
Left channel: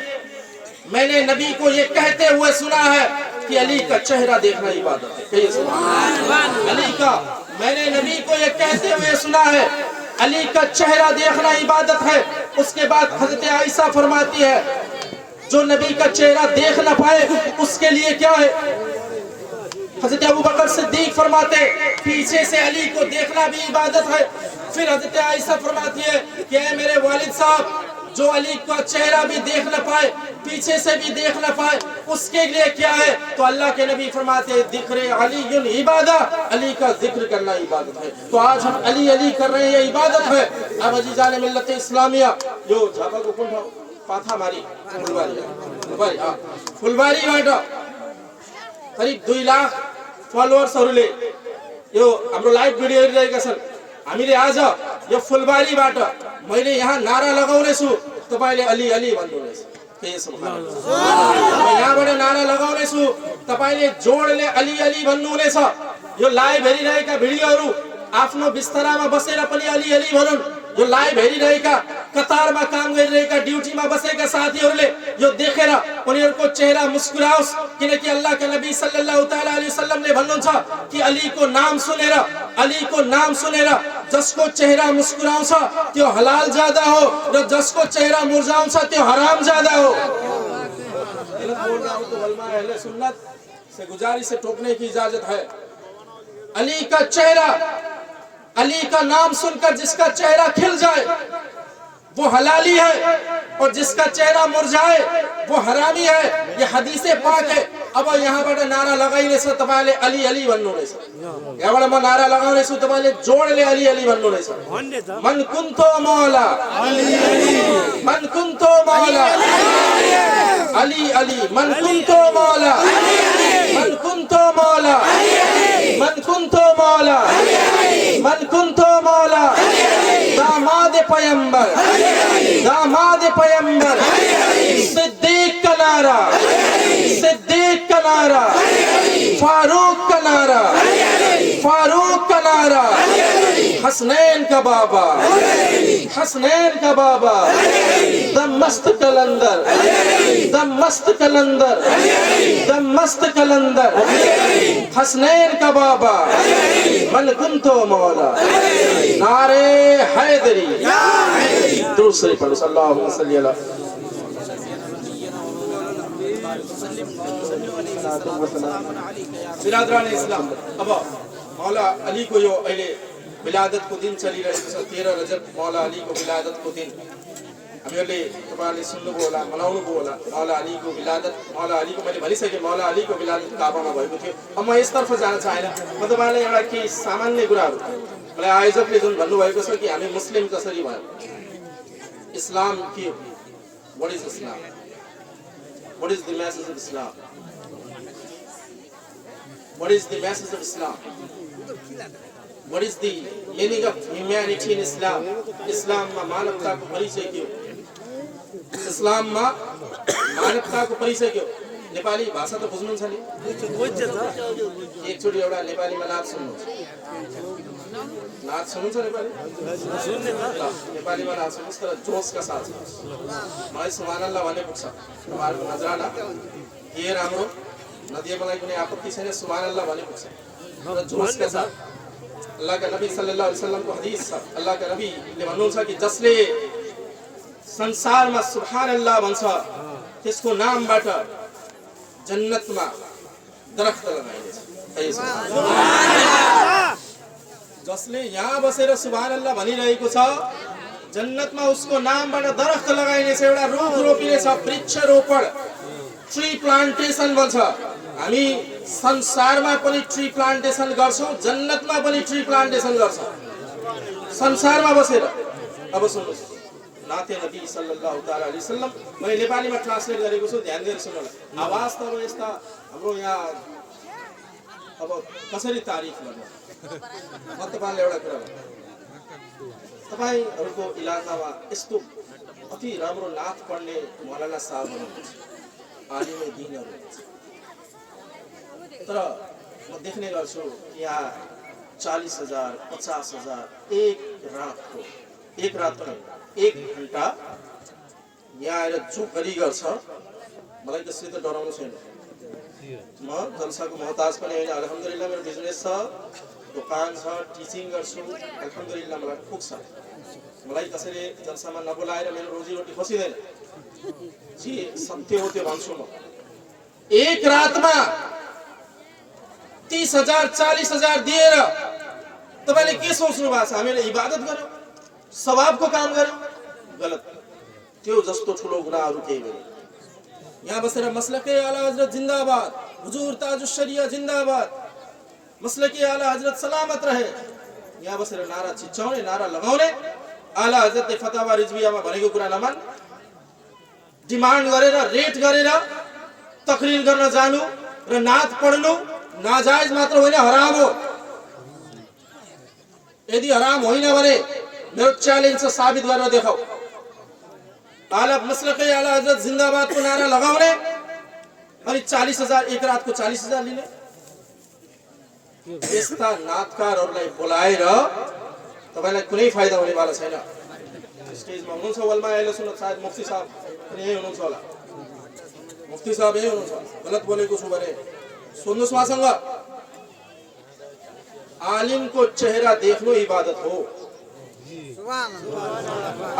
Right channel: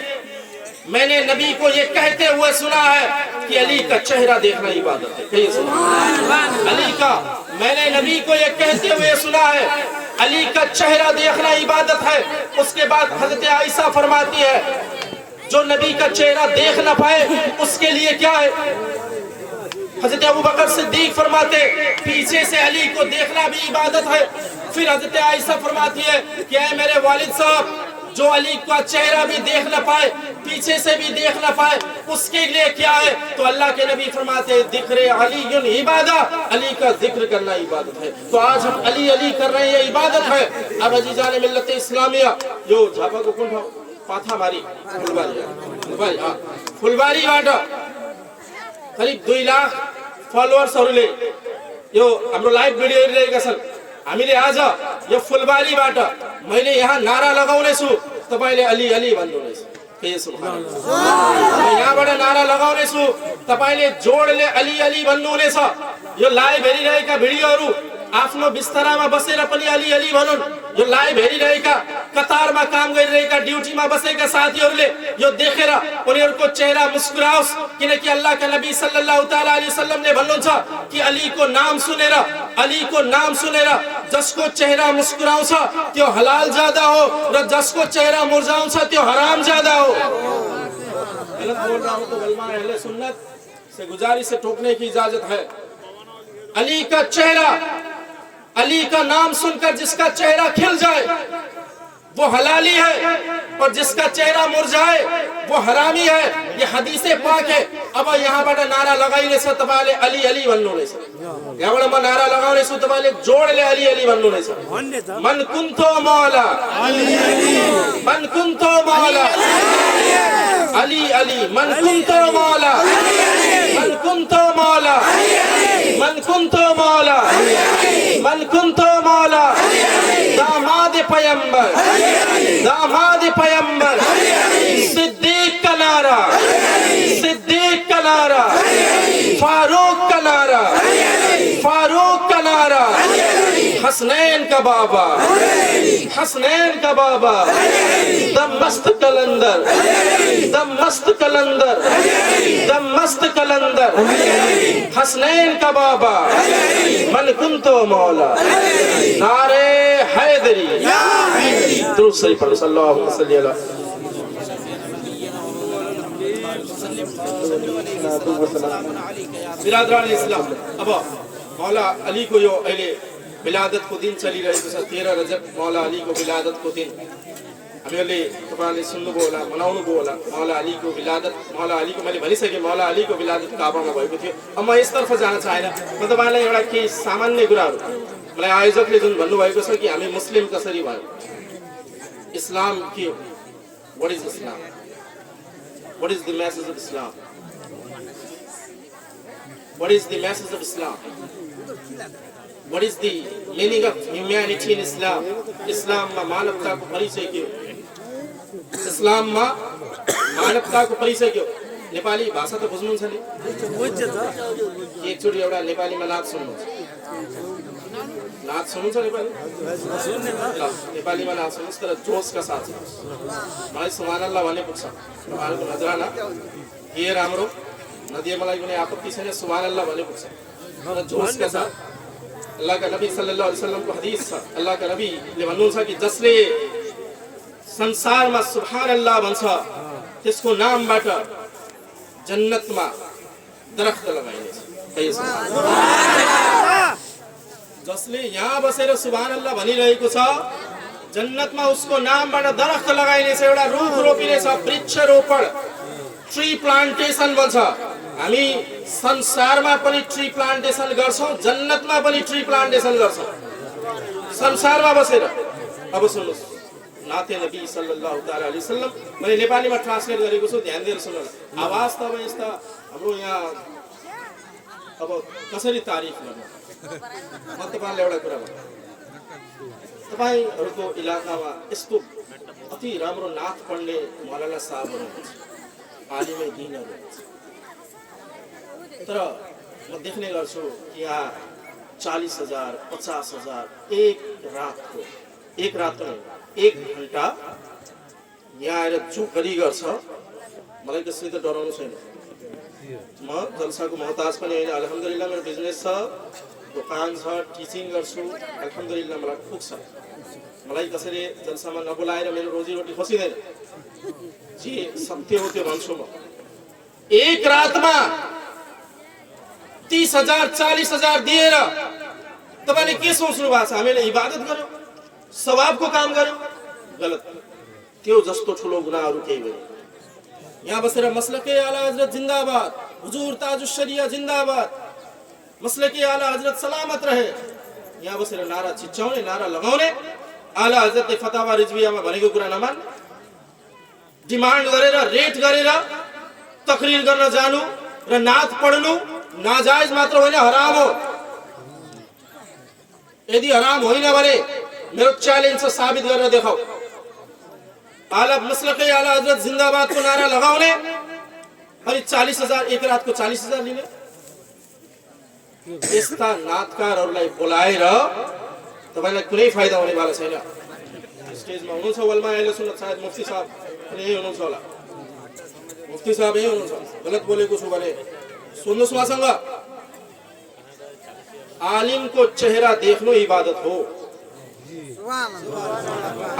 मैंने नबी को ये कहते हुए सुना है कि अली का चेहरा देखना इबादत है। कहिए सुभान अल्लाह। अली का, मैंने नबी को ये कहते हुए सुना है अली का चेहरा देखना इबादत है। उसके बाद हजरत आयशा फरमाती है जो नबी का चेहरा देख न पाए उसके लिए क्या है? हजरत अबू बकर सिद्दीक फरमाते पीछे से अली को देखना भी इबादत है। फिर हजरत आयशा फरमाती है कि ऐ मेरे वालिद साहब, जो अली का चेहरा भी देख न पाए, पीछे से भी देख न पाए, उसके लिए क्या है? तो अल्लाह के नबी फरमाते हैं जिक्र अली इबादा, अली का जिक्र करना इबादत है। तो आज हम अली अली कर रहे हैं, ये इबादत है। अब अजीजान मिल्लत इस्लामिया जो झापा को कौन पाथा मारी फुलबारी वाटा करीब 2 लाख फलोवर्सहरूले यो हाम्रो लाइभ भिडियो हेरिरहेका छन्। हामीले आज यो फुलबारीबाट मैले यहाँ नारा लगाउने छु, तपाईले अली अली भन्नुहुनेछ। के सुभान अल्लाह। म यहाँबाट नारा लगाउने छु, तपाईले जोडले अली अली भन्नुहुनेछ। यो लाइभ हेरिरहेका भिडियोहरू आफ्नो बिस्तरामा बसेर पनि अली अली भनुन्। यो लाइभ हेरिरहेका, कतारमा काम गरिरहेका, ड्युटीमा बसेका साथीहरूले यो देखेर उनीहरूको चेहरा मुस्कुराओस्, किनकि अल्लाहका नबी सल्लल्लाहु तआला अलैहि वसल्लमले भन्नुहुन्छ कि अली को नाम सुनेर जसको चेहरा मुस्कुराउँछ त्यो हलाल ज्यादा हो र जसको चेहरा मुरझाउँछ त्यो हराम ज्यादा हो। गलत बोल रहा हूं तो उलमा अहले सुन्नत से गुजारिश से टोकने की इजाजत है। अली का चेहरा, अली का नाम सुनकर जिसका चेहरा खिल जाए वो हलाली है और जिसका चेहरा मुरझाए वो हरामी है। ये हदीसे पाक है। अब यहाँबाट नारा लगाइने छ तपाईले अली अली भन्नुहुनेछ। यहाँबाट म नारा लगाउने छु, तपाईले जोडले अली अली भन्नुहुनेछ। मन कुन्तो मौला मन कुन्तो मौला अली अली मन कुन्तो मौला मन कुन्तो मौला मन कुन्तो मौला मन कुन्तो मौला दामाद पैगंबर दामाद पैगंबर, सिद्दीक का नारा, सिद्दीक का नारा, फारूक का नारा, फारूक का नारा, हसनैन का बाबा, हसनैन का बाबा, दमस्त कलंदर, दमस्त कलंदर, दमस्त कलंदर, हसनैन का बाबा, मन कुंतो मौला, नारे हैदरी, दूसरी पढ़ो सल्लल्लाहु अलैहि वसल्लम। बिरादरान इस्लाम, अब मौला अली को यो अहिले विलादत को दिन चलिरहेको छ, 13 रजब मौला अली को विलादत को दिन हामीहरूले तपाईहरुले सुन्नुभयो होला, मनाउनुभयो होला। मौला अली को विलादत, मौला अली को मैले भनिसके, मौला अली को विलादत काबामा भएको थियो। अब म यसतर्फ जान चाहेन, म तपाईलाई एउटा केही सामान्य कुराहरु, मलाई आयोजकले जुन भन्नुभएको छ कि हामी मुस्लिम कसरी भयौं, इस्लाम के हो, what is Islam, what is the message of Islam, what is the message of Islam, what is the meaning of humanity in Islam. इस्लाममा मानवताको परिचय के हो, इस्लाममा मानवताको परिचय के हो। नेपाली भाषा त बुझ्नुहुन्छ नि, एकचोटि एउटा नेपालीमा नाच सुन्नुहुन्छ, नाच सुन्नुहुन्छ नेपाली, नेपालीमा नाच सुन्नुहोस् तर जोसका साथ सुन्नुहोस्। मलाई सुभानअल्लाह भन्ने पुग्छ, तपाईँहरूको नजराना के राम्रो नदिए मलाई कुनै आपत्ति छैन, सुभानअल्लाह भन्ने पुग्छ तर जोसका साथ। अल्लाह का नबी सल्लल्लाहु अलैहि वसल्लम को हदीस छ, अल्लाह का नबीले भन्नुहुन्छ कि जसले संसारमा सुभानअल्लाह भन्छ त्यसको नामबाट जन्नतमा दरख्त लगाइनेछ। जसले यहाँ बसेर सुभानअल्लाह भनिरहेको छ जन्नतमा उसको नामबाट दरख्त लगाइनेछ, एउटा रुख रोपिनेछ, वृक्ष रोपण, ट्री प्लान्टेसन भन्छ। हामी संसारमा पनि ट्री प्लान्टेसन गर्छौं, जन्नतमा पनि ट्री प्लान्टेसन गर्छौं, संसारमा बसेर। अब सुन्नुहोस्, नाते नबी सल्लल्लाहु अलैहि वसल्लम, मैले नेपालीमा ट्रान्सलेट गरेको छु, ध्यान दिएर सुन्नु। आवाज त अब यस्ता हाम्रो यहाँ अब कसरी तारिफ गर्नु। म तपाईलाई एउटा कुरा भन्छु, तपाईहरुको इलाकामा यस्तो अति राम्रो नाथ पढ्ने मौलाना साहब हुनुहुन्छ, आलिमे दीनहरु हुनुहुन्छ, तर म देख्ने गर्छु यहाँ 40,000 50,000 एक रातको, एक रात पनि 1 घण्टा यहाँ आएर जो गरी गर्छ, मलाई त्यसले त डराउनु छैन। म जलसाको मोहताज पनि होइन, अल्हम्दुलिल्लाह मेरो बिजनेस छ, दोकान छ, टिचिङ गर्छु, अल्हम्दुलिल्लाह मलाई पुग्छ। मलाई कसैले जलसामा नबोलाएर मेरो रोजीरोटी खोसिदैन, जे सत्य हो त्यो भन्छु म। एक रातमा 30,000 40,000 दिएर तपाईले के सोच्नु भएको छ, हामीले इबादत गर्यौं, सवाबको काम गर्यौं? गलत, त्यो जस्तो ठुलो गुनाहहरु केही होइन। यहाँ बसेर मसलके आला हजरत जिंदाबाद, हुजूर ताजुश शरिया जिंदाबाद, मसलके आला हजरत सलामत रहे, यहाँ बसेर नारा चिच्चाउने, नारा लगाउने, आला हजरतले फतावा रिजवियामा भनेको कुरा नमान्ने, डिमान्ड गरेर रेट गरेर तकरीर गर्न जानु र नाथ पढ्नु नाजायज मात्र होइन, हराम हो। यदि हराम होइन भने मेरो च्यालेन्ज छ, साबित गरेर देखाऊ। आला मसलके आला हजरत जिंदाबाद को नारा लगाउने अनि 40,000 एक रात को 40,000 लिने, यस्ता नाथकारहरूलाई बोलाएर तपाईलाई कुनै फाइदा हुने वाला छैन। स्टेजमा हुनुहुन्छ वलमा अहिले सुन्न, सायद मुफ्ती साहब पनि यही हुनुहुन्छ होला, मुफ्ती साहब यही हुनुहुन्छ, गलत बोलेको छु भने सुन्नुहोस् उहाँसँग। आलिम को चेहरा देख्नु इबादत हो,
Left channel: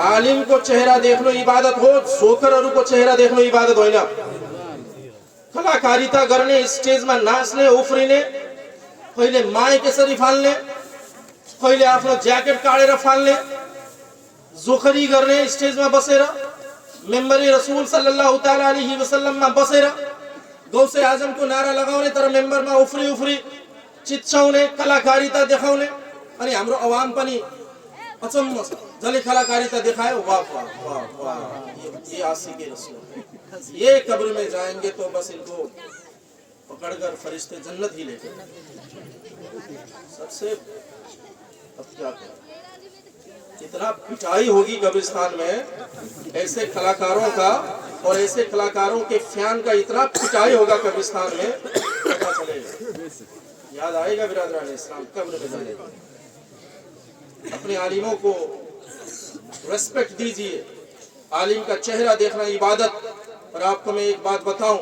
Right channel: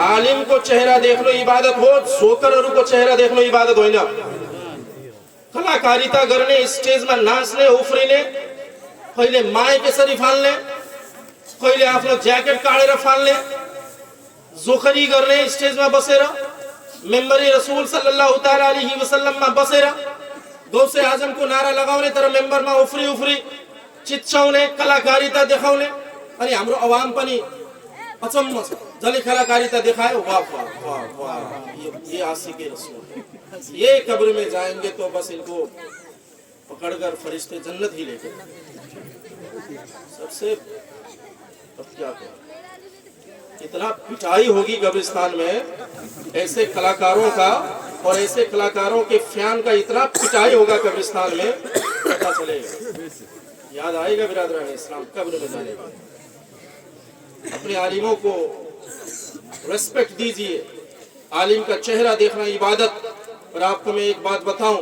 आलिम को चेहरा देख्नु इबादत हो, जोकरहरुको चेहरा देख्नु इबादत होइन। कलाकारिता गर्ने, स्टेजमा नाच्ने, उफ्रिने, कहिले माइक यसरी फाल्ने, कहिले आफ्नो ज्याकेट काटेर फाल्ने, जोखरी गर्ने, स्टेजमा बसेर मेम्बरी रसूल सल्लल्लाहु तआला अलैहि वसल्लममा बसेर गौसे आजमको नारा लगाउने, तर मेम्बरमा उफ्री उफ्री चिच्चाउने, कलाकारिता देखाउने। अनि हाम्रो अवाम पनि अचम्म छ, जसले कलाकारिता देखायो, वाह वाह वाह वाह, ये आशिक रसूल, ये कब्र में जाएंगे तो बस इनको पकड़कर फरिश्ते जन्नत ही लेके। सबसे अब क्या करें, इतना पिटाई होगी कब्रिस्तान में ऐसे कलाकारों का, और ऐसे कलाकारों के फैन का इतना पिटाई होगा कब्रिस्तान में, पता चलेगा, याद आएगा बिरादरान इस्लाम कब्र में जाने का। अपने आलिमों को रेस्पेक्ट दीजिए, आलिम का चेहरा देखना इबादत। और आपको मैं एक बात बताऊं,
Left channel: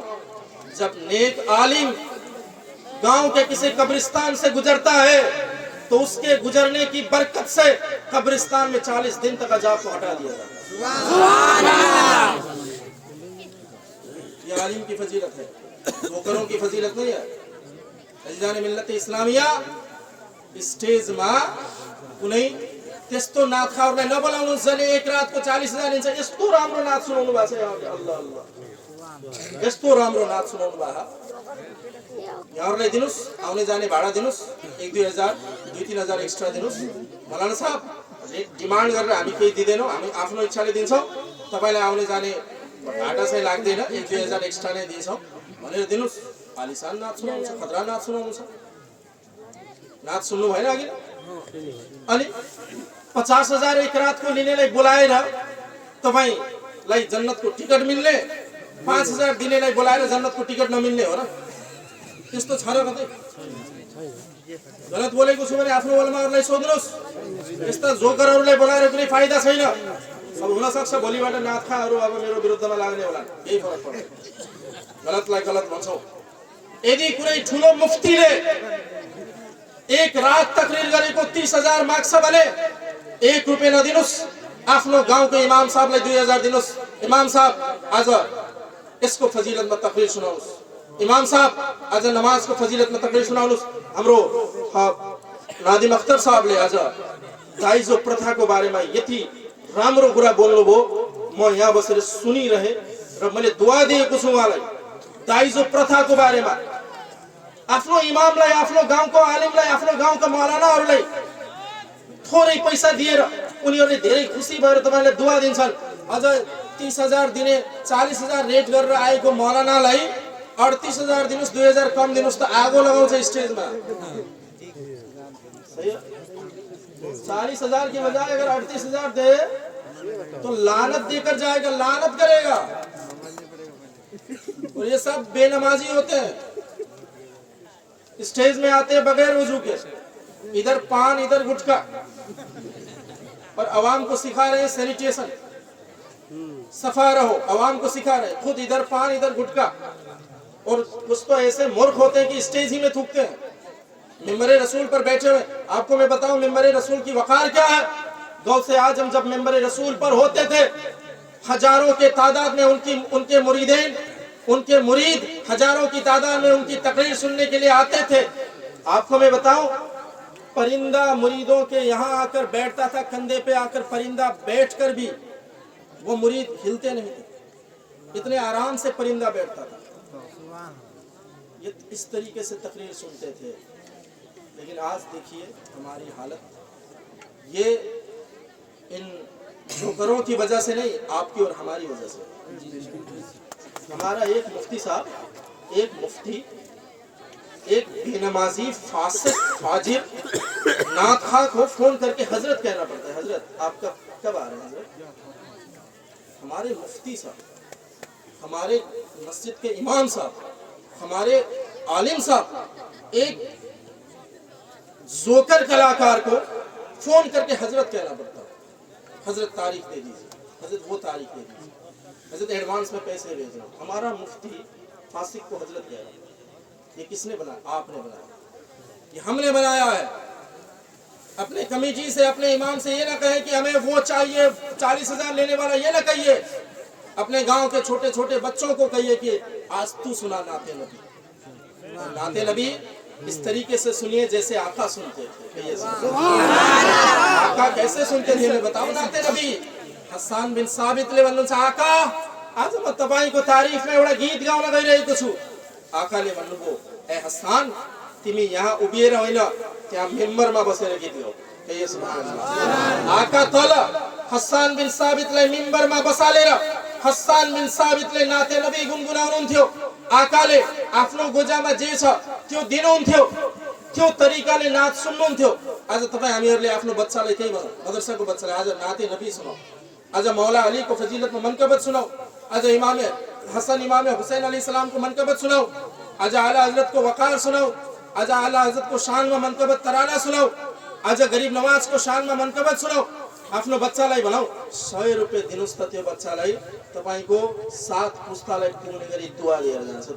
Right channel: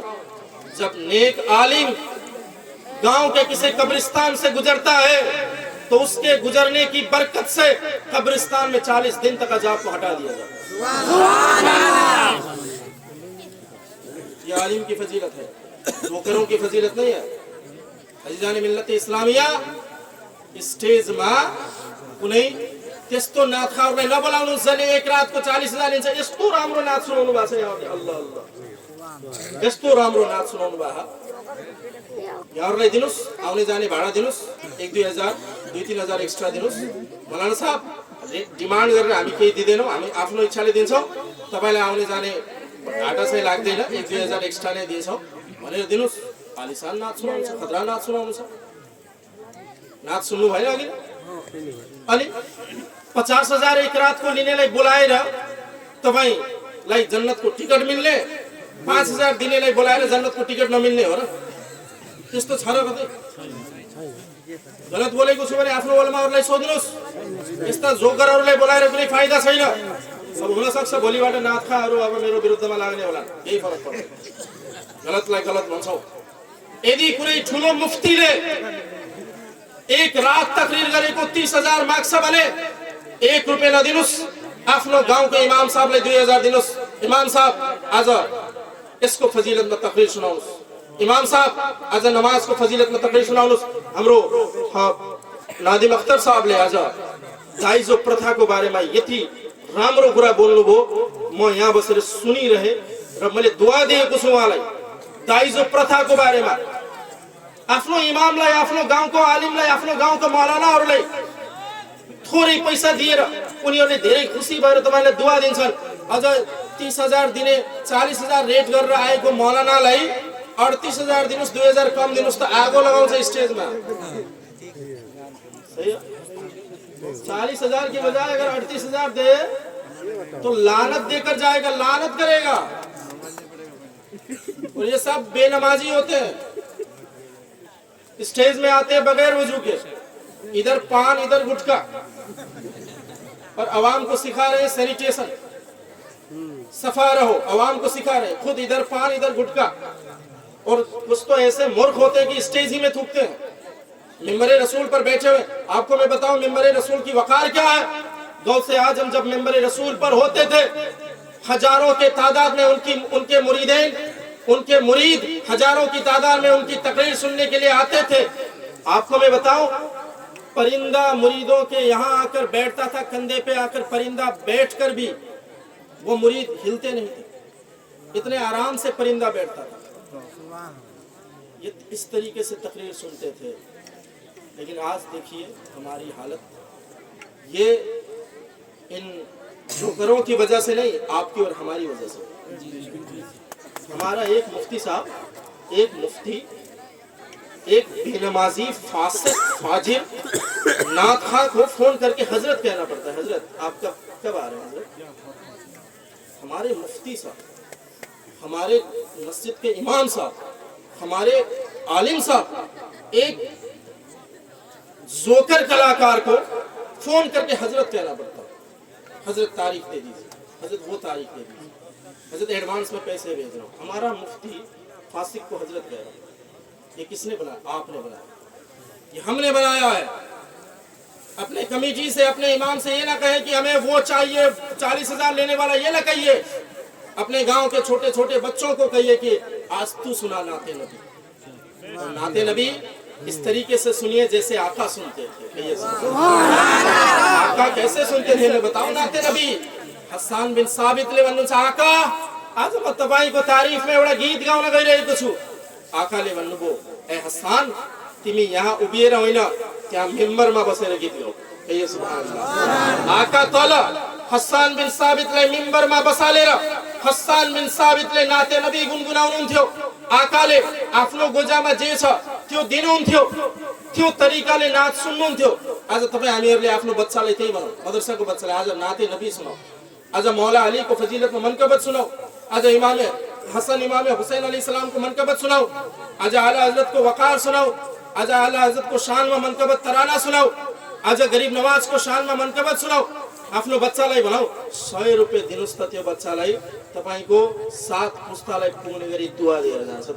जब नेक आलिम गांव के किसी कब्रिस्तान से गुजरता है तो उसके गुजरने की बरकत से कब्रिस्तान में 40 दिन तक अजाब को हटा दिया जाता है। ये आलिम की फजीलत है, नौकरों की फजीलत नहीं है। अजीजान मिल्लत इस्लामिया स्टेज में कुनै त्यस्तो नाथ खाउरलाई नबोलाउनु छ नि, एक रातको 40,000 लिन्छ। यस्तो राम्रो नाच सुनाउनु भएको छ यहाँले, अल्लाह अल्लाह, यस्तो राम्रो नाच सुनाउनु भएको। यहाँहरूलाई दिनुस्, आउने जाने भाडा दिनुस्, 1-2 हजार 2-3 हजार एक्स्ट्रा दिनुस्। मौलाना साहब डिमान्ड गरेर हामी केही दिँदैनौँ, हामी आफ्नो इच्छाले दिन्छौँ, तपाईँलाई आउने जाने भाडा चाहिँ लाग्दैन, 1-2 हजार एक्स्ट्रा नै दिन्छौँ भनेर दिनुस्। आलिसान नाच सुनाउनु छ, खतरा नाच सुनाउनु छ, नाच सुन्नु भएन अघि। अनि 50,000 एक रातको लिनेलाई बोलाएर तपाईँलाई जन्नतको टिकट मिल्ने, 5,000 दिनेलाई बोलाएर जन्नतको टिकट नमिल्ने हो र? त्यस्तो छ र कतै? गलत बोलेको छु भने आफ्नो उलमाहरूलाई सोध्नुहोस्। यस्ता जोकरहरूलाई बोलाएर कुनै फाइदा छैन। अब हुनसक्छ भोलिबाट नाथखाहरू अब मेरो विरुद्धमा लाग्ने होला, केही फरक पर्दैन। गलतलाई गलत भन्छौँ। यदि कुनै ठुलो मुफ्तीले एक रात तकरीर गरेको 30,000 माग्छ भने 1 रुपैयाँ नदिनुस्, आफ्नो गाउँको इमाम साहबलाई 2,000 दिनुस्। इमाम साहब आज यसको फजिलतमा तकरीर सुनाउनुहोस्। इमाम साहब आज नमाजको फजिलतमा तकरीर सुनाउनुहोस्। हाम्रो नादिम अख्तर साहबले आज दाइजो प्रथाको बारेमा यति राम्रो कुरा बोल्नुभयो, म यहाँ बसेर सुनिरहे र मैले दुआ दिएको छु उहाँलाई। दाइजो प्रथाको बारेमा आफ्नो इमामलाई, आफ्नो गाउँको आलिमलाई, आफ्नो गाउँको मौलानाहरूलाई थोरै पैसा दिएर उनीहरूले धेरै खुसी भएर तपाईँलाई दुआ दिन्छन्। अझ 30,000 दिने 40,000 रेट गरेर आएको मौलानालाई 38,000 दिनुस्, 2,000 कम दिनुस् त आगो लगाउँछ स्टेजमा। सही है? 40,000 की बजाय अगर 38,000 दे तो लानत देकर जाएगा, लानत करेगा। और ये सब बेनमाजी होते हैं, स्टेज में आते हैं बगैर वजू के, इधर पान इधर गुटखा, और अवाम को सिखा रहे हैं सैनिटेशन, सफा रहो, अवाम को सिखा रहे हैं, खुद इधर पान इधर गुटखा। और कुछ तो ऐसे मूर्ख होते हैं कि स्टेज ही में थूकते हैं मिंबरे रसूल पर बैठे हुए। आपको मैं बताऊं मिंबरे रसूल की वकार क्या है। गौसे आजम जब मिंबरे रसूल पर होते थे, हजारों के तादाद में उनके मुरीदेन, उनके मुरीद हजारों की तादाद में उनकी तकरीर सुनने के लिए आते थे। आपको मैं बताऊं, परिंदा मुरीदों के यहाँ आकर बैठता था, कंधे पे आकर परिंदा बैठकर भी वो मुरीद हिलते नहीं थे, इतने आराम से परिंदा बैठता था। ये इस तरीके से तकरीर सुनते थे। लेकिन आज देखिए हमारी हालत, ये इन जोकरों की वजह से नहीं, आपकी और हमारी वजह से। हमारा एक मुफ्ती साहब, एक मुफ्ती, एक बेनमाजी फासिक फाजिर नाथखा को फोन करके हजरत कहना पड़ता है। हजरत आप कब आ रहे हैं हजरत? हमारे मुफ्ती साहब, हमारे मस्जिद के इमाम साहब, हमारे आलिम साहब एक जोकर कलाकार को फोन करके हजरत कहना पड़ता है। हजरत तारीख दे दीजिए, हजरत वो तारीख दे दीजिए, हजरत एडवांस में पैसे भेज रहा हूँ। हमारा मुफ्ती फासिक को हजरत कह रहा है। ये किसने बनाया? आपने बनाया, ये हमने बनाया है। अपने कमेटी से, अपने इमाम से ये ना कहे कि हमें वो चाहिए 40,000 लेने वाला, ये ना कहिए। अपने गांव के छोटे छोटे बच्चों को कहिए कि आज तू सुना नाते नबी, और नाते नबी इस तरीके से सुनिए जैसे आका सुनते थे। आका कैसे सुनते थे मैं बताऊं। नाते नबी हसन बिन साबित ले भन्नुहुन्छ, आका आज म तपाईको तारिफ में एउटा गीत गाउन गइरहेको छु। आकाले भन्नुभयो, ए हसन तिमी यहाँ उभिएर होइन, त्यहाँ मेम्बरमा बसेर गीत गाऊ। कहिए सुभान अल्लाह। आका तल हसन बिन साबितलाई मेम्बरमा बसालेर हसन बिन साबितले नाते नबी गुनगुनाउनुहुन्थ्यो। आकाले आफ्नो गोजामा जे छ त्यो दिनुहुन्थ्यो। त्यो तरिकाले नाच सुन्नुहुन्थ्यो। आज तपाईँ हामीहरूले आफ्नो बच्चालाई त्यही भनौँ, मदरसाको बच्चालाई आज नाते नबी सुनाऊ, आज मौला अलीको फजिलतमा मनकबत सुनाऊ, आज इमाम हसन इमाम हुसैन अलैहिस्सलामको मनकबत सुनाऊ, आज आला हजरतको वकार सुनाऊ, आज आला हजरतको शानमा मनकबत तराना सुनाऊ, आज गरिब नवाजको शानमा मनकबत सुनाऊ। आफ्नो बच्चालाई भनौँ 100 रुपियाँ दिनुहोस् त त्यो बच्चालाई तपाईँको 7 पुस्तालाई पुग्ने गरी दुआ दिएर जान्छ।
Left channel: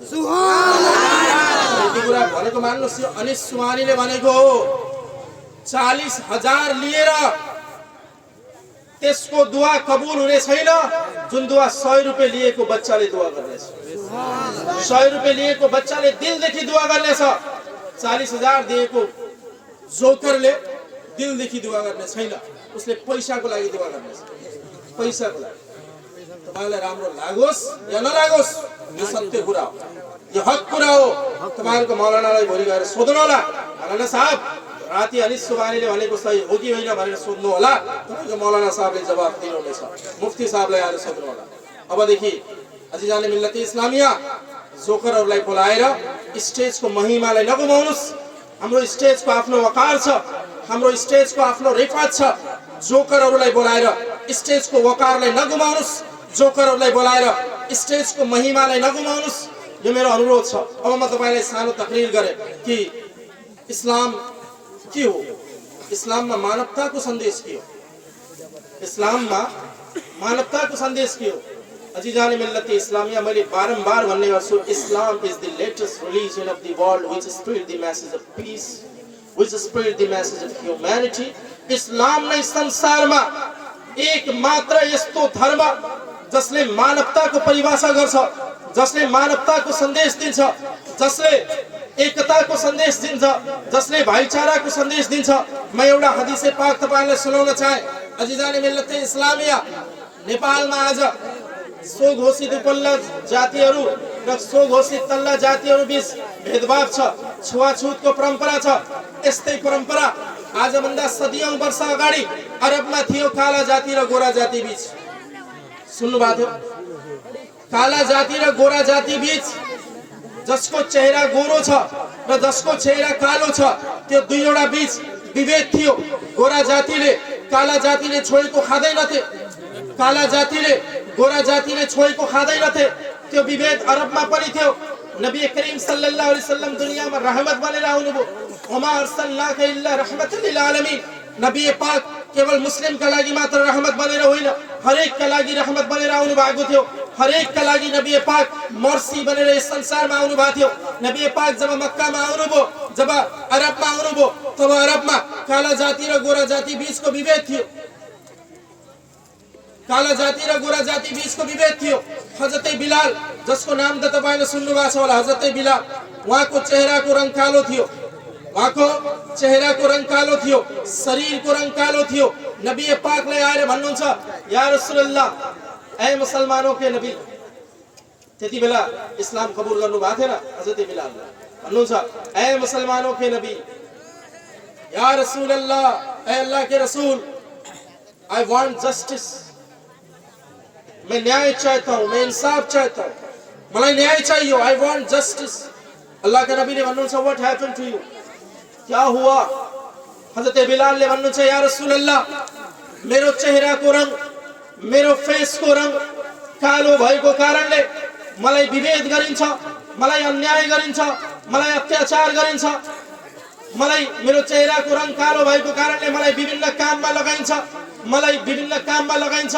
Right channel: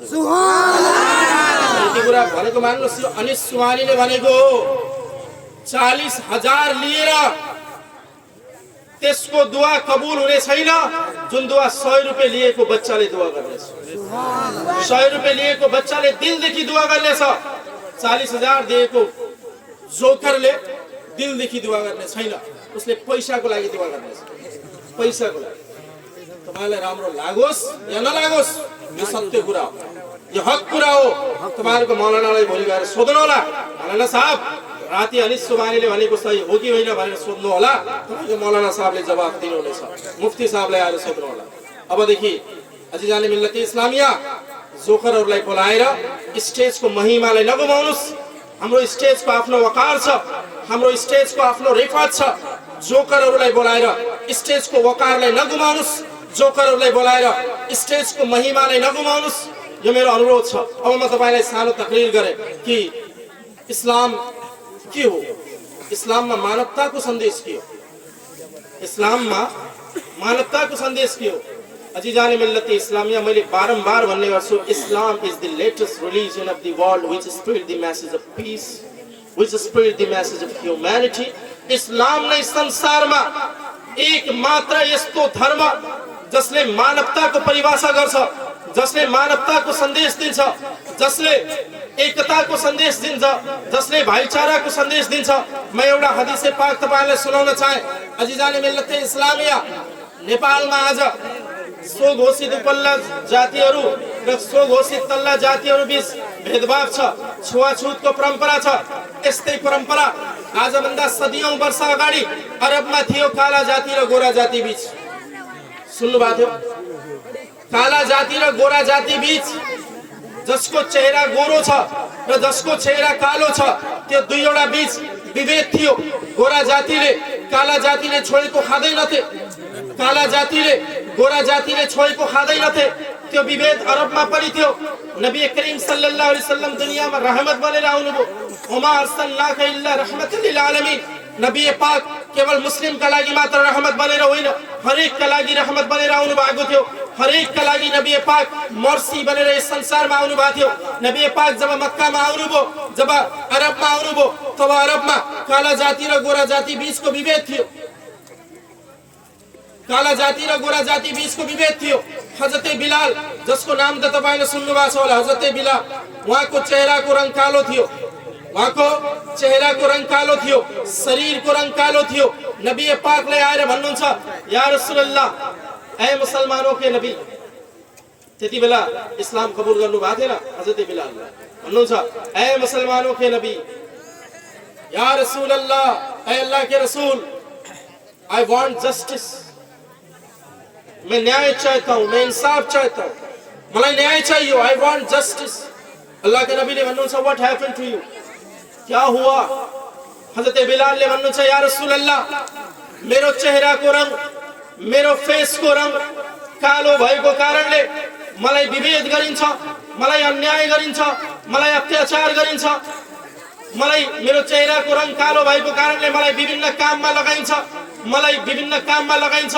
यति कुरा भनेको मान्नुहोस्। यो अनिस सुवानीले भनेको 40,000 लिएर त्यसको दुआ कबुल हुने छैन जुन दुआ 100 रुपियाँ लिएको बच्चाले दुआ गर्नेछ। 100 रुपियाँ लिएको बच्चाले दिलदेखि दुआ गर्नेछ। 40,000 दिएको जोकरले दिलदेखि दुआ गर्ने छैन, उसले पैसाको लागि दुआ गर्नेछ, पैसाको लागि। तपाईलाई राम्रो लागोस् या नलागोस् यो सत्य कुरा हो, यो हक कुरा हो। तपाईहरुको मौलानालाई भोलि गएर सोध्नु होला, मौलाना साहब राति अनिस सुबानीले भनेको सही हो कि होइन भनेर सोध्नु होला। तपाईको मौलाना साहबले जवाफ दिनुहुनेछ, मुफ्ती साहबलाई आएर सोध्नु होला। अबदेखि अजिजाने मिल्लती इस्लामिया जोकरहरूलाई बोलाएर स्टेजको महिमालाई नगुमाउनुस्। हाम्रो स्टेजको आफ्नो वकार छ, हाम्रो स्टेजको आफ्नो रिफात छ। जोकरहरूलाई बोलाएर स्टेजको वकारलाई नगुमाउनुस्, जोकरहरूलाई बोलाएर स्टेजको महिमालाई नगुमाउनुस्। यो मेरो अनुरोध छ। अब म तपाईलाई सानो तकरीर गरे कि इस्लाम के हो, इस्लाममा मानवताको सन्देश के हो, इस्लाममा मानवताको सन्देश के हो। अजीजान मिल्लत इस्लामिया मैले बारम्बार भन्ने गर्छु, Islam is the latest religion of the world which spread the message of peace, which spread the message of humanity. इस्लाम नै संसारमा एक मात्र यस्तो धर्म जसले मानवताको परिभाषा गर्छ, जसले मानवताको सन्देश दिन्छ, जसले एकताको सन्देश दिन्छ, जसले भाइचाराको सन्देश दिन्छ। म एउटा हदीसे पाक तपाईलाई सुनाउन चाहे। अजीजाने मिल्लत इस्लामिया नेपालमा आज सो घोषित उपल्ला जातिहरू र सो घोषित तल्ला जातिहरू बीच भेदभाव छ, छुवाछुतको परम्परा छ। यस्तै परम्परा आजभन्दा सदियौं वर्ष अगाडि अरबमा थियो, काला जाति र गोरा जाति बीच। सुन्नु भएको थियो? काला जाति र गोरा जाति बीच जसको चेहरा गोरो छ र जसको चेहरा कालो छ, त्यो दुईवटा बीच विभेद थियो। गोरा जातिले काला जातिले छोएको खाँदैनथे, काला जातिले गोरा जातिले छोएको खाँदैनथे। त्यो विभेद अरबमा पनि थियो। नबी करीम सल्लल्लाहु अलैहि वसल्लम दुनियामा रहमत बनेर आउनुभयो। वमा अर्सलनाका इल्ला रहमतल लिल आलमीन। नबी पाक केवल मुस्लिमका लागि मात्र रहमत बनेर होइन, हरेकका लागि रहमत बनेर आउनु भएको थियो। हरेकका लागि नबी पाक मर्सी बनेर यस संसारमा आउनु भएको थियो। नबी पाक जब मक्कामा आउनुभयो, जब अरबमा आउनुभयो, तब अरबमा काला जाति र गोरा जाति बीचको विभेद थियो। काला जाति र गोरा जाति बीचको विभेद थियो। हजरत बिलाल जसको नाम त तपाईले सुन्नु भएको छ होला, हजरत बिलाल, उहाँको चेहराको रङ कालो थियो, उहाँको चेहराको रङ कालो थियो, शरीरको रङ कालो थियो। नबी पाकले आएर भन्नुहुन्छ, या रसूलल्लाह, ए मुसलमानों के नबी। त्यति बेला इस्लाम कबूल गर्नु भएको थिएन हजरत बिलालले। भन्नुहुन्छ, ए मुसलमानों के नबी, या रसूलल्लाह, ए अल्लाह के रसूल, आई वांट जस्टिस। मैं न्याय चाहता हूँ, मैं इंसाफ चाहता हूँ, मलाई न्याय चाहिए। I want justice. अल्लाह के नबी ने भन्नुहुन्छ, व्हाट हैपेंड टू यू, क्या हुआ? हजरत बिलाल ने भन्नुहुन्छ, या रसूल अल्लाह, मेरो चेहराको रङ, मेरो फेसको रङ कालो भएको कारणले मलाई विभेद गरिन्छ, मलाई अन्याय गरिन्छ, मलाई अत्याचार गरिन्छ। मलाई मेरो चेहराको रङ कालो भएको कारणले मलाई विभिन्न काममा लगाइन्छ, मलाई विभिन्न काममा लगाइन्छ।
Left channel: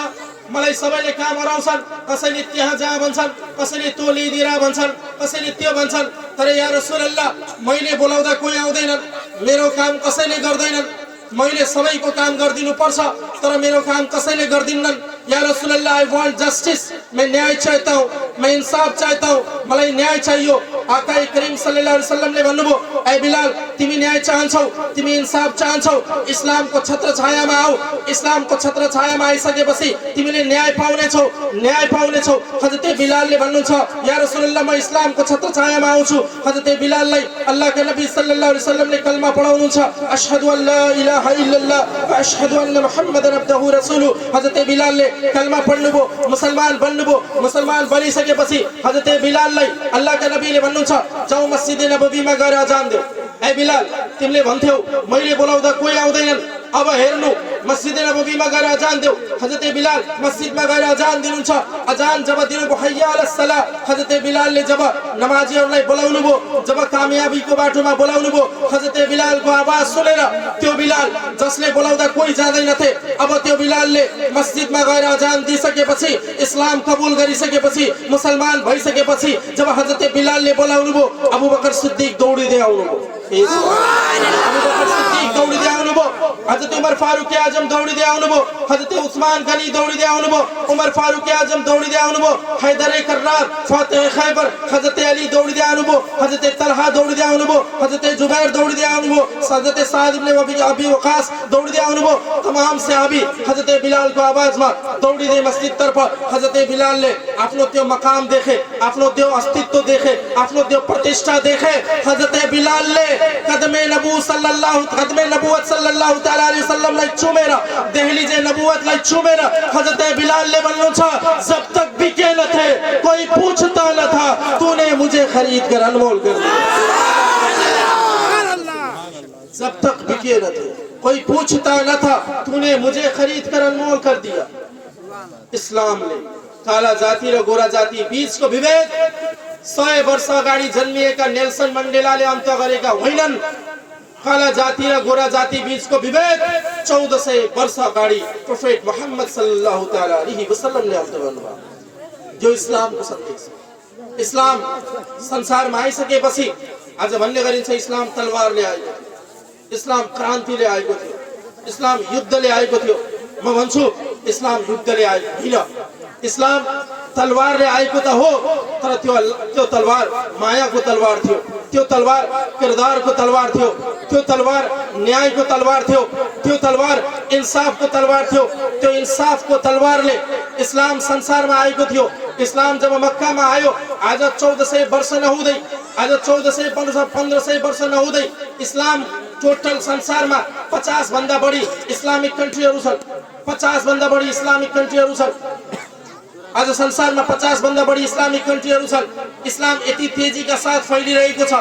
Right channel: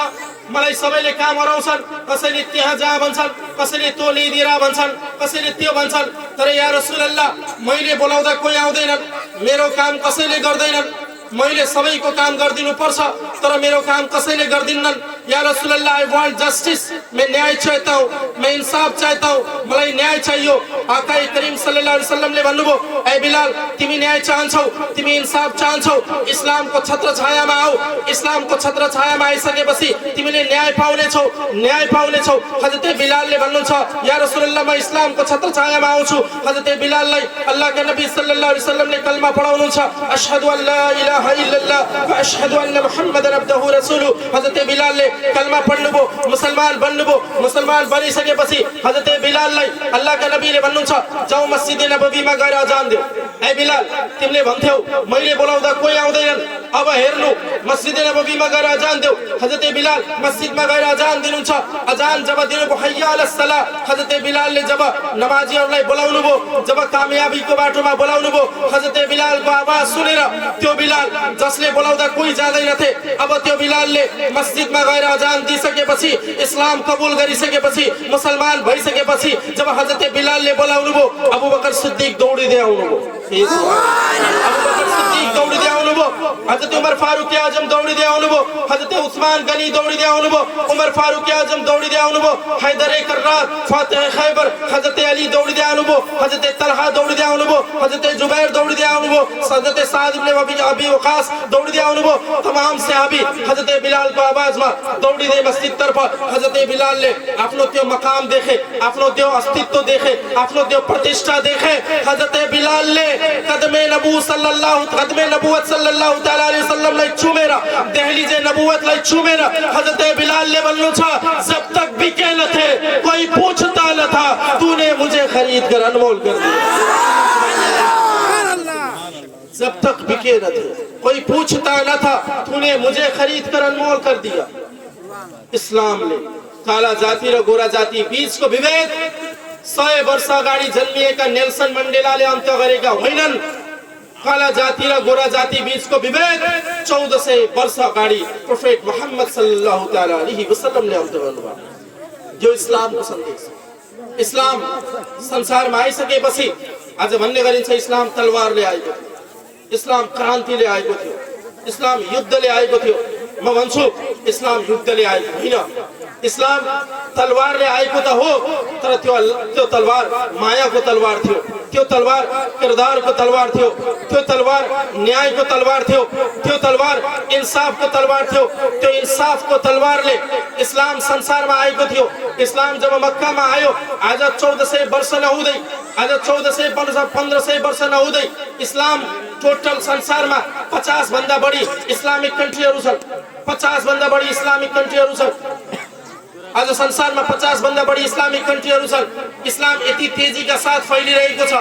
मलाई सबैले काम हराउँछन्, कसैले त्यहाँ जा भन्छन्, कसैले त्यो ल्याइदिएर भन्छन्, कसैले त्यो भन्छन्। तर या रसूलल्लाह, मैले बोलाउँदा कोही आउँदैनन्, मेरो काम कसैले गर्दैनन्। मैले सबैको काम गरिदिनु पर्छ, तर मेरो काम कसैले गर्दिन्नन्। या रसूलल्लाह, आई वान्ट जस्टिस। मैं न्याय चाहता हूँ, मैं इंसाफ चाहता हूँ, मलाई न्याय चाहियो। आका करीम सल्लल्लाहु अलैहि वसल्लमले भन्नुभयो, ए बिलाल, तिमी न्याय चाहन्छौ, तिमी इंसाफ चाहन्छौ, इस्लामको छत्र छायामा आऊ। इस्लामको छत्र छायामा आइसकेपछि तिमीले न्याय पाउनेछौ, न्याय पाउनेछौ। हजरत बिलालले भन्नुहुन्छ, या रसूलल्लाह, म इस्लामको छत्र छायामा आउँछु। हजरत बिलाललाई अल्लाहका नबी सल्लल्लाहु अलैहि वसल्लमले कलमा पढाउनुहुन्छ, अशहदु अल्ला इलाहा इल्लल्लाह व अशहदु अन्न मुहम्मदन अब्दुहु रसूलुहु। हजरत बिलालले कलमा पढ्नुभयो, मुसलमान बन्नुभयो। मुसलमान बनिसकेपछि हजरत बिलाललाई अल्लाहका नबीले भन्नुहुन्छ, जाऊ मस्जिद नबवीमा गएर अजान देऊ। ए बिलाल तिमीले भन्थ्यौ मैले बोलाउँदा कोही आउँदैनन् अब हेर्नु मस्जिद नबवीमा गएर अजान देऊ हजरत बिलाल मस्जिदमा गएर अजान दिनुहुन्छ अजान जब दिनुभयो हय्या अलस सलाह हजरत बिलालले जब नमाजीहरूलाई बोलाउनु भयो जब कामयाबीको बाटोमा बोलाउनु भयो हजरत बिलालको आवाज सुनेर त्यो बिलाल जसले बोलाउँदा कोही जाँदैनथे अब त्यो बिलालले मस्जिदमा गएर अजान दिइसकेपछि इस्लाम कबुल गरिसकेपछि मुसलमान भइसकेपछि जब हजरत बिलालले बोलाउनु भयो अबू बकर सिद्दीक दौडिदै आउनुभयो अबू बकर सिद्दीक दौडिदै आउनुभयो हजरत उमर फारूक आजम दौडिदै आउनुभयो हजरत उस्मान गनी दौडिदै आउनुभयो उमर फारूक आजम दौडिदै आउनुभयो हैदर कर्रार फातिह खैबर हजरत अली दौडिदै आउनुभयो हजरत तलहा दौडिदै आउनुभयो हजरत जुबैर दौडिदै आउनुभयो हजरत साद इब्न अबी वकास दौडिदै आउनुभयो तमाम सहाबी हजरत बिलाल को आवाजमा दौडिदै मस्जिद तर्फ हजरत बिलालले आफ्नो त्यो मकाम देखे आफ्नो त्यो अस्तित्व देखे आफ्नो त्यो प्रतिष्ठा देखे हजरत बिलालले कदमे नबुवत सल्लल्लाहु तआला अलैहि वसल्लम लाई छुमेर दहलीजे नबुवत लाई छुमेर हजरत बिलालले भन्नुहुन्छ जब तक बिके न थे कोई पूछता न था तूने मुझे खरीद कर अनमोल कर दिया जब तक बिके न थे कोई पूछता न था तूने मुझे खरीद कर अनमोल कर दिया इस्लाम ने काला जाति र गोरा जाति बीचको विभेद 100 वर्ष अगाडि जन्मिएका नेल्सन मण्डेलाले अन्त्य गरेका होइनन् काला जाति र गोरा जाति बीचको विभेद 1400 वर्ष अगाडि प्रोफेट मोहम्मद सल्लल्लाहु तआला अलैहि वसल्लमले अन्त्य गर्नुभयो यो इस्लामको सन्देश इस्लाम संसारमा आइसकेपछि आज भन्ने गरिन्छ इस्लाम तलवारले आएको थियो इस्लाम क्रान्तिले आएको थियो इस्लाम युद्धले आएको थियो म भन्छु इस्लाम युद्धले आएको होइन इस्लाम तलवारले आएको त हो तर त्यो तलवार मायाको तलवार थियो त्यो तलवार किरदारको तलवार थियो त्यो तलवार न्यायको तलवार थियो त्यो तलवार इन्साफको तलवार थियो त्यो इन्साफको तलवारले इस्लाम संसारमा आएको थियो इस्लाम जब मक्कामा आयो आज 1400 वर्ष नहुँदै आज 1500 वर्ष नहुँदै इस्लाम टोटल संसारमा 50 भन्दा बढी इस्लामिक कन्ट्रीहरू छन् 50 भन्दा बढी इस्लामिक कन्ट्रीहरू छन् आज संसारमा 50 भन्दा बढी इस्लामिक कन्ट्रीहरू छन् इस्लाम यति तेजीका साथ फैलिरहेको छ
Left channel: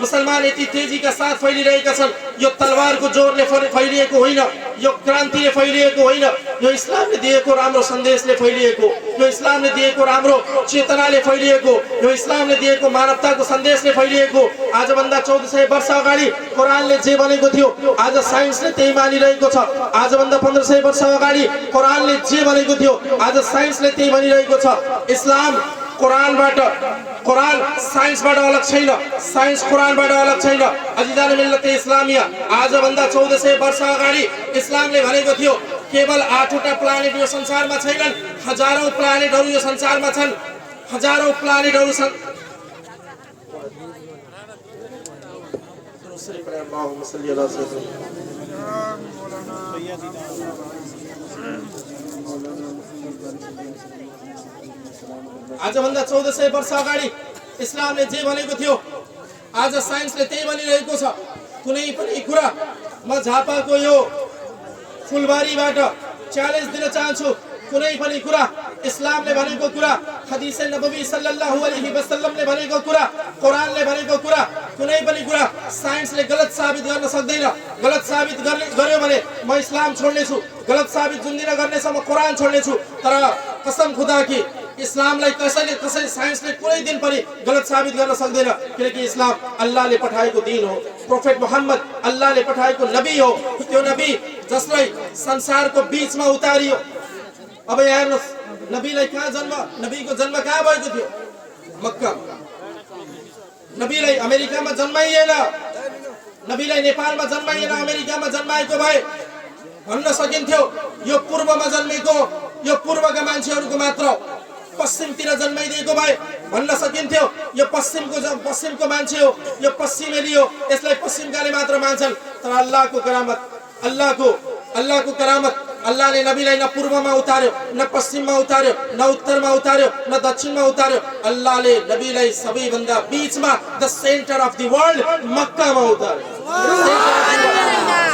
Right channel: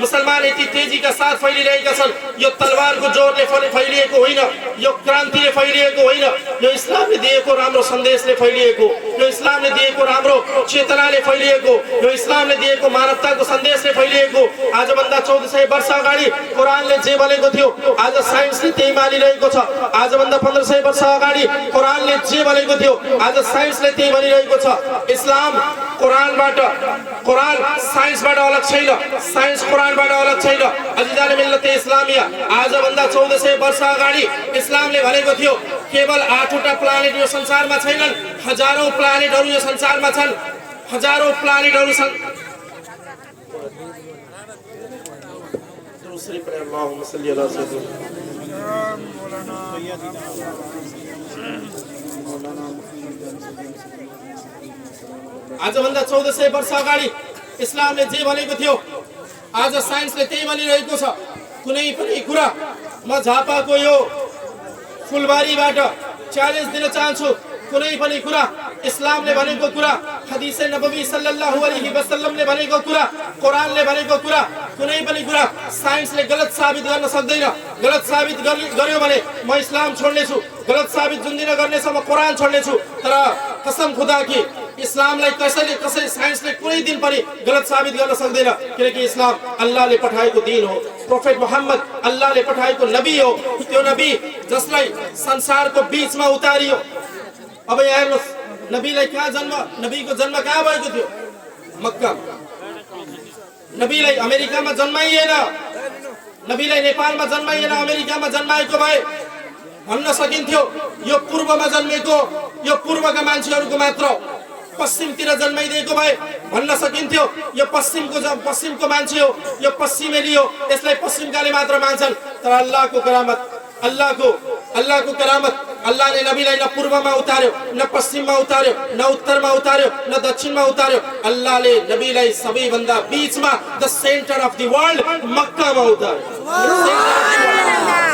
मुसलमान यति तेजीका साथ फैलिरहेका छन् यो तलवारको जोरले फैलिएको होइन यो क्रान्तिले फैलिएको होइन यो इस्लामले दिएको राम्रो सन्देशले फैलिएको यो इस्लामले दिएको राम्रो चेतनाले फैलिएको यो इस्लामले दिएको मानवताको सन्देशले फैलिएको आजभन्दा 1400 वर्ष अगाडि कुरानले जे भनेको थियो आज साइन्सले त्यही मानिरहेको छ आजभन्दा 1500 वर्ष अगाडि कुरानले जे भनेको थियो आज साइन्सले त्यही भनिरहेको छ इस्लाम कुरानबाट कुरान साइन्सबाट अलग छैन साइन्स कुरानबाट अलग छैन अजिजान मिल्लत इस्लामिया आजभन्दा 1400 वर्ष अगाडि इस्लामले भनेको थियो केवल 8 वटा प्लानेट यो संसारमा छैनन् हजारौं प्लानेटहरू यो संसारमा छन् हजारौं प्लानेटहरू छन् दूसरी पर अल्लाहुम्मा सल्ली अला सय्यिदना आजभन्दा 1400 वर्ष अगाडि इस्लामले जे भनेको थियो आज साइन्सले त्यही भनिरहेको छ कुनै पनि कुरा म झापाको यो फुलबारीबाट च्यालेन्ज दिन चाहन्छु कुनै पनि कुरा इस्लामले भनेको कुरा हदीस नबवी सल्लल्लाहु अलैहि वसल्लमले भनेको कुरा कुरानले भनेको कुरा कुनै पनि कुरा साइन्सले गलत साबित गर्न सक्दैन गलत साबित गर्यो भने म इस्लाम छोड्ने छु गलत साबित जुन दिन गर्ने छ म कुरान छोड्ने छु तर कसम खुदा की इस्लामलाई कसैले साइन्सले कुनै दिन पनि गलत साबित गर्न सक्दैन किनकि इस्लाम अल्लाहले पठाएको दिन हो प्रोफेट मोहम्मद अल्लाहले पठाएको नबी हो त्यो नबी जसलाई संसारको बीचमा उतारियो अब हेर्नुस् नबीलाई कहाँ जन्म नबीको जन्म कहाँ भएको थियो मक्का नबीलाई अमेरिकामा जन्माइएन नबीलाई नेपालमा जन्माइएन अमेरिकामा जन्माएको भए भन्न सकिन्थ्यो यो पूर्वमा जन्मेको यो पूर्वका मान्छेहरूको मात्र पश्चिमतिर जन्माइदिएको भए भन्न सकिन्थ्यो यो पश्चिमको मान्छे हो यो पश्चिमेली हो यसलाई पश्चिमकाले मात्र मान्छन् तर अल्लाहको करामत अल्लाहको करामत अल्लाहले नबीलाई न पूर्वमा उतार्यो न पश्चिममा उतार्यो न उत्तरमा उतार्यो न दक्षिणमा उतार्यो अल्लाहले नबीलाई सबैभन्दा बीचमा the centre of the world मक्कामा उतार्यो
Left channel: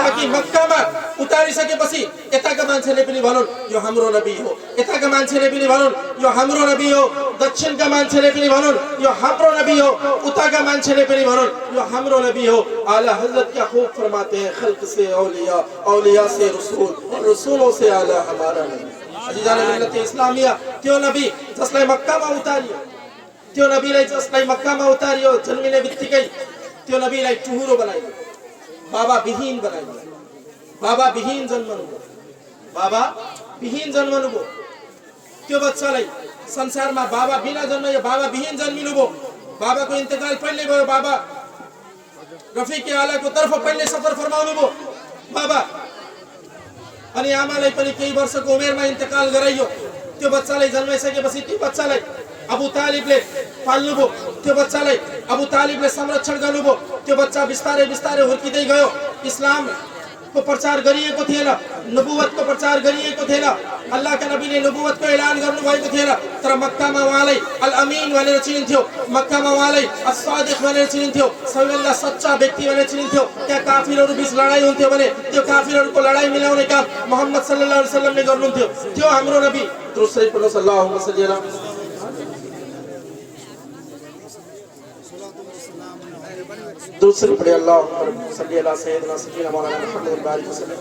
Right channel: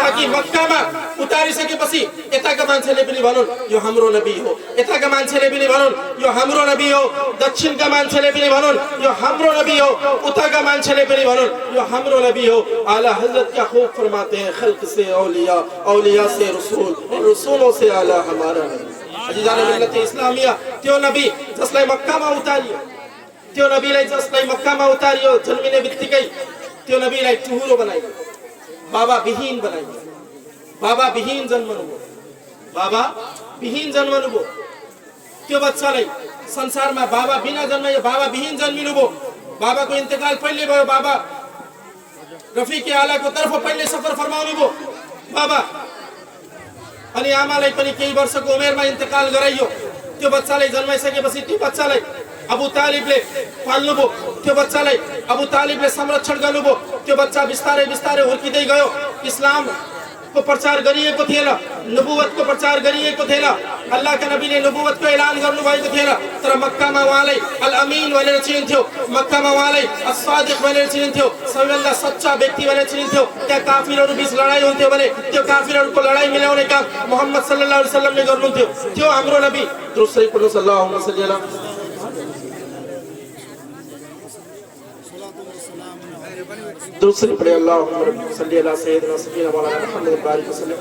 ताकि मक्का में उतारी सके पसी एता का मान्छेले पनि भनुन् यो हाम्रो नबी हो, यता का मान्छेले पनि भनुन् यो हाम्रो नबी हो, दक्षिण का मान्छेले पनि भनुन् यो हाम्रो नबी हो, उता का मान्छेले पनि भनुन् यो हाम्रो नबी हो। आला हजरत क्या खूब फरमाते हैं, खल्क से औलिया, औलिया से रसूल और रसूलों से आला हमारा नबी। अजीजाने मिल्लत इस्लामिया त्यो नबी जसलाई मक्कामा उतारियो, त्यो नबीलाई जसलाई मक्कामा उतारियो जन्मिने बित्तिकै त्यो नबीलाई टुहुरो बनाइयो, बाबा विहीन बनाइयो, बाबा विहीन जन्मनुभयो, बाबा विहीन जन्मनुभयो। त्यो बच्चालाई संसारमा बाबा बिना जन्मियो, बाबा विहीन जन्मिनुभयो। बाबाको इन्तेकाल पहिले भयो, बाबा रफिक आलाको तर्फ पहिले सफर फरमाउनुभयो बाबा। अनि आमालाई पनि केही वर्षको उमेरमा इन्तेकाल गराइयो। त्यो बच्चालाई जन्माइसकेपछि त्यो बच्चालाई अबू तालिबले पाल्नुभयो, त्यो बच्चालाई अबू तालिबले संरक्षण गर्नुभयो। त्यो बच्चा बिस्तारै बिस्तारै हुर्किँदै गयो। इस्लाम को प्रचार गरिएको थिएन, नबुवत को प्रचार गरिएको थिएन, अल्लाह का नबी ने नबुवत को ऐलान गर्नुभएको थिएन। तर मक्कामा उहाँलाई अल अमीन भनेर चिनिन्थ्यो, मक्कामा उहाँलाई अस्सादिक भनेर चिनिन्थ्यो, सबैभन्दा सच्चा व्यक्ति भनेर चिनिन्थ्यो। त्यहाँ काफिरहरू बीच लडाई हुन्थ्यो भने त्यो काफिरहरूको लडाई मिलाउने काम मोहम्मद सल्लल्लाहु अलैहि वसल्लम ने गर्नुहुन्थ्यो। त्यो हाम्रो नबी दुरुस्तै पढ्नु सल्लल्लाहु अलैहि वसल्लम। दूसरी पढ़े अल्लाहुम्मा सल्ली अला सय्यिदिना सय्यिदिना मौलाना मुहम्मद बारिक वसल्लम।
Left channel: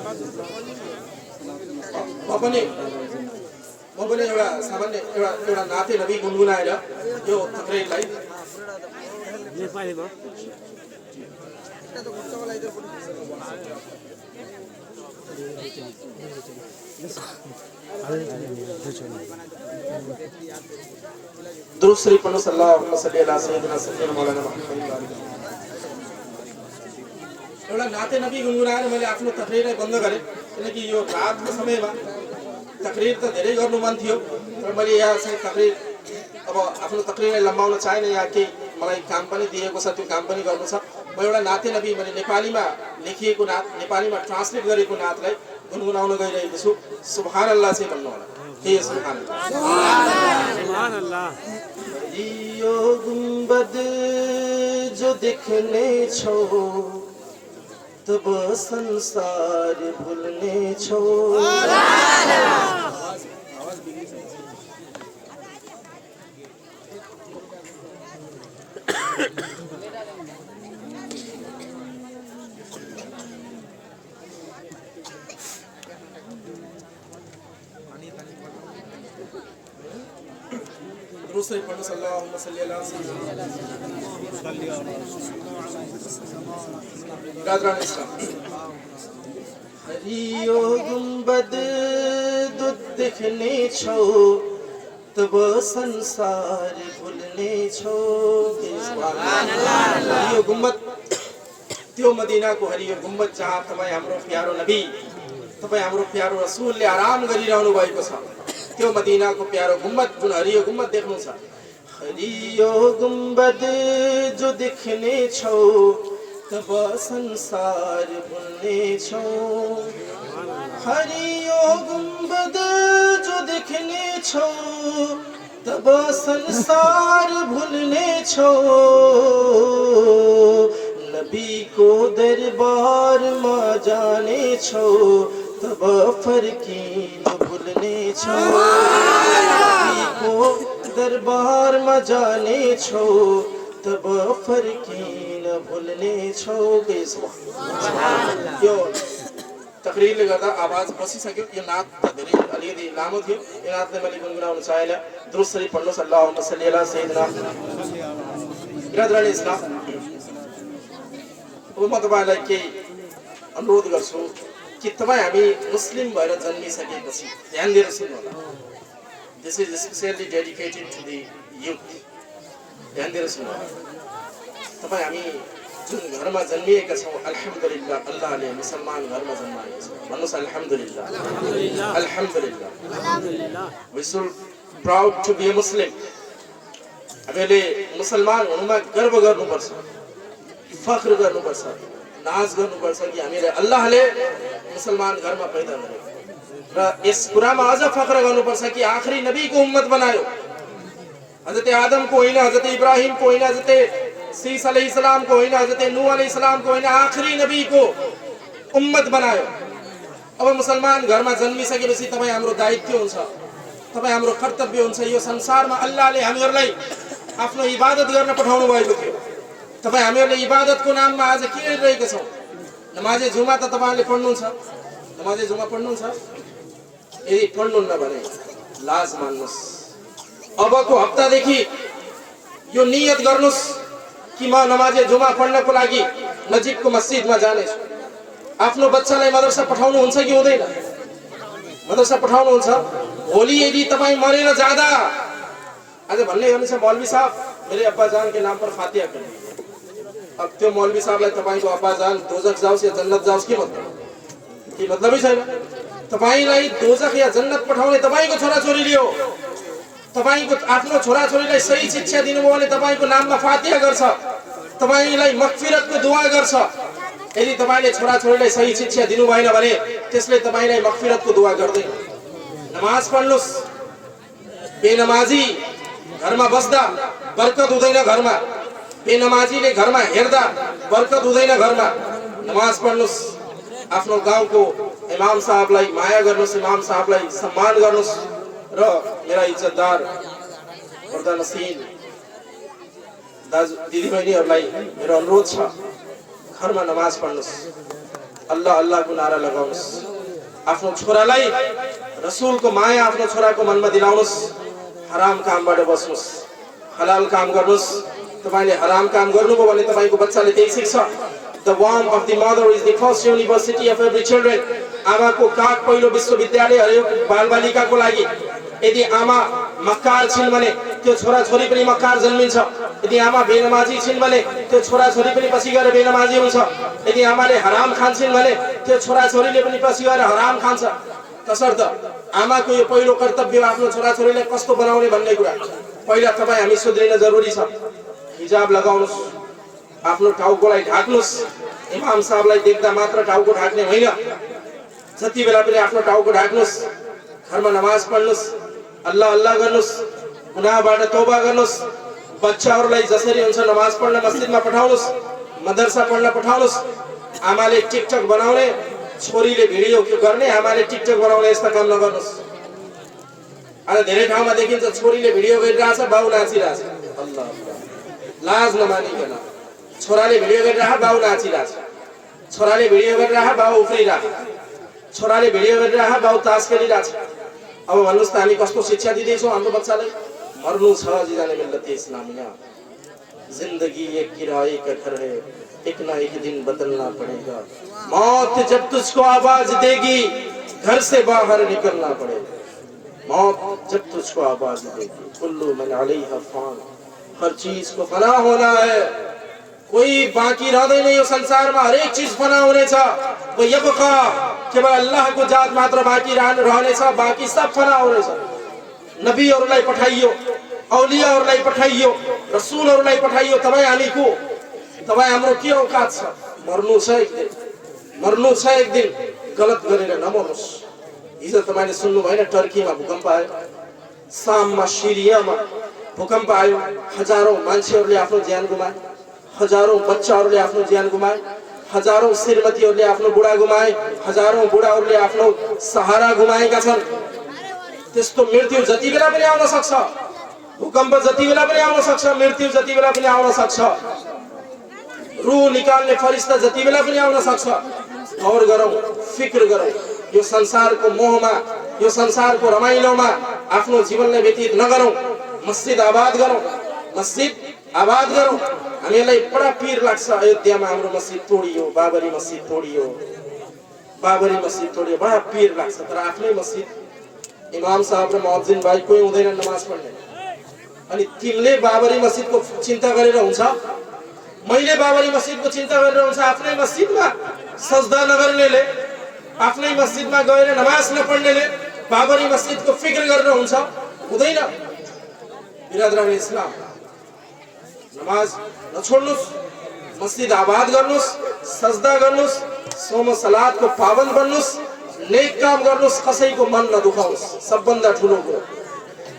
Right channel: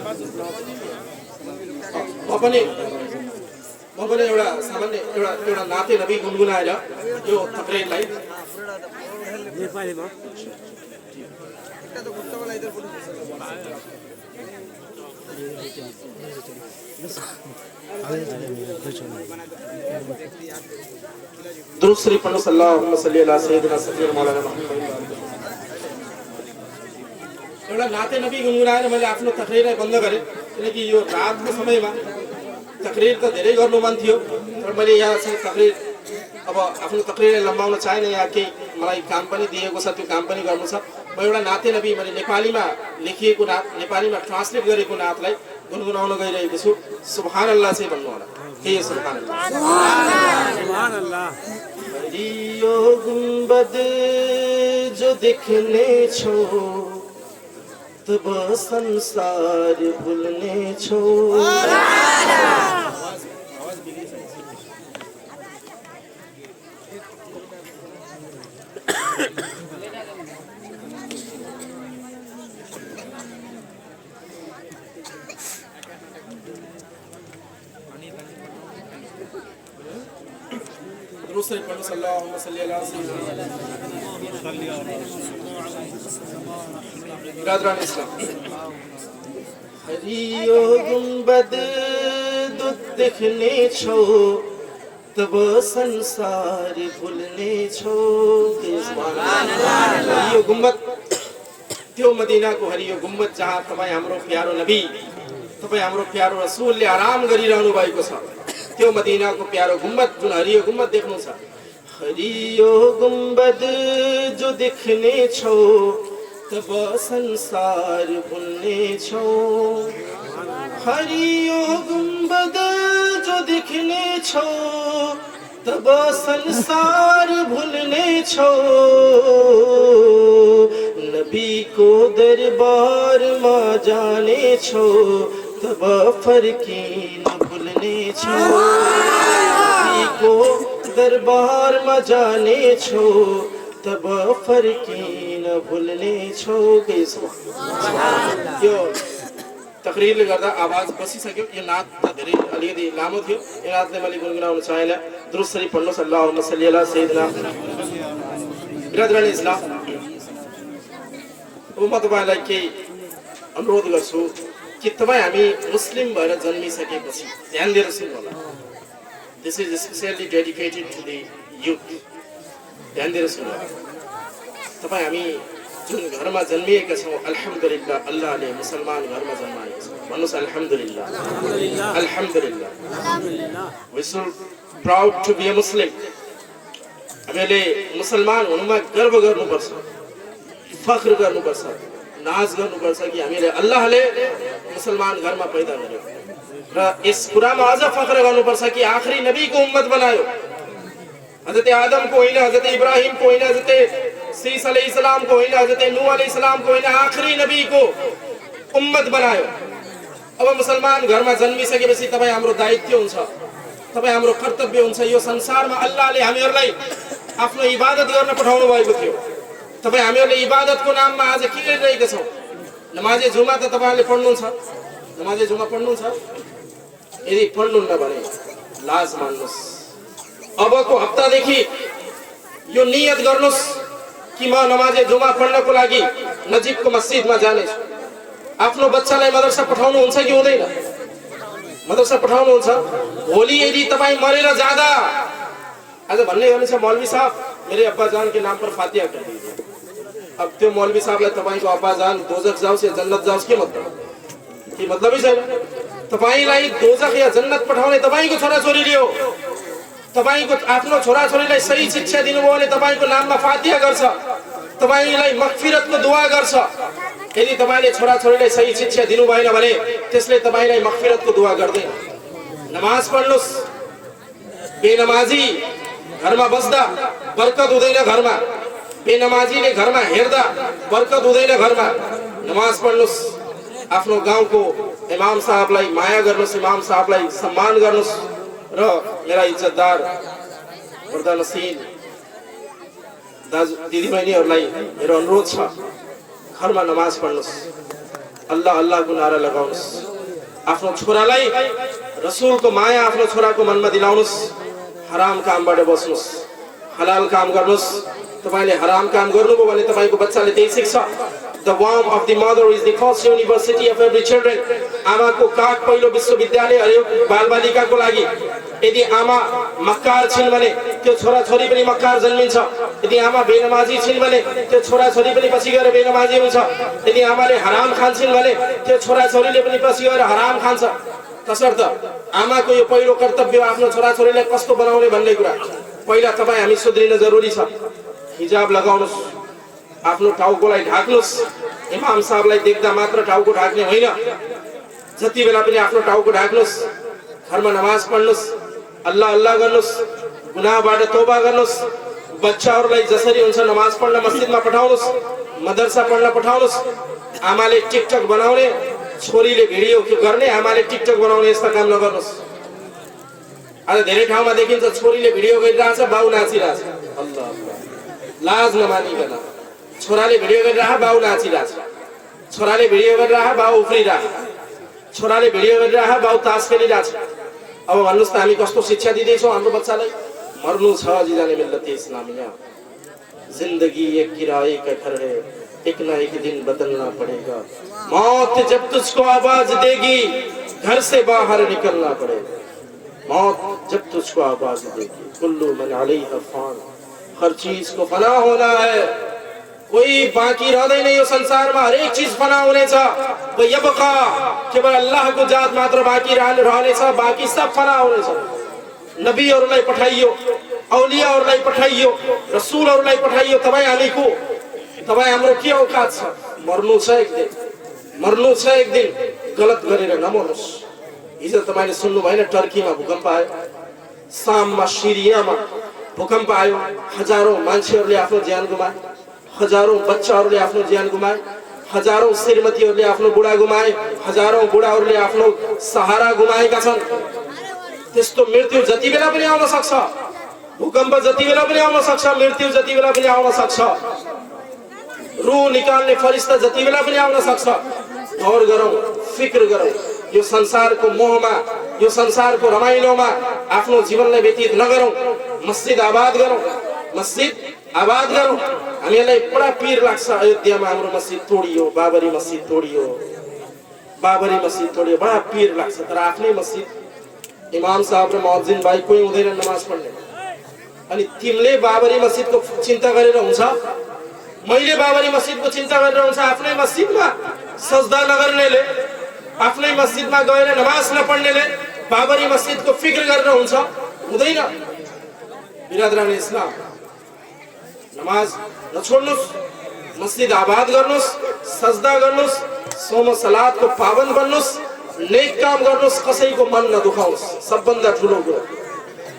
म पनि एउटा सामान्य एउटा नाते नबी गुनगुनाएर यो तकरीरलाई नेपालीमा दूसरी पढ़ो सल्लल्लाहु अलैहि वसल्लम मौलाना मुहम्मद। एउटा नाते नबी गुनगुनाएर मैले आफ्नो तकरीरलाई बन्द गरेँ, किनकि यो रातको समयमा तकरीर त धेरै गर्नु मन थियो, तर मैले यहाँ चाहिँ तकरीर अब आफ्नो तकरीरलाई लम्बाउन चाहेन। यहाँ केही मलाई काम पनि दिएको छ, त्यो काम पनि गर्नु छ। म एउटा नाते नबी मैले नेपालीमा लेखिएको नात, नेपालीमा ट्रान्सलेट गरेको नातलाई गुनगुनाउन गइरहेको छु। सुभान अल्लाह चाहिँ भन्नु होला। के सुभान अल्लाह, सुभान अल्लाह। यो गुंबद जो देखने छो तब संसार भूलने छो। दूसरे पढ़ो सल्लल्लाहु अलैहि वसल्लम। हरियो गुंबद दुध देखने छो तब संसार भूलने छो। हरियो गुंबद त्यो मदीना को हरियो गुंबद जहाँ तपाईं हाम्रो प्यारो नबी, तपाईं हाम्रो प्यारो रसूलले आराम गरिरहनु भएको छ, त्यो मदीना को प्यारो गुंबद जुन हरियो गुंबद देख्नु छ। हरियो गुंबद जो देखने छो तब संसार भूलने छो। हरियो गुंबद जो देखने छो तब संसार भूलने छो। नबी को दरबार में जाने छो तब फरकीन भूलने छो। नबी को दरबार में जाने छो तब फरकीन भूलने छो। यो तकरीरले गर्दा आवाज बसिसक्यो। यो नात धेरै अलिकति लामो थियो, यो नातले मैले गुनगुनाउन चाहेन। दुरुस्त शरीफ पढ्नु सल्लल्लाहु अलैहि सय्यिदना बिरादरान इस्लाम। अब म तपाईलाई केही अनुरोध गर्छु कि तपाईँ हामी मुस्लिम भएर जन्मिसकेपछि ध्यान दिएर सुन्नु होला। This is specially dedicated to the youth. ध्यान दिएर सुन्नु होला। तपाईँ हामी जुन घरमा जन्मिएका छौँ, अल्हम्दुलिल्लाह अल्लाहले मुसलमान घरमा जन्माएको छ। भन्नुहोस् अल्हम्दुलिल्लाह, अल्हम्दुलिल्लाह, अल्हम्दुलिल्लाह। We should proud to be a Muslim. हामीले मुसलमान हुनुमा गर्व गर्नुपर्छ, फख्र गर्नुपर्छ, नाज गर्नुपर्छ कि हामीले अल्लाहले मुसलमान घरमा पैदा गर्यो। र यस कुरामा अझ फख्र गर्नुपर्छ कि आखिरी नबीको उम्मत बनायो। हजरत आदम को होइन, हजरत इब्राहिम को होइन, हजरत सीस अलैहिस्सलाम को होइन, हजरत नूह अलैहिस्सलाम को होइन, आखिरी नबी को उम्मत बनायो। अब मुसलमान घरमा जन्मिसकेपछि तपाईँ हाम्रो दायित्व हुन्छ, तपाईँ हाम्रो कर्तव्य हुन्छ। यो संसारमा अल्लाहले हामीहरूलाई आफ्नो इबादत गर्न पठाउनु भएको थियो। तपाईँ हामीहरूले इबादतको नाममा आज के गरिरहेका छौँ? नमाजे जुमा त तपाईँहरूले पढ्नुहुन्छ, नमाजे जुमा पढ्नुहुन्छ? यदि पढ्नुहुन्न भने लाज मान्नुहोस्। अबको हप्तादेखि यो नियत गर्नुहोस् कि म नमाजे जुमा पढ्नको लागि नजिकको मस्जिदमा जानेछु। आफ्नो बच्चालाई मदरसा पठाउनुहुन्छ कि हुँदैन? मदरसा पठाउनुहुन्छ। भोलि यदि तपाईँ मरेर जाँदा आज भन्ने गर्नुहुन्छ मौलवी साहब मेरे अब्बा जान के नाम पर फातिहा कर दीजिए। अब त्यो मौलवी साहबलाई तपाईँको अब्बा जान दोजख जाओस् या जन्नत जाओस् के मतलब? के मतलबै छैन। तपाईँलाई दोजख या जन्नत पठाउने तपाईँको छोराछोरीले हो। तपाईँको आफ्नो छोराछोरीलाई सही शिक्षा दिनुभयो भने तपाईँको नाममा फातिहा गर्छ, तपाईँलाई मगफिरतको दुआ गर्छ। यदि तपाईँले छोराछोरीलाई सही शिक्षा दिनु भएन भने त्यसले तपाईँलाई मगफिरतको दुआ गर्दैन। नमाज पढ्नुहोस्। बेनमाजी घरमा बस्दा बरकत हुँदैन घरमा। बेनमाजीले घरमा हेर्दा बरकत हुँदैन घरमा। नमाज पढ्नुहोस्। आफ्नो गाउँको इमाम साहबलाई माया गर्नुहोस्, इमाम साहबलाई सम्मान गर्नुहोस्। र मेरा इज्जतदार पर्दा नसिन दाजु दिदीबहिनीहरूलाई मेरो अनुरोध छ, घरमा नमाज पढ्नुहोस्, अल्लाह अल्लाहको नारा लगाउनुहोस्। आफ्नो छोरालाई रसुलको माया आफ्नो छोराको मनमा दिलाउनुहोस्। हराम कामबाट बस्नुहोस्, हलाल काम गर्नुहोस्। तपाईँले हराम काम गर्नुभयो भने तपाईँको बच्चाले त्यही सिक्छ। The womb of the mother is the first university of every children. आमाको काख पहिलो विश्वविद्यालय हरेक बालबालिकाको लागि। यदि आमा मक्कार छिन् भने त्यो छोराछोरी पनि मक्कार जन्मिन्छ। यदि आमा बेनमाजी छिन् भने त्यो छोराछोरी पनि पछि गएर बेनमाजी हुन्छ। यदि आमाले हराम खान्छन् भने त्यो छोराछोरीले पनि पछि गएर हराम खान्छ। तसर्थ आमाको यो पहिलो कर्तव्य आफ्नो छोराछोरीलाई कस्तो बनाउने भन्ने कुरा पहिला तपाईँ हामी सुध्रिन जरुरी छ। हिजाब लगाउनुहोस्, आफ्नो टाउकोलाई ढाक्नुहोस्। इमाम साहबलाई देख्दा मात्र टाउको ढाक्ने होइन, जति बेला पनि आफ्नो टाउको ढाक्नुहोस्। घरमा नमाज पढ्नुहोस्, अल्लाह अल्लाह गर्नुहोस्, गुनाहबाट तौबा गर्नुहोस्। बच्चाहरूलाई जसरी हुन्छ नमाज पढ्न मस्जिदमा पठाउनुहोस्, मदरसा पढ्न पठाउनुहोस्। आमाले टिकटक बनाउने, छोरीले भिडियो गर्ने, आमाले टिकटक बनाउने यस्ता काम नगर्नुहोस्। आज धेरै ठाउँमा देखिन्छ छोरीले भिडियो गरिरहेछ, बाउ नाचिरहेछ। अल्लाह लाज नमानिकन छोराले भिडियो गरिरह, बाउ नाचिरहेछ। छोराले भिडियो गरिरह, बाउ उफ्रिरह। छोराले भिडियो गरिरह, बाउ तास खेलिरहेछ। अब भन्नुहोस् त हामी कस्तो शिक्षा दिँदैछौँ हाम्रो बच्चालाई? मर्नु छ जिजाने मिल्लत इस्लामिया। जिंदगी एक किराए का घर है, एक ना एक दिन बदलना पड़ेगा। मौत जब तुझको आवाज देगी, घर से बाहर निकलना पड़ेगा। मौत जब तुझको आवाज देगी, कुल्लू मन अलैहा फान। हर चीज को फना होना है, कोई बाकी रहँदैन यो संसारमा। हरेक चीज फना हुनेछ। यबका केवल अल्लाहको जात मात्र बाँकी रहनेछ, बाँकी सब फना हुनेछ। नबीहरूलाई पठाइयो, औलियाहरूलाई पठाइयो, रसुलहरूलाई पठाइयो। तपाईँ हामीको, तपाईँ हाम्रो के औकात छ? मर्नु छ एक दिन, मर्नु छ एक दिन। गलत गरेर नमर्नुहोस्। हिजो तपाईँले सुन्नु भएन टर्कीमा भूकम्प आयो, साममा सिरियामा भूकम्प आयो। हजारौं मान्छेहरूले आफ्नो ज्यान गुमाए, हजारौं बच्चाहरूले आफ्नो ज्यान गुमाए, हजारौं श्रीमतीहरूले आफ्नो बुढा गुमाए, हजारौं बुढाहरूले आफ्नो सहारा गुमाएका छन्। त्यस्तो मृत्यु जति बेला पनि आउन सक्छ, भूकम्प जति बेला पनि आउन सक्छ, मृत्यु जति बेला पनि आउन सक्छ, रूह निकाल्ने फरिश्ता जति बेला पनि आउन सक्छ। गौर गरौँ, फिक्र गरौँ। यो संसारको मोहमा, यो संसारको रमाइलोमा आफ्नो जीवनलाई व्यतीत नगरौँ। मस्जिद आबाद गरौँ, मस्जिद आबाद गरौँ। हामीलाई बडा पीर लाग्छ अयोध्यामा हाम्रो मस्जिद तोडियो, बाबरी मस्जिद तोडियो, बाबरी मस्जिद तोडियो, बडा पीर लाग्छ। तर आफ्नै मस्जिद इमाम साहब र मुअज्जिन भाइ कोही हुँदैन नमाज पढ्ने। अनि तिमीले बाबरी मस्जिदको चिन्ता गरेर हुन्छ? मैले बाबरी मस्जिदको चिन्ता गरेर हुन्छ? आफ्नै मस्जिदमा सजदा नगर्नेले, आफ्नै मस्जिदमा गएर नमाज नपढ्नेले बाबरी मस्जिदको फिक्र गरेर हुन्छ? हुँदैन। बिरादरान इस्लाम, नमाज नछोड्नुहोस्, मस्जिद आबाद गर्नुहोस्, सजदा गर्नुहोस्, सोम सलातको पाबन्द बन्नुहोस्, नेक काम गर्नुहोस्, कसैको मन नदुखाउनुहोस्। सबभन्दा ठुलो कुरो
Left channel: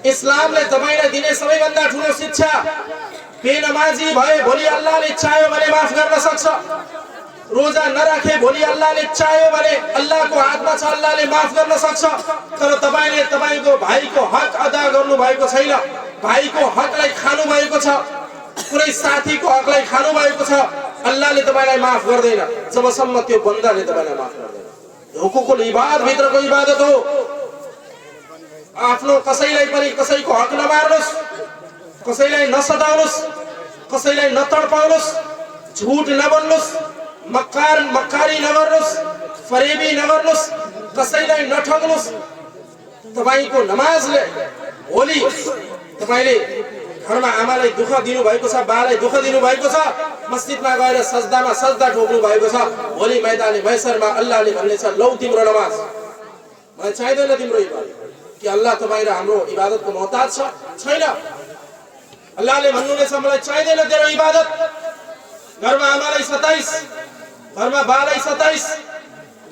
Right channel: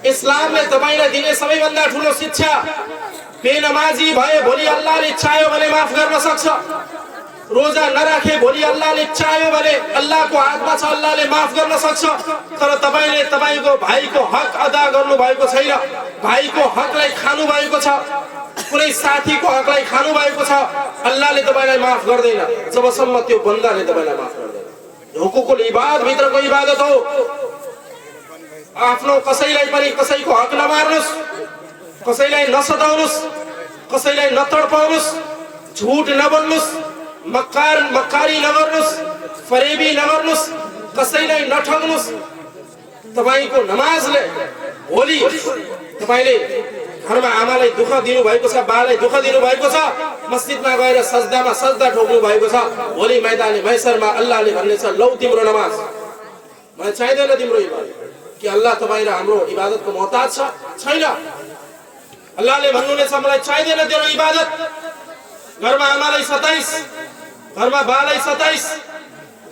इस्लामले तपाईलाई दिने सबैभन्दा ठुलो शिक्षा, बेनमाजी भए भोलि अल्लाहले चाह्यो भने माफ गर्न सक्छ। रोजा नराखे भोलि अल्लाहले चाह्यो भने अल्लाहको हातमा छ, अल्लाहले माफ गर्न सक्छ। तर तपाईले तपाईको भाइको हक अदा गर्नु भएको छैन, भाइको हकलाई खानु भएको छ, कुनै साथीको हकलाई खानु भएको छ, अल्लाहले तपाईलाई माफ गर्दैन जबसम्म त्यो बन्दाले तपाईलाई माफ गर्दैन। हुकुकुल इबाद भित्रको इबादत हो। आफ्नो कसैलाई पनि कसैको हक नमार्नुस्, कसैलाई नसताउनुस्, कसैलाई नतडपाउनुस्, झुट नबोल्नुस्, मक्कारी नगर्नुस्, फरेबी नगर्नुस्, कसैलाई नठग्नुस्। तपाईको नमाजले भोलि तपाईले घरमा आमालाई दुःख दिनु भएको छ, बालाई दुःख दिनु भएको छ, मस्जिदमा गएर सजदामा सजदा ठोक्नु भएको छ, भोलि मैदान महशरमा अल्लाहले भन्ने छ लौ तिम्रो नमाज, मलाई चाहिँदैन तिम्रो इबादत। कि अल्लाह तपाईँ र हाम्रो इबादतको मोहताज छैन। अल्लाहले भन्नुहुनेछ मलाई चाहिँदैन तेरो इबादत। घरमा आमालाई सताइस, घरमा बालाई सताइस,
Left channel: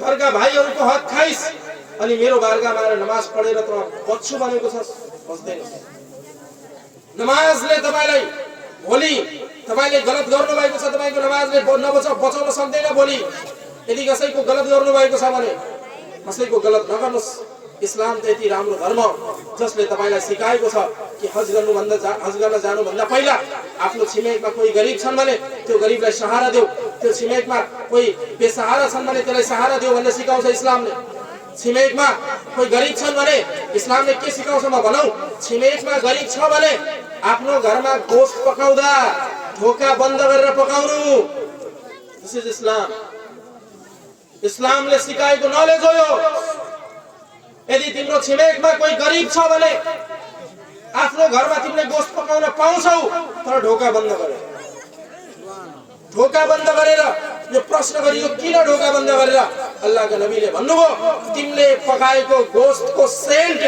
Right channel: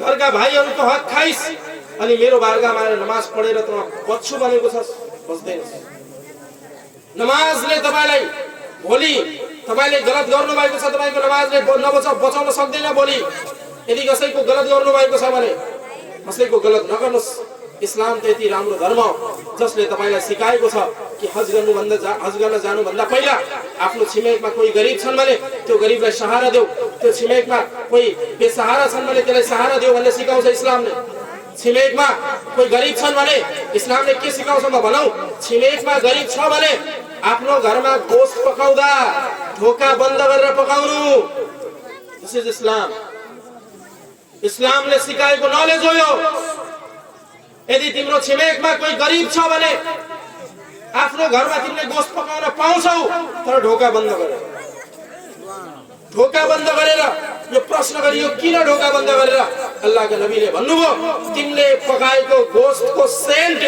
घरका भाइहरूको हक खाइस, अनि मेरो बारगाहमा आएर नमाज पढेर त बच्छु भनेको छ, बस्दैन। नमाजले तपाईलाई भोलि तपाईले गलत गर्नु भएको छ, तपाईको नमाजले बचाउन सक्दैन। भोलि यदि कसैको गलत गर्नु भएको छ भने कसैको गलत नगर्नुस्। इस्लाम त यति राम्रो धर्म जसले तपाईलाई सिकाएको छ कि हज गर्न जानुभन्दा पहिला आफ्नो छिमेकमा कोही गरिब छन् भने त्यो गरिबलाई सहारा देऊ, त्यो छिमेकमा कोही बेसहारा छन् भने त्यसलाई सहारा देऊ भन्ने सिकाउँछ इस्लामले। छिमेकमा कोही गरिब छन् भने इस्लामले के सिकाउँछ म भनौँ, छिमेकमा गरिब छ भने आफ्नो घरमा गोश्त पकाउँदा ढोका बन्द गरेर पकाउनु। दिस इज इस्लाम। इस्लामले सिकाएको नलेज हो यो। यदि तिम्रो छिमेकमा कोही गरिब छ भने आफ्नो घरमा तिमीले गोश्त पकाउन पाउँछौ, तर ढोका बन्द गरेर। ढोका बन्द गरेर यो प्रश्न गरियो किन ढोका बन्द गरेर? अल्लाहका नबीले भन्नुभयो तिमीले पकाएको गोश्तको सेन्ट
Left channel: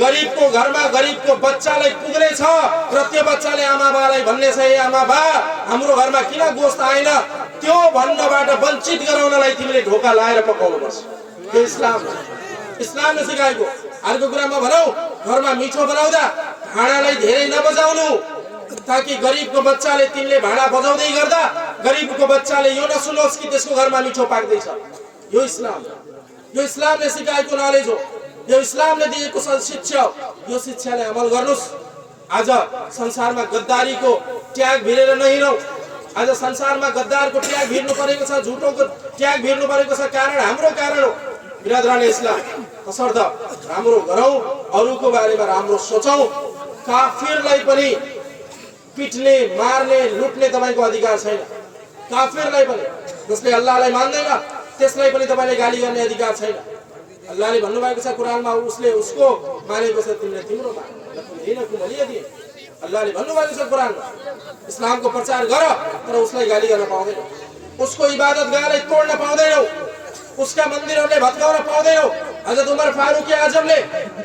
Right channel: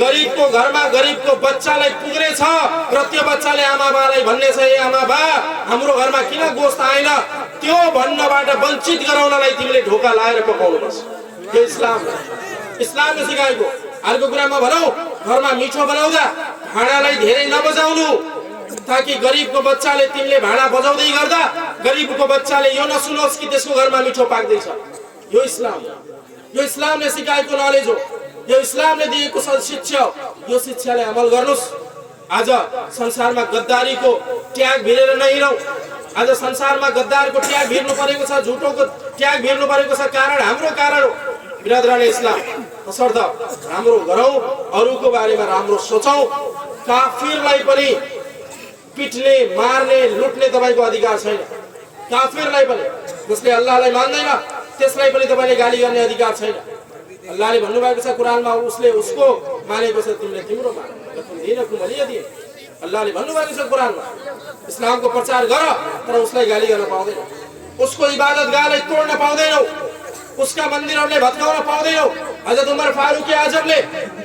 गरिबको घरमा गरिबको बच्चालाई पुग्नेछ र त्यो बच्चाले आमा बालाई भन्ने छ ए आमा बा हाम्रो घरमा किन गोश्त आएन, त्यो भन्नबाट वञ्चित गराउनलाई तिमीले ढोका लाएर पकाउनुपर्छ। यो इस्लाम हो। इस्लामले सिकाएको। अर्को कुरामा भनौँ, घरमा मिठो बनाउँदा भाँडालाई धेरै नबजाउनु, ताकि गरिबको बच्चाले तिमीले भाँडा बजाउँदै गर्दा गरिबको बच्चाले यो नसुनोस् कि त्यसको घरमा मिठो पाक्दैछ। यो इस्लाम हो। यो इस्लामले सिकाएको नलेज हो। यो इस्लामले दिएको शिक्षा हो। यो शिक्षाले अमल गर्नुस्। आज संसारमा गद्दारीको ट्याग भिरेर नहिरौँ। आज संसारमा गद्दारको ट्याग भिर्नु परेको छ, झुटोको ट्याग भिर्नु परेको छ। कारण हाम्रो कारण हो। बिरादरान इस्लाम, तसर्थ राम्रो गरौँ, अरूको बारेमा राम्रो सोचौँ। काफिरलाई पनि पिट्ने, मार्ने, लुट्ने तपाईको अधिकार छैन। काफिरलाई पनि, जसले अल्लाहलाई मान्दैन त्यसलाई पनि तपाईले गाली गर्ने अधिकार छैन। अल्लाहले भन्नुभएको छ कुरानमा, उसले उसको मानेको छ तिमीले तिम्रो मान। अल्लाहले भन्नुभएको छ कुरानमा, इस्लामको प्रचार गर तर उसलाई गाली गर्न पाउँदैन, उसको इबादतगाहलाई तोड्न पाउँदैनौ, उसका मन्दिरहरूले भत्काउन पाउँदैनौ। हजरत उमर फारूक आजमले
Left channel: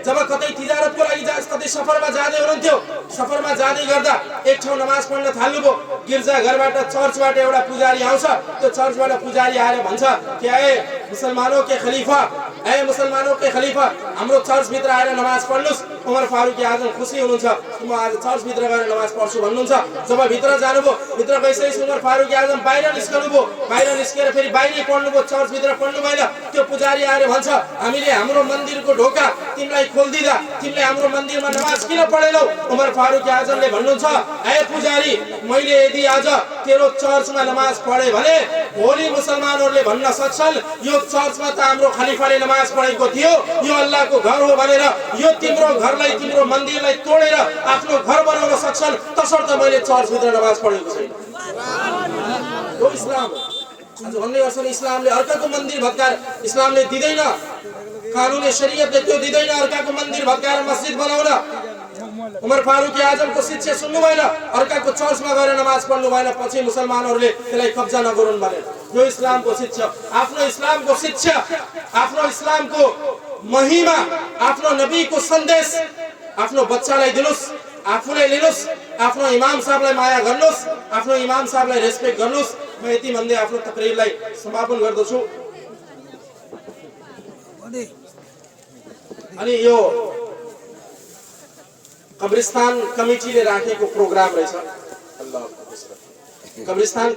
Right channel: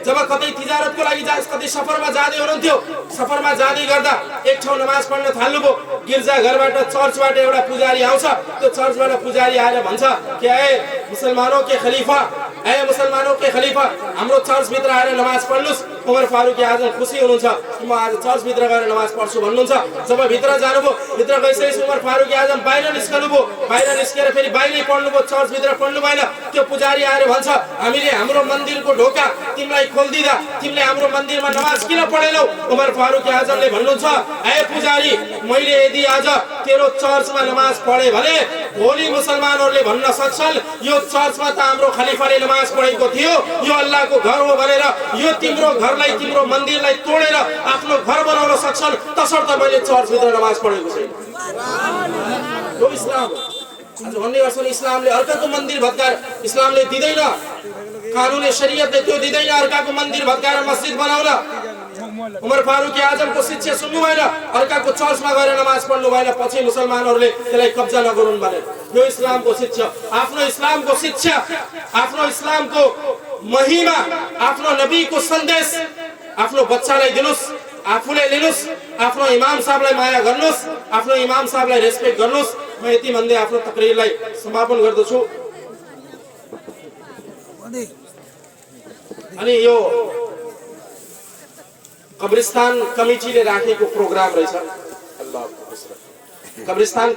जब कतै तिजारतको लागि कतै सफरमा जाँदै हुनुहुन्थ्यो, सफरमा जाँदै गर्दा एक ठाउँ नमाज पढ्न थाल्नुभयो। गिर्जा घरबाट चर्चबाट एउटा पुजारी आउँछ। त्यो चर्चबाट पुजारी आएर भन्छ कि ए मुसलमानों के खलीफा, ए मुसलमानों के खलीफा, हाम्रो चर्च भित्र आएर नमाज पढ्नुस्। उमर फारूक आजम खुसी हुनुहुन्छ, म आज चर्च भित्र गएर नमाज पढ्छु भन्नुहुन्छ। जब भित्र जानुभयो, भित्र गइसकेपछि उमर फारूक आजम बाहिर निस्कनुभयो। बाहिर निस्केर फेरि बाहिरै पढ्नुभयो, चर्च भित्र पढ्नु भएन। त्यो पुजारी आएर भन्छ हामीले हाम्रो मन्दिरको ढोका तिमीलाई खोलिदिँदा तिमीले हाम्रो मन्दिरमा नमाज किन पढेनौ? उमर फारूक आजमले भन्नुहुन्छ ए पुजारी, मैले यदि आज तेरो चर्चमा नमाज पढे भने भोलि मुसलमानहरूले भन्न सक्छन् यो चर्चमा त हाम्रो खलिफाले नमाज पढेको थियो, यो अल्लाहको घर हो भनेर। यो तिम्रो घरलाई, तिम्रो मन्दिरलाई तोडेर आफ्नो घर बनाउन सक्छन्, तसर्थ मैले चर्चभित्र नमाज पढेको छैन। यो इस्लाम हो। आज भन्ने गर्छन् इस्लामले अर्काको मन्दिर भत्काएर, इस्लामले दिँदैन, कानुन शरीयतले त्यो दिँदैन अर्काको मन्दिर भत्काएर मस्जिद बनाउन। उमर फारूक आजमको शिक्षा सुन्नु भएन, अर्काको चर्चमा गएर नमाज पढ्नु भएन, पछि मुसलमानहरूले त्यसलाई कब्जा नगरून् भने। यो इस्लामको शिक्षा, आफ्नो इस्लामको शिक्षा, आफ्नो इस्लामको महिमा, आफ्नो नबीको सन्देश आफ्नो बच्चालाई दिनुस्, आफूले लिनुस्, आफ्नो इमाम साहबलाई माया गर्नुस्, आफ्नो इमाम साहबलाई रेस्पेक्ट गर्नुस्। म यति भन्दै आफ्नो तकरिरलाई समापन गर्दछु। अनि यो कब्रिस्तान कमिटीले राखेको प्रोग्राम रहेछ। अल्लाह कब्रिस्तान